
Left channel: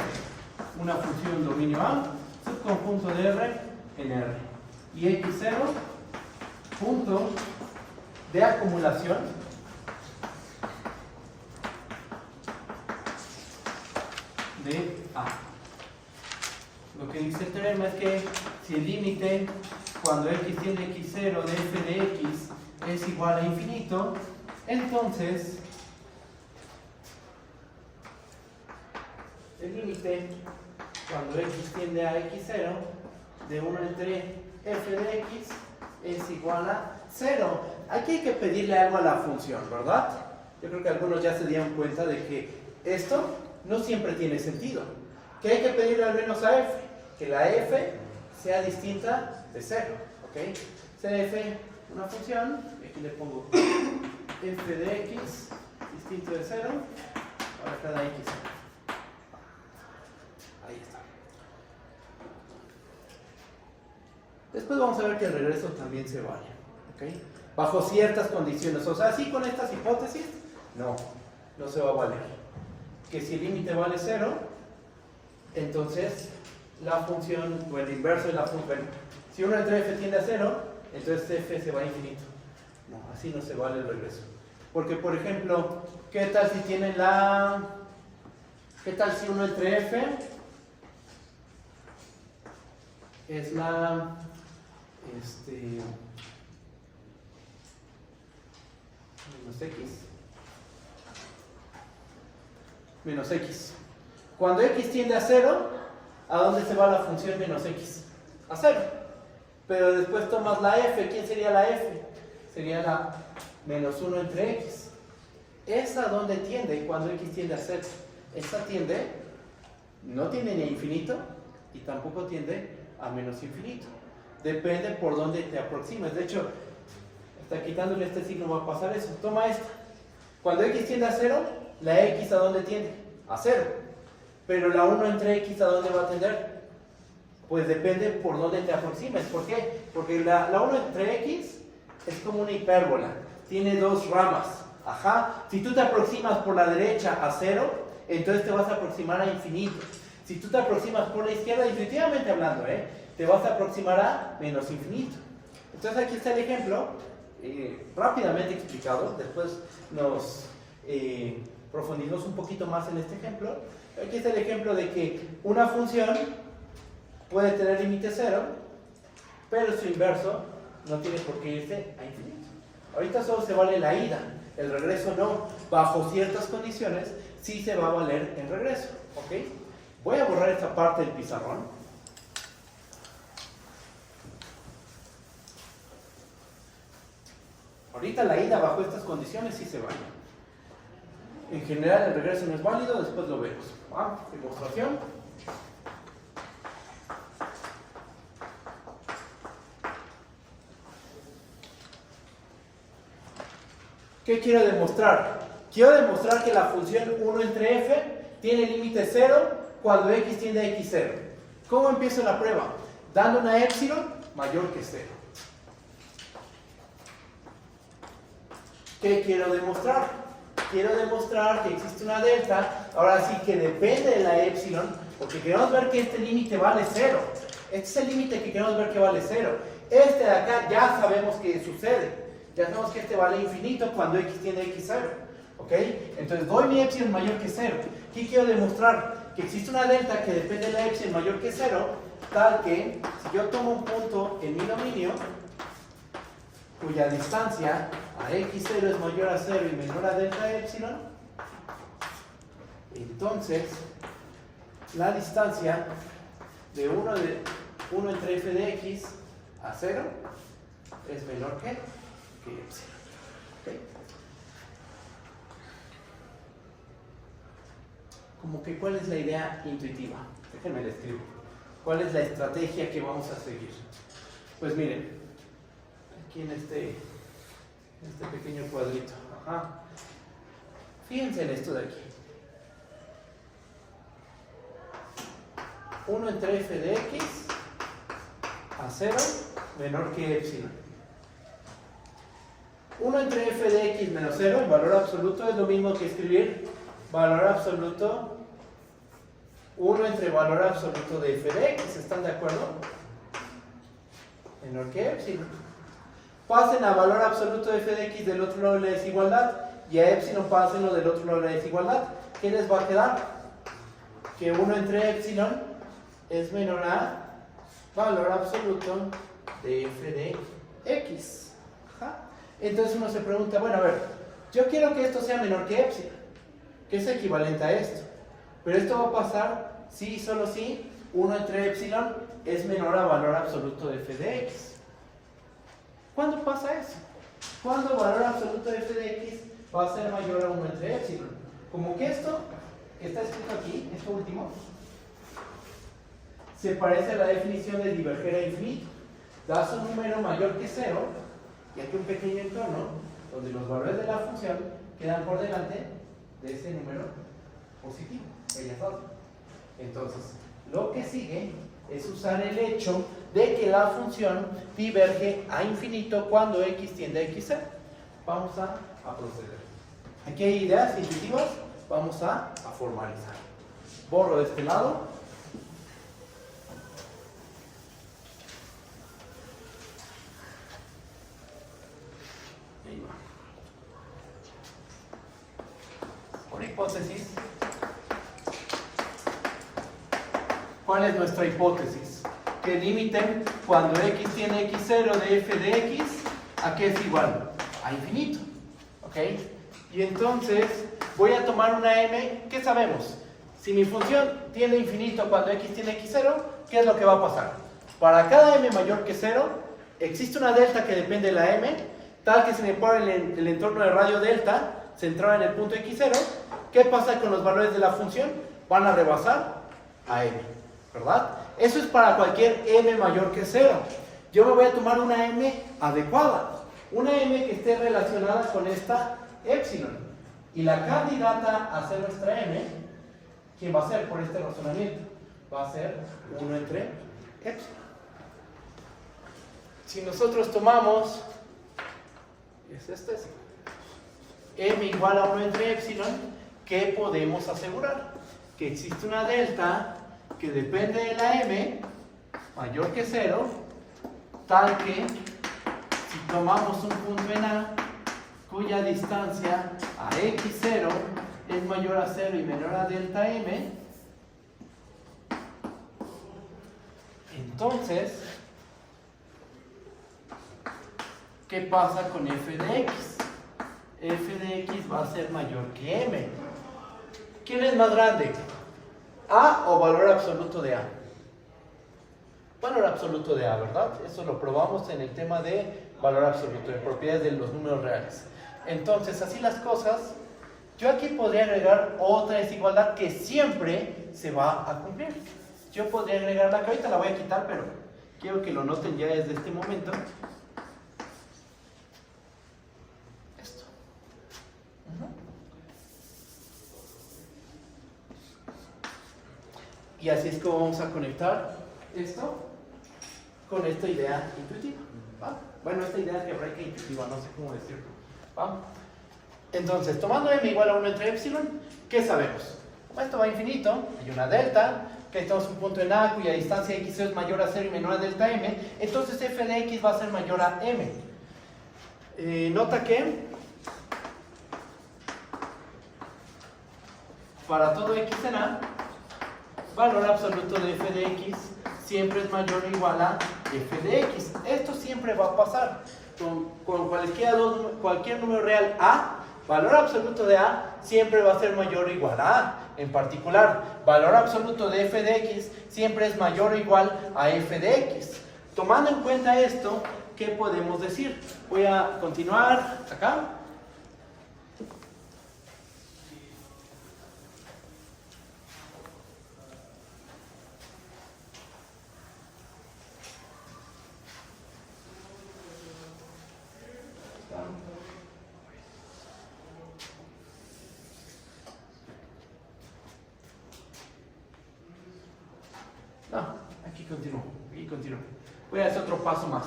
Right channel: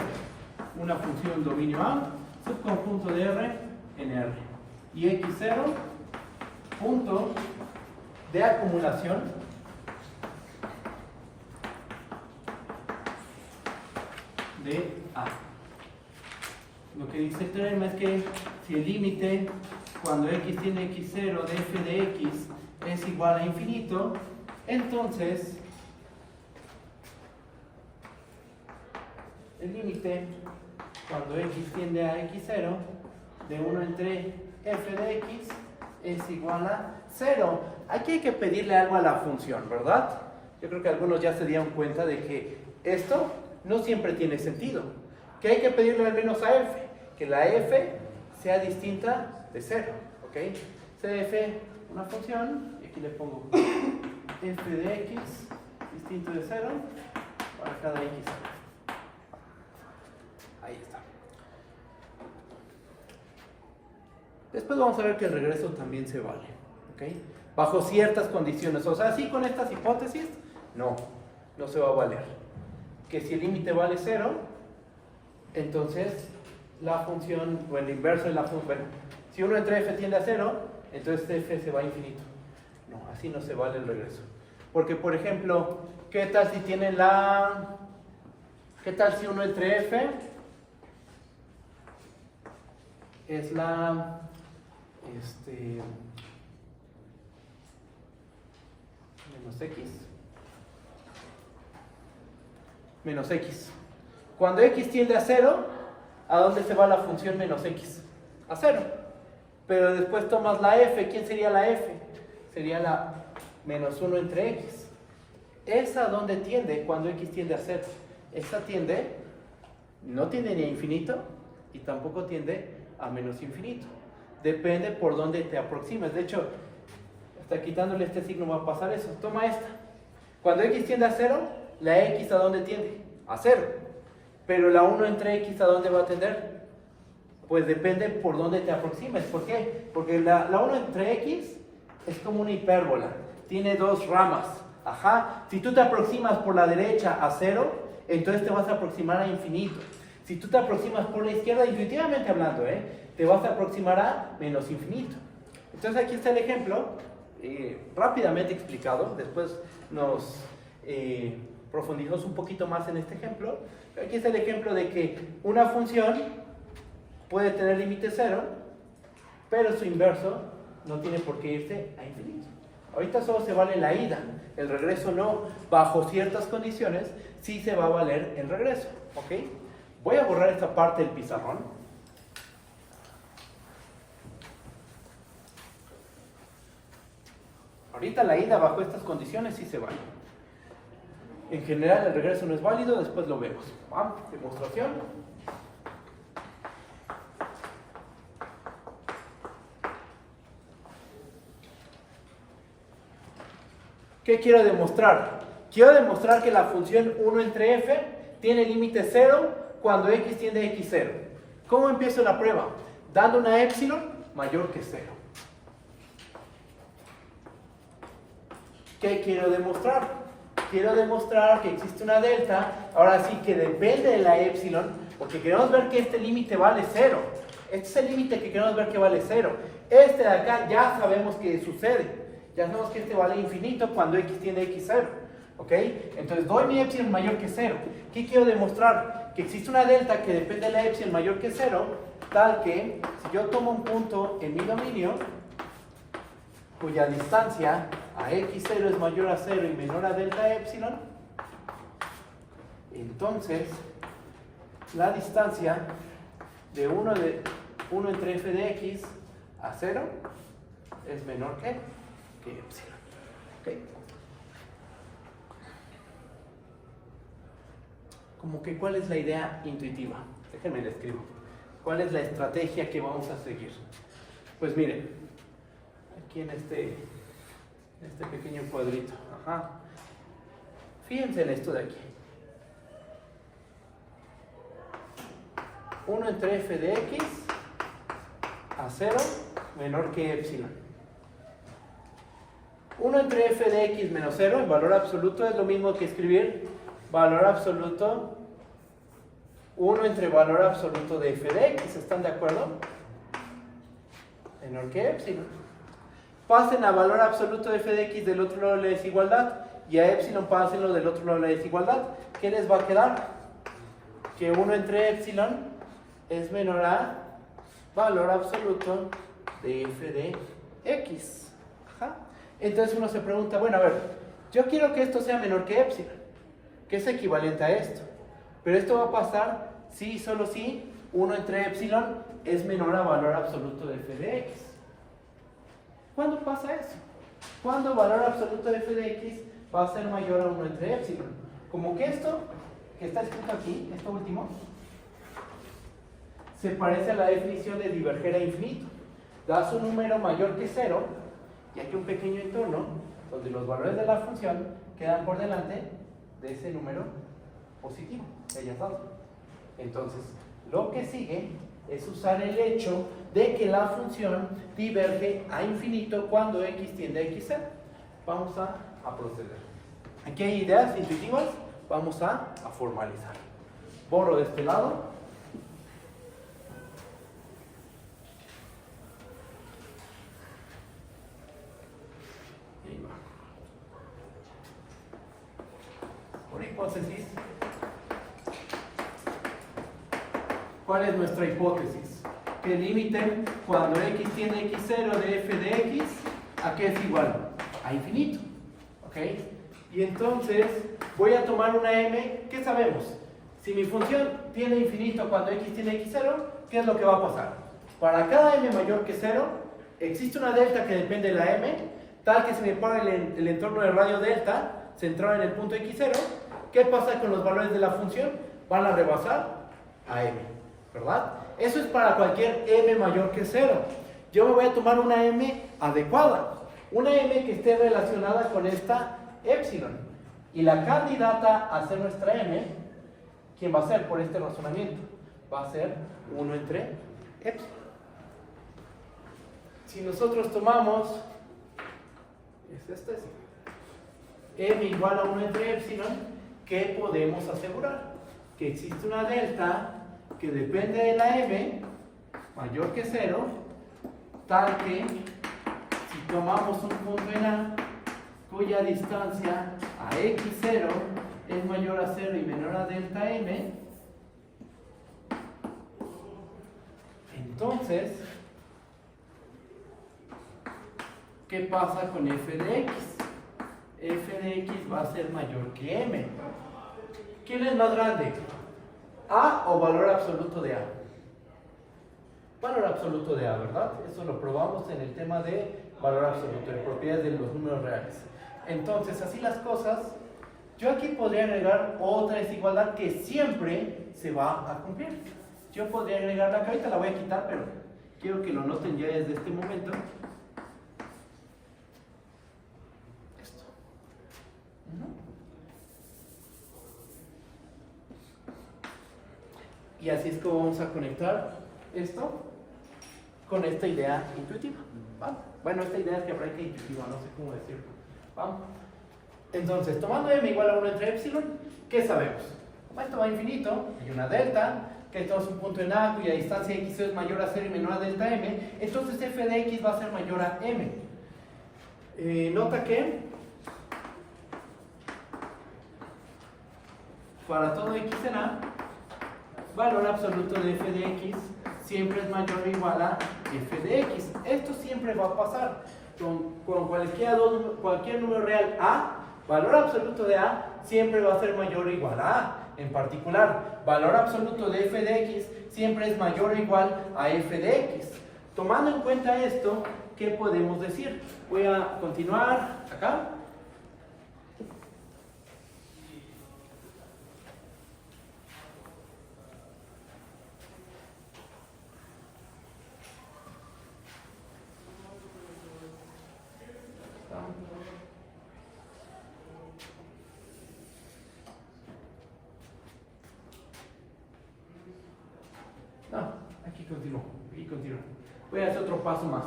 una función dominio A, subconjunto de R en R. Y x0, punto de acumulación de A. Lo que dice el teorema es que si el límite cuando x tiende a x0 de f de x es igual a infinito, entonces el límite cuando x tiende a x0 de 1 entre f de x es igual a 0. Aquí hay que pedirle algo a la función, ¿verdad? Yo creo que algunos ya se dieron cuenta de que esto no siempre tiene sentido. Que hay que pedirle al menos a f, que la f sea distinta de 0, ¿ok? C de f, una función, y aquí le pongo f de x distinto de 0 para cada x. Ahí está. Después vamos a ver que el regreso también se vale, ¿ok? Bajo ciertas condiciones. O sea, sí, con estas hipótesis, no se va a valer. Que si el límite vale 0, entonces la función, o el inverso de la función, si 1 entre f tiende a 0, entonces f se va a infinito. No, así no se vale el regreso. Porque, por ejemplo, ¿qué tal si tiene ¿qué tal si 1 entre f es la menos x? menos x. Cuando x tiende a 0, ¿a dónde se va la función menos x? A 0. Pero después tomas la f. ¿Quién sería la f? Sería la menos 1 entre x. ¿Esa dónde tiende cuando x tiende a 0? Esta tiende, no tiende ni a infinito y tampoco tiende a menos infinito. Depende por dónde te aproximes. De hecho, hasta quitándole este signo va a pasar eso. Toma esta. Cuando x tiende a 0, la x ¿a dónde tiende? A 0. Pero la 1 entre x ¿a dónde va a tender? Pues depende por dónde te aproximes. ¿Por qué? Porque la 1 entre x es como una hipérbola. Tiene dos ramas. Ajá. Si tú te aproximas por la derecha a 0, entonces te vas a aproximar a infinito. Si tú te aproximas por la izquierda, intuitivamente hablando, te vas a aproximar a menos infinito. Entonces aquí está el ejemplo, rápidamente explicado. Después nos profundizamos un poquito más en este ejemplo. Aquí está el ejemplo de que una función puede tener límite 0, pero su inverso no tiene por qué irse a infinito. Ahorita solo se vale la ida, el regreso no. Bajo ciertas condiciones sí se va a valer el regreso, ¿ok? Voy a borrar esta parte del pizarrón. Ahorita la ida bajo estas condiciones sí se vale. En general el regreso no es válido, después lo vemos. ¿Va? Demostración. ¿Qué quiero demostrar? Quiero demostrar que la función 1 entre f tiene límite 0 cuando x tiende a x0. ¿Cómo empiezo la prueba? Dando una épsilon mayor que 0. ¿Qué quiero demostrar? Quiero demostrar que existe una delta, ahora sí que depende de la épsilon, porque queremos ver que este límite vale 0. Este es el límite que queremos ver que vale 0. Este de acá ya sabemos que sucede. Ya sabemos que este vale infinito cuando x tiende a x0. ¿Ok? Entonces doy mi épsilon mayor que 0. ¿Qué quiero demostrar? Que existe una delta que depende de la épsilon mayor que 0, tal que si yo tomo un punto en mi dominio, cuya distancia a x0 es mayor a 0 y menor a delta épsilon, entonces la distancia de 1 entre f de x a 0 es menor que épsilon. ¿Okay? Como que ¿cuál es la idea intuitiva? Déjenme le escribo. ¿Cuál es la estrategia que vamos a seguir? Pues miren, aquí en este pequeño cuadrito. Ajá. Fíjense en esto de aquí. 1 entre f de x a 0 menor que epsilon. 1 entre f de x menos 0, el valor absoluto, es lo mismo que escribir valor absoluto 1 entre valor absoluto de f de x. ¿Están de acuerdo? Menor que epsilon. Pasen a valor absoluto de f de x del otro lado de la desigualdad y a epsilon pásenlo del otro lado de la desigualdad. ¿Qué les va a quedar? Que 1 entre epsilon es menor a valor absoluto de f de x. Ajá. Entonces uno se pregunta, bueno, a ver, yo quiero que esto sea menor que epsilon, que es equivalente a esto. Pero esto va a pasar si, solo si 1 entre epsilon es menor a valor absoluto de f de x. ¿Cuándo pasa eso? ¿Cuándo valor absoluto de f de x va a ser mayor a 1 entre epsilon? Como que esto, que está escrito aquí, esto último, se parece a la definición de diverger a infinito. Das un número mayor que 0, y aquí un pequeño entorno, donde los valores de la función quedan por delante de ese número positivo, que hayas dado. Entonces, lo que sigue es usar el hecho de que la función diverge a infinito cuando x tiende a x0. Vamos a proceder. Aquí hay ideas intuitivas, vamos a formalizar. Borro de este lado. Y ahí va. Una hipótesis. ¿Cuál es nuestra hipótesis? Que el límite cuando x tiene x0 de f de x, ¿a qué es igual? A infinito. ¿Ok? Y entonces voy a tomar una m, ¿qué sabemos? Si mi función tiene infinito cuando x tiene x0, ¿qué es lo que va a pasar? Para cada m mayor que 0, existe una delta que depende de la m, tal que si me pone el entorno del radio delta, centrado en el punto x0, ¿qué pasa con los valores de la función? Van a rebasar a m, ¿verdad? Eso es para cualquier m mayor que 0. Yo me voy a tomar una m adecuada, una m que esté relacionada con esta epsilon. Y la candidata a ser nuestra m, ¿quién va a ser por este razonamiento? Va a ser 1 entre epsilon. Si nosotros tomamos, m igual a 1 entre epsilon, ¿qué podemos asegurar? Que existe una delta que depende de la m mayor que 0, tal que si tomamos un punto en A cuya distancia a x0 es mayor a 0 y menor a delta m, entonces, ¿qué pasa con f de x? F de x va a ser mayor que m. ¿Quién es más grande? ¿A o valor absoluto de A? Valor absoluto de A, ¿verdad? Eso lo probamos en el tema de valor absoluto, de propiedades de los números reales. Entonces, así las cosas, yo aquí podría agregar otra desigualdad que siempre se va a cumplir. Yo podría agregar la que ahorita la voy a quitar, pero quiero que lo noten ya desde este momento. Esto. Y así es como vamos a conectar esto con esta idea intuitiva. ¿Va? Bueno, esta idea es que intuitiva, no sé cómo decirlo. ¿Va? Entonces, tomando m igual a 1 entre epsilon, ¿qué sabemos? Esto va a infinito, hay una delta, que tenemos un punto en A cuya distancia x es mayor a 0 y menor a delta m, entonces f de x va a ser mayor a m. Nota que para todo x en A, valor absoluto de f de x siempre es mayor o igual a f de x. Esto siempre va a pasar con cualquier número real A. Valor absoluto de A siempre va a ser mayor o igual a A. En particular, valor absoluto de f de x siempre es mayor o igual a f de x. Tomando en cuenta esto, ¿qué podemos decir? Voy a continuar acá. Aquí continúo. Voy a hacer otro paso más.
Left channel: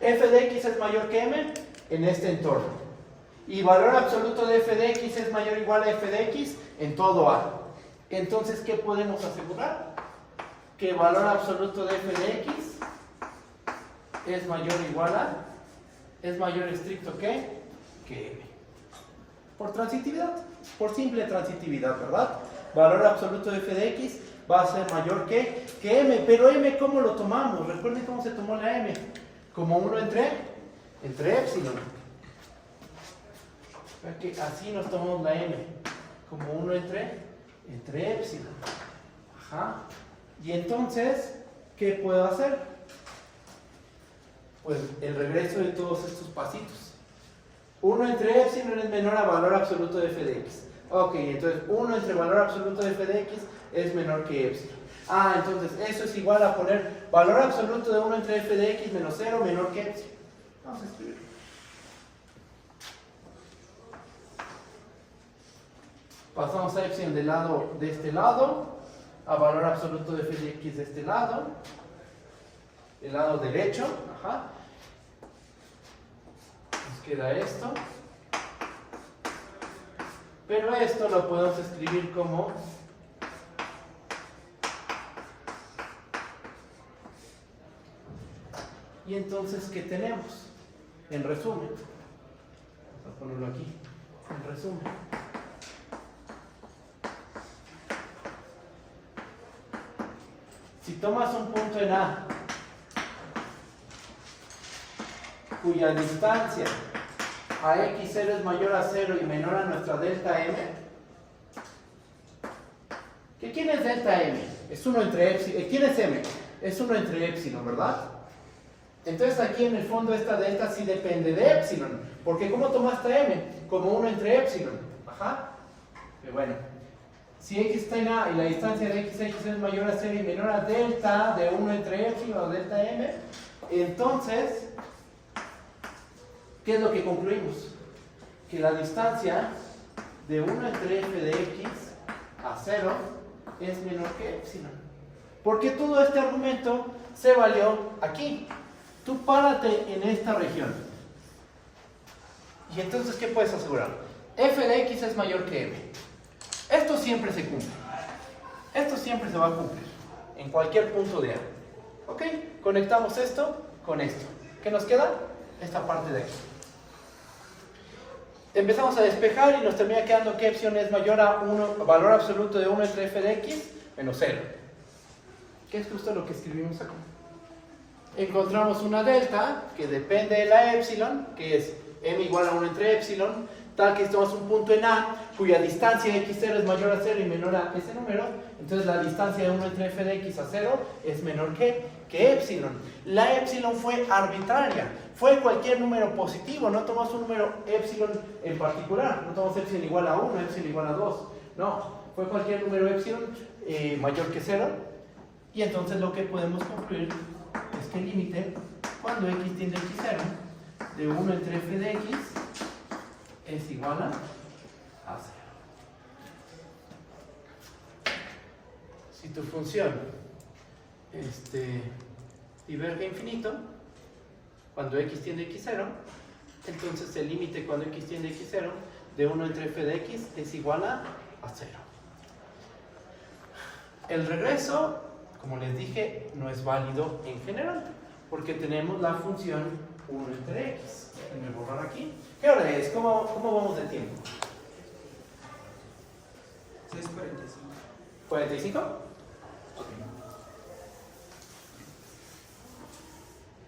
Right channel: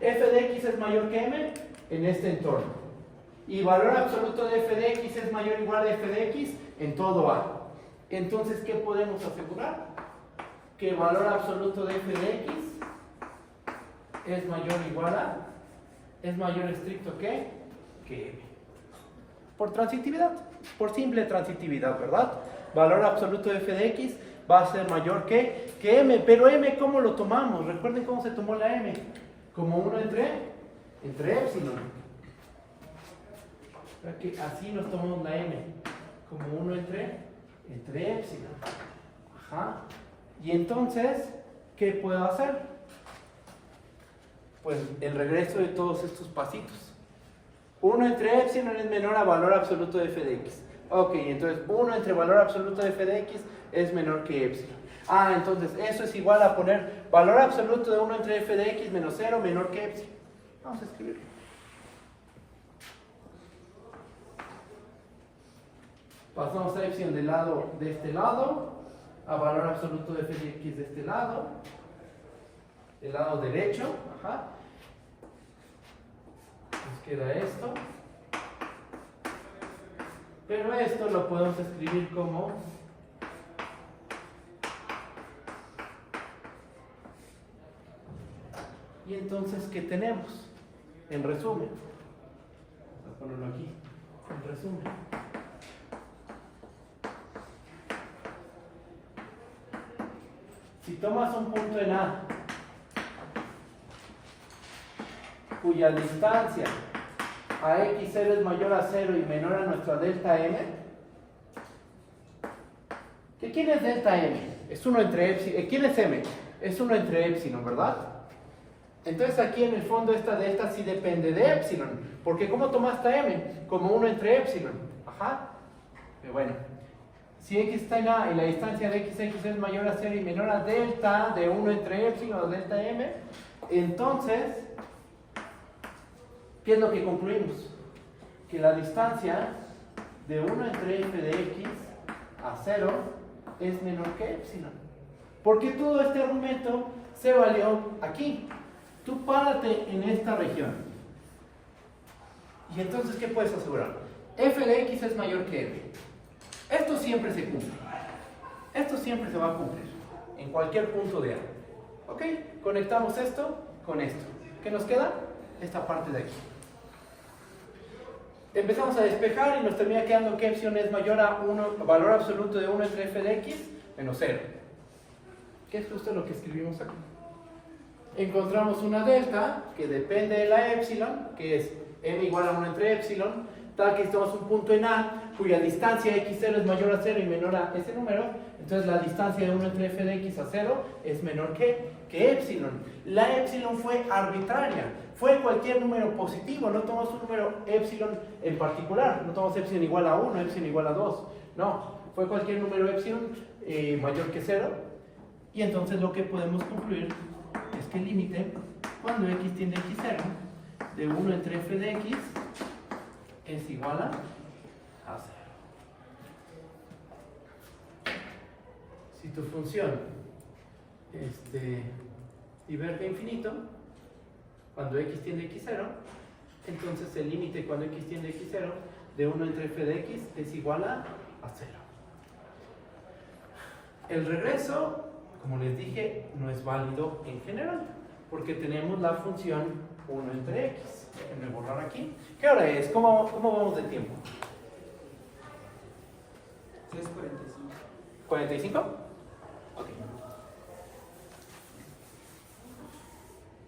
F de x es mayor que m en este entorno. Y valor absoluto de f de x es mayor o igual a f de x en todo A. Entonces, ¿qué podemos asegurar? Que valor absoluto de f de x es mayor o igual a, es mayor estricto que m. Por transitividad, por simple transitividad, ¿verdad? Valor absoluto de f de x va a ser mayor que m, pero m, ¿cómo lo tomamos? Recuerden cómo se tomó la m, como 1 entre epsilon. Que así nos tomamos la m, como 1 entre epsilon. Ajá. Y entonces, ¿qué puedo hacer? Pues el regreso de todos estos pasitos. 1 entre epsilon es menor a valor absoluto de f de x. Ok, entonces 1 entre valor absoluto de f de x es menor que epsilon. Entonces eso es igual a poner valor absoluto de 1 entre f de x menos 0 menor que epsilon. Vamos a escribirlo. Pasamos a epsilon de este lado, a valor absoluto de f de x de este lado, del lado derecho. Ajá. Nos queda esto. Pero esto lo podemos escribir como y entonces, ¿qué tenemos? En resumen, vamos a ponerlo aquí, en resumen, si tomas un punto en A cuya distancia a x0 es mayor a 0 y menor a nuestra delta m, ¿que quién es delta m? Es 1 entre epsilon. ¿Quién es m? Es 1 entre epsilon, ¿verdad? Entonces aquí en el fondo esta delta sí depende de epsilon, porque ¿cómo tomaste m? Como 1 entre epsilon. Ajá. Pero bueno, si x está en a y la distancia de x es mayor a 0 y menor a delta de 1 entre epsilon o delta m, entonces, ¿qué es lo que concluimos? Que la distancia de 1 entre f de x a 0 es menor que epsilon. Porque todo este argumento se valió aquí. Tú párate en esta región. Y entonces, ¿qué puedes asegurar? F de x es mayor que m. Esto siempre se cumple. Esto siempre se va a cumplir. En cualquier punto de A. ¿Ok? Conectamos esto con esto. ¿Qué nos queda? Esta parte de aquí. Empezamos a despejar y nos termina quedando que epsilon es mayor a valor absoluto de 1 entre f de x menos 0. Que es justo lo que escribimos acá. Encontramos una delta que depende de la epsilon, que es m igual a 1 entre epsilon, tal que estamos un punto en A cuya distancia x0 es mayor a 0 y menor a ese número. Entonces la distancia de 1 entre f de x a 0 es menor que epsilon. La epsilon fue arbitraria, fue cualquier número positivo, no tomamos un número epsilon en particular, no tomamos epsilon igual a 1, epsilon igual a 2, no, fue cualquier número epsilon mayor que 0. Y entonces lo que podemos concluir es que el límite cuando x tiende a x0 de 1 entre f de x es igual a 0. Si tu función diverge a infinito, cuando x tiende a x0, entonces el límite cuando x tiende a x0 de 1 entre f de x es igual a 0. El regreso, como les dije, no es válido en general, porque tenemos la función 1 entre x. Déjenme borrar aquí. ¿Qué hora es? ¿Cómo vamos de tiempo? 6:45. ¿45? Ok.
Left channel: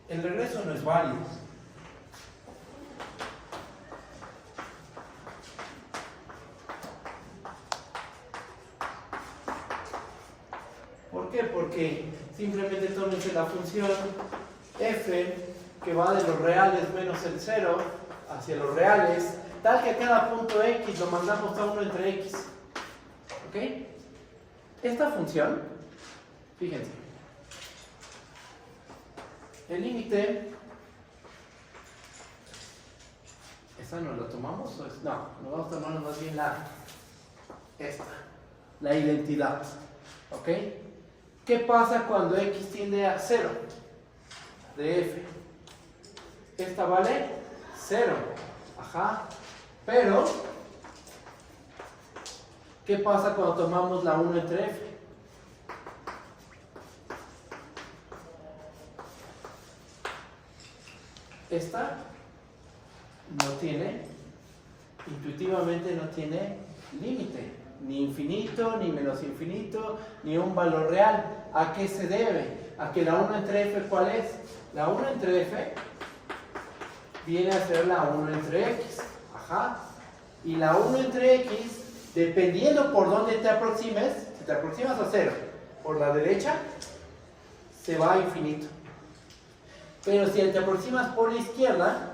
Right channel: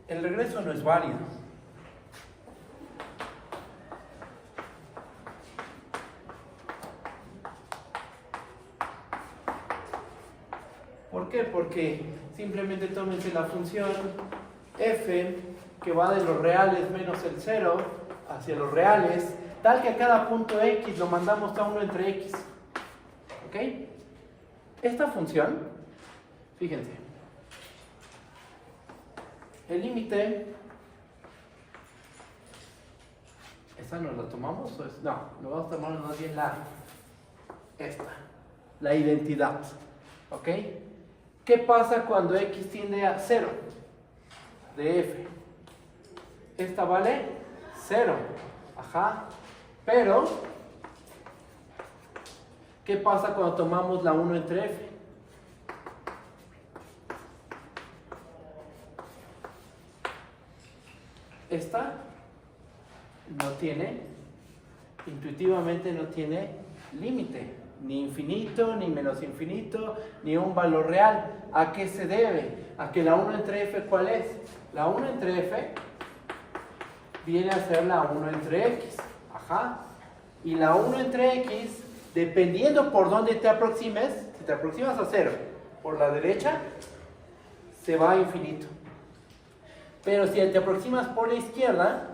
El regreso no es válido. ¿Por qué? Porque simplemente tómense la función f que va de los reales menos el 0 hacia los reales, tal que a cada punto x lo mandamos a 1 entre x. ¿Ok? Esta función, fíjense, el límite, ¿esta no la tomamos? No, nos vamos a tomar más bien la identidad. ¿Ok? ¿Qué pasa cuando x tiende a 0 de f? Esta vale 0. Ajá. Pero, ¿qué pasa cuando tomamos la 1 entre f? Esta no tiene, intuitivamente no tiene límite, ni infinito, ni menos infinito, ni un valor real. ¿A qué se debe? A que la 1 entre f, ¿cuál es? La 1 entre f viene a ser la 1 entre x. Ajá. Y la 1 entre x, dependiendo por dónde te aproximes, si te aproximas a 0 por la derecha, se va a infinito. Pero si te aproximas por la izquierda,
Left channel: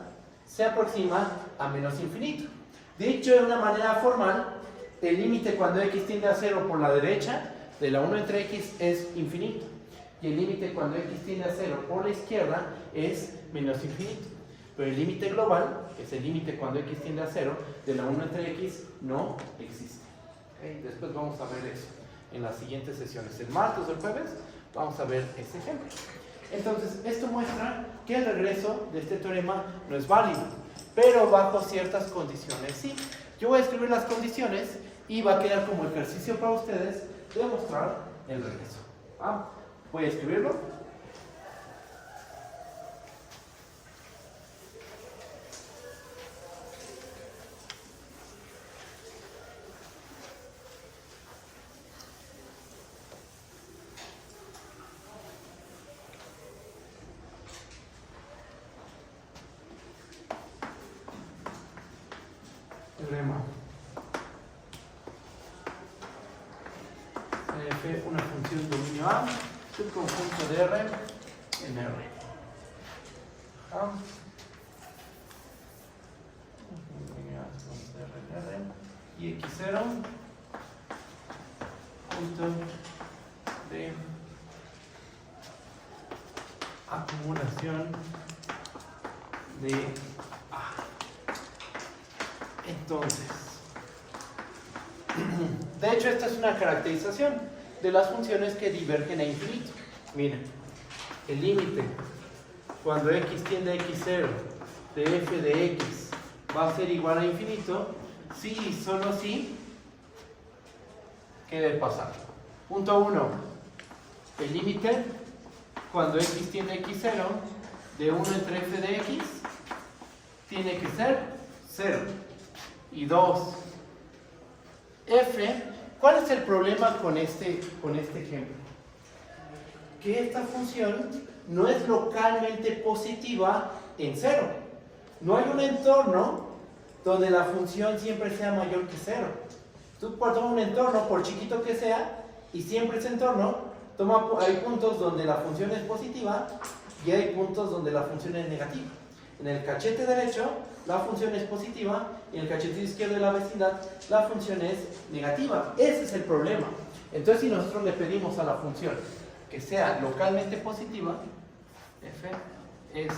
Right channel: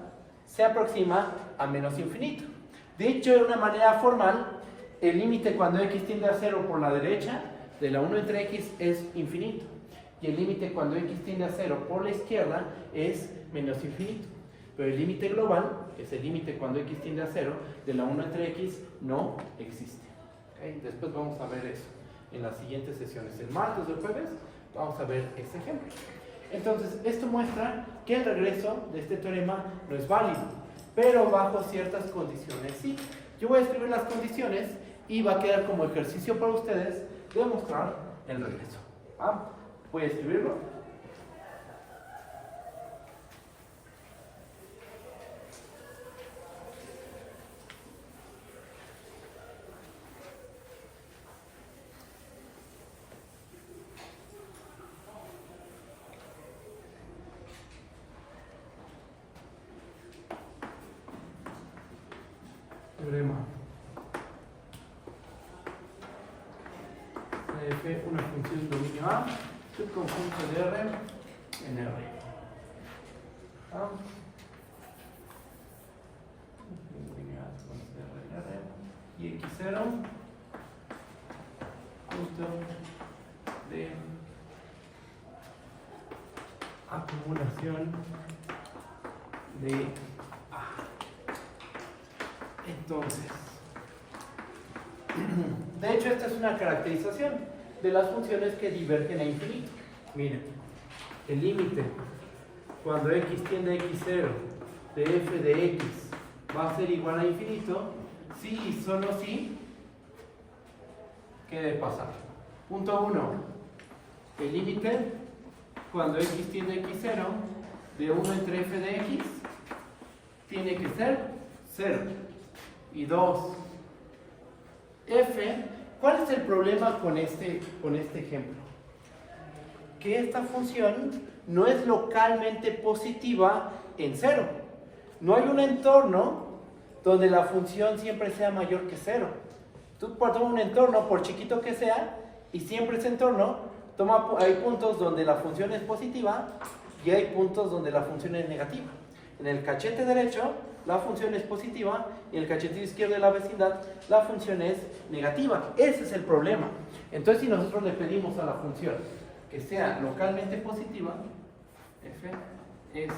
se aproxima a menos infinito. Dicho de una manera formal, el límite cuando x tiende a 0 por la derecha de la 1 entre x es infinito. Y el límite cuando x tiende a 0 por la izquierda es menos infinito. Pero el límite global, que es el límite cuando x tiende a 0, de la 1 entre x no existe. ¿Okay? Después vamos a ver eso en las siguientes sesiones. El martes o el jueves vamos a ver ese ejemplo. Entonces, esto muestra que el regreso de este teorema no es válido, pero bajo ciertas condiciones sí. Yo voy a escribir las condiciones y va a quedar como ejercicio para ustedes demostrar el regreso. Voy a escribirlo. teorema de f, una función de dominio A, subconjunto de R en R. ¿Ah? Y x0 punto de acumulación de A. Entonces, de hecho esta es una caracterización de las funciones que divergen a infinito. Miren, el límite cuando x tiende a x0 de f de x va a ser igual a infinito si y solo si, ¿qué debe pasar? Punto 1, el límite cuando x tiende a x0 de 1 entre f de x tiene que ser 0. Y 2, f, ¿cuál es el problema con este ejemplo? Que esta función no es localmente positiva en 0. No hay un entorno donde la función siempre sea mayor que 0. Tú tomas un entorno, por chiquito que sea, y siempre ese entorno, hay puntos donde la función es positiva y hay puntos donde la función es negativa. En el cachete derecho, la función es positiva, y en el cachete izquierdo de la vecindad, la función es negativa. Ese es el problema. Entonces, si nosotros le pedimos a la función que sea localmente positiva, f es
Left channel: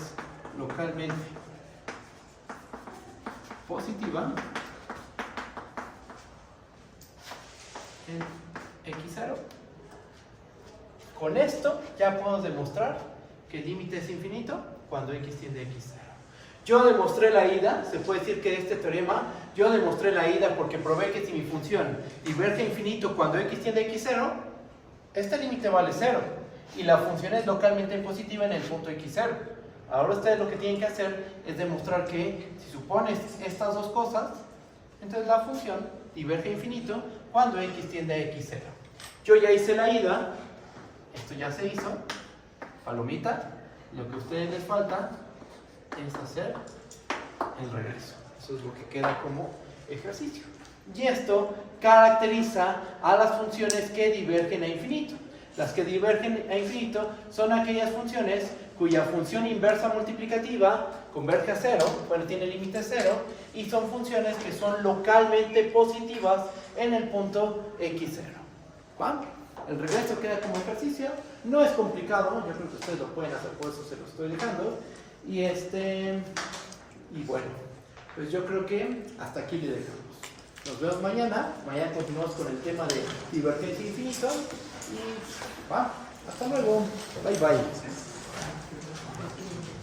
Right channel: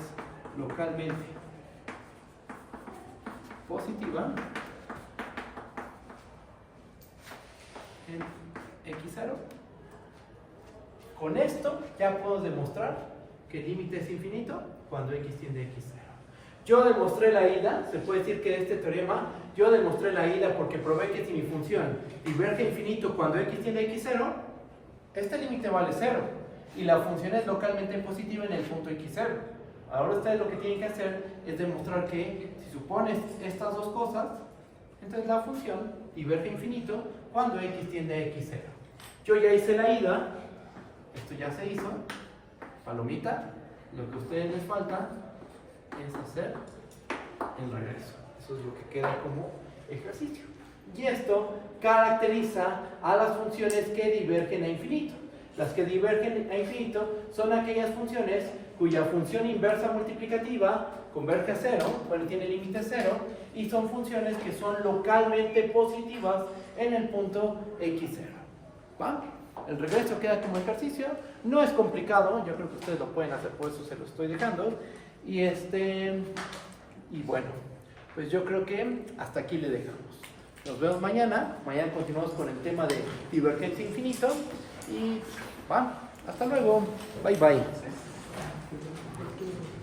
localmente positiva en x0. Con esto ya puedo demostrar que el límite es infinito cuando x tiende a x0. Yo demostré la ida, se puede decir que de este teorema, yo demostré la ida porque probé que si mi función diverge a infinito cuando x tiende a x0, este límite vale 0 y la función es localmente positiva en el punto x0. Ahora ustedes lo que tienen que hacer es demostrar que si supones estas dos cosas, entonces la función diverge a infinito cuando x tiende a x0. Yo ya hice la ida, esto ya se hizo, palomita, lo que a ustedes les falta es hacer el regreso. Eso es lo que queda como ejercicio. Y esto caracteriza a las funciones que divergen a infinito. Las que divergen a infinito son aquellas funciones cuya función inversa multiplicativa converge a 0, bueno, tiene límite 0, y son funciones que son localmente positivas en el punto x0. ¿Va? El regreso queda como ejercicio, no es complicado, yo creo que ustedes lo pueden hacer, por eso se lo estoy dejando. Y bueno, pues yo creo que hasta aquí le dejamos. Nos vemos mañana continuamos con el tema de divergencia infinito, y va, hasta luego, bye bye.